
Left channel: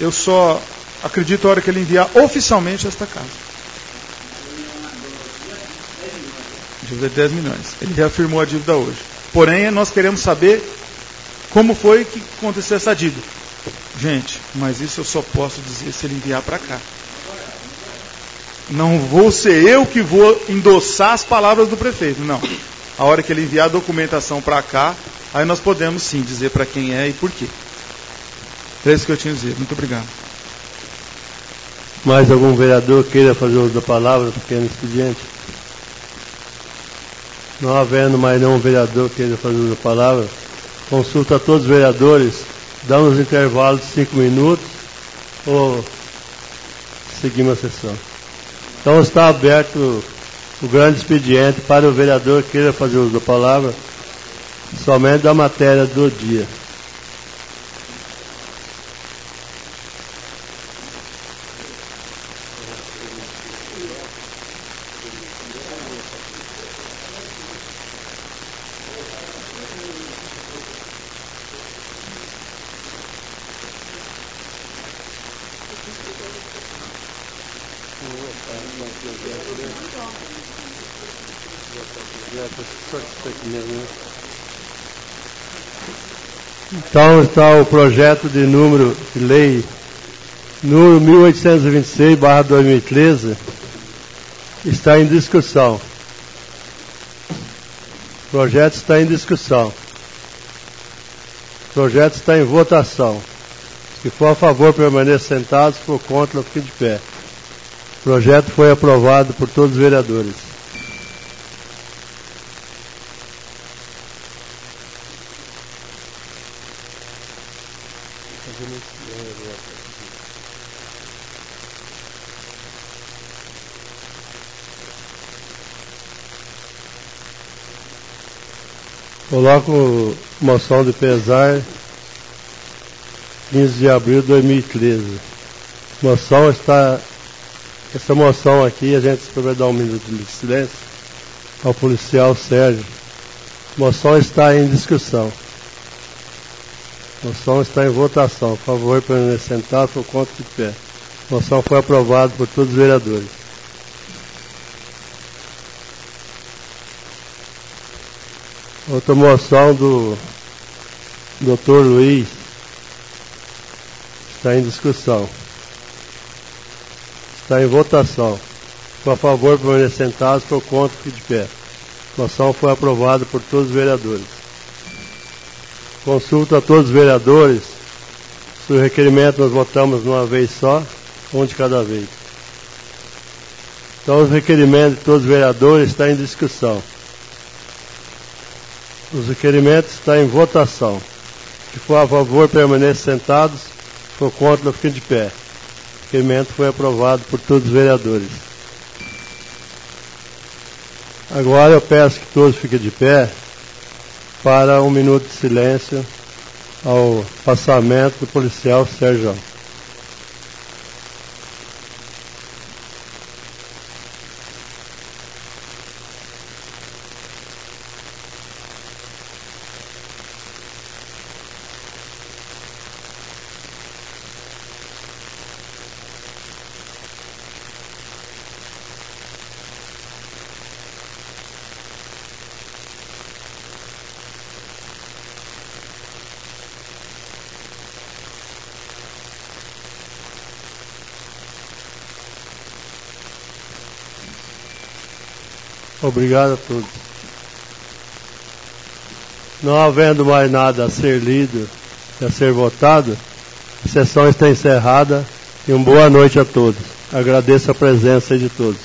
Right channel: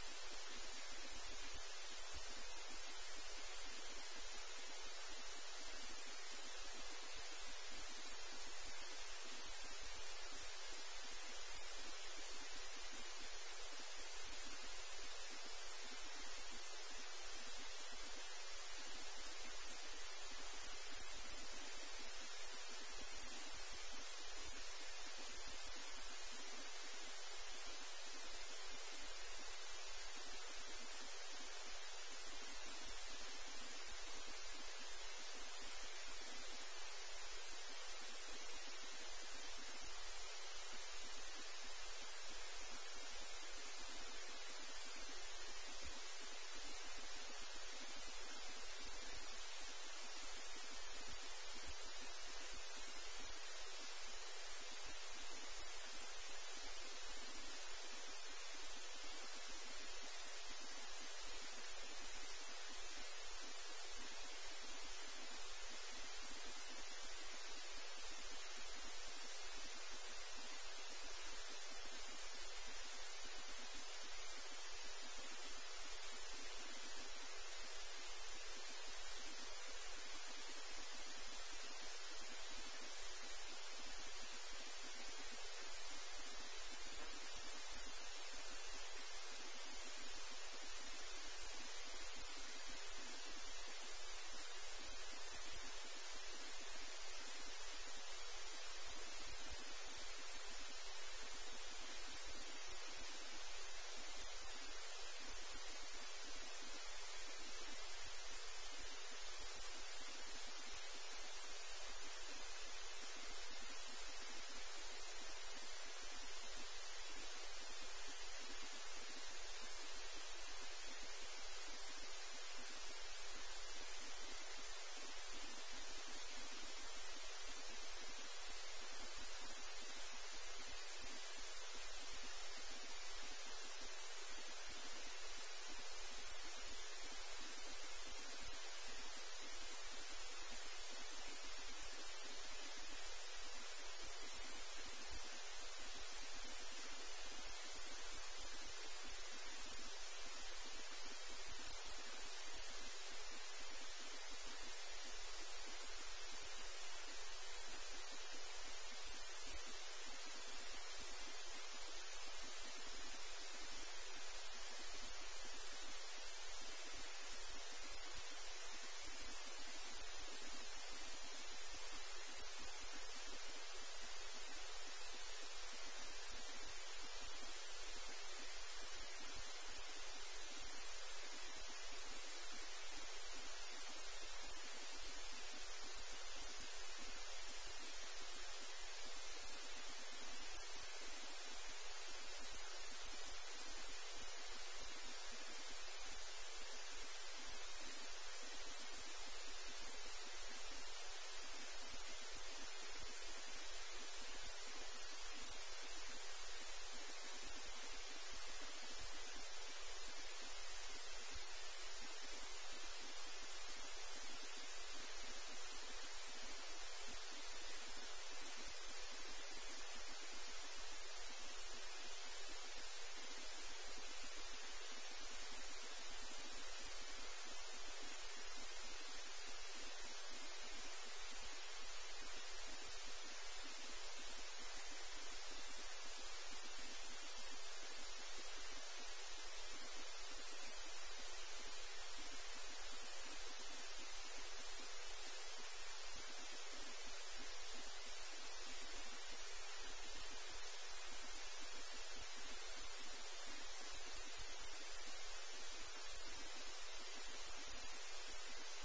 eu só acredito a hora que ele enviar oficialmente esta casa. Dívida de 10 milhões. Ele reafirmou a dívida hoje. Porém, nós queremos saber como foi que aconteceu essa dívida. Gente, mas isso eu só posso dizer se ele enviar para cá. Não vou ser eu que vou endossar as palavras do prefeito, não. A hora que ele enviar a documentação para cá, aí nós podemos sim dizer para quem é e por quê. É isso que eu tinha a dizer. Muito obrigado. Mais algum vereador queira fazer uso da palavra, pequeno expediente? Não havendo mais nenhum vereador queira fazer uso da palavra, consulta a todos os vereadores, damos intervalo de 5 minutos ou seguimos a sessão. Então está aberto o grande expediente para o vereador que queira fazer uso da palavra, somente da matéria do dia. Então está o projeto de lei número 1826/2013, está em discussão. O projeto está em discussão. O projeto está em votação. Se for a favor, permaneça sentado, se for contra, fique de pé. O projeto foi aprovado por todos os vereadores. Coloco moção de pesar 15 de abril de 2013. Essa moção aqui, a gente vai dar um minuto de silêncio ao policial Sérgio. Moção está em discussão. Moção está em votação. Por favor, permanecer sentado, por conta de pé. Moção foi aprovada por todos os vereadores. Outra moção do Dr. Luiz está em discussão. Está em votação. Por favor, permanecer sentados, por conta, fique de pé. A moção foi aprovada por todos os vereadores. Consulta a todos os vereadores. Se o requerimento nós votamos de uma vez só, um de cada vez. Então, os requerimentos de todos os vereadores estão em discussão. Os requerimentos estão em votação. Se for a favor, permaneçam sentados, por conta, fiquem de pé. O requerimento foi aprovado por todos os vereadores. Agora eu peço que todos fiquem de pé para 1 minuto de silêncio ao passamento do policial Sérgio. Obrigado a todos. Não havendo mais nada a ser lido e a ser votado, a sessão está encerrada e uma boa noite a todos. Agradeço a presença de todos.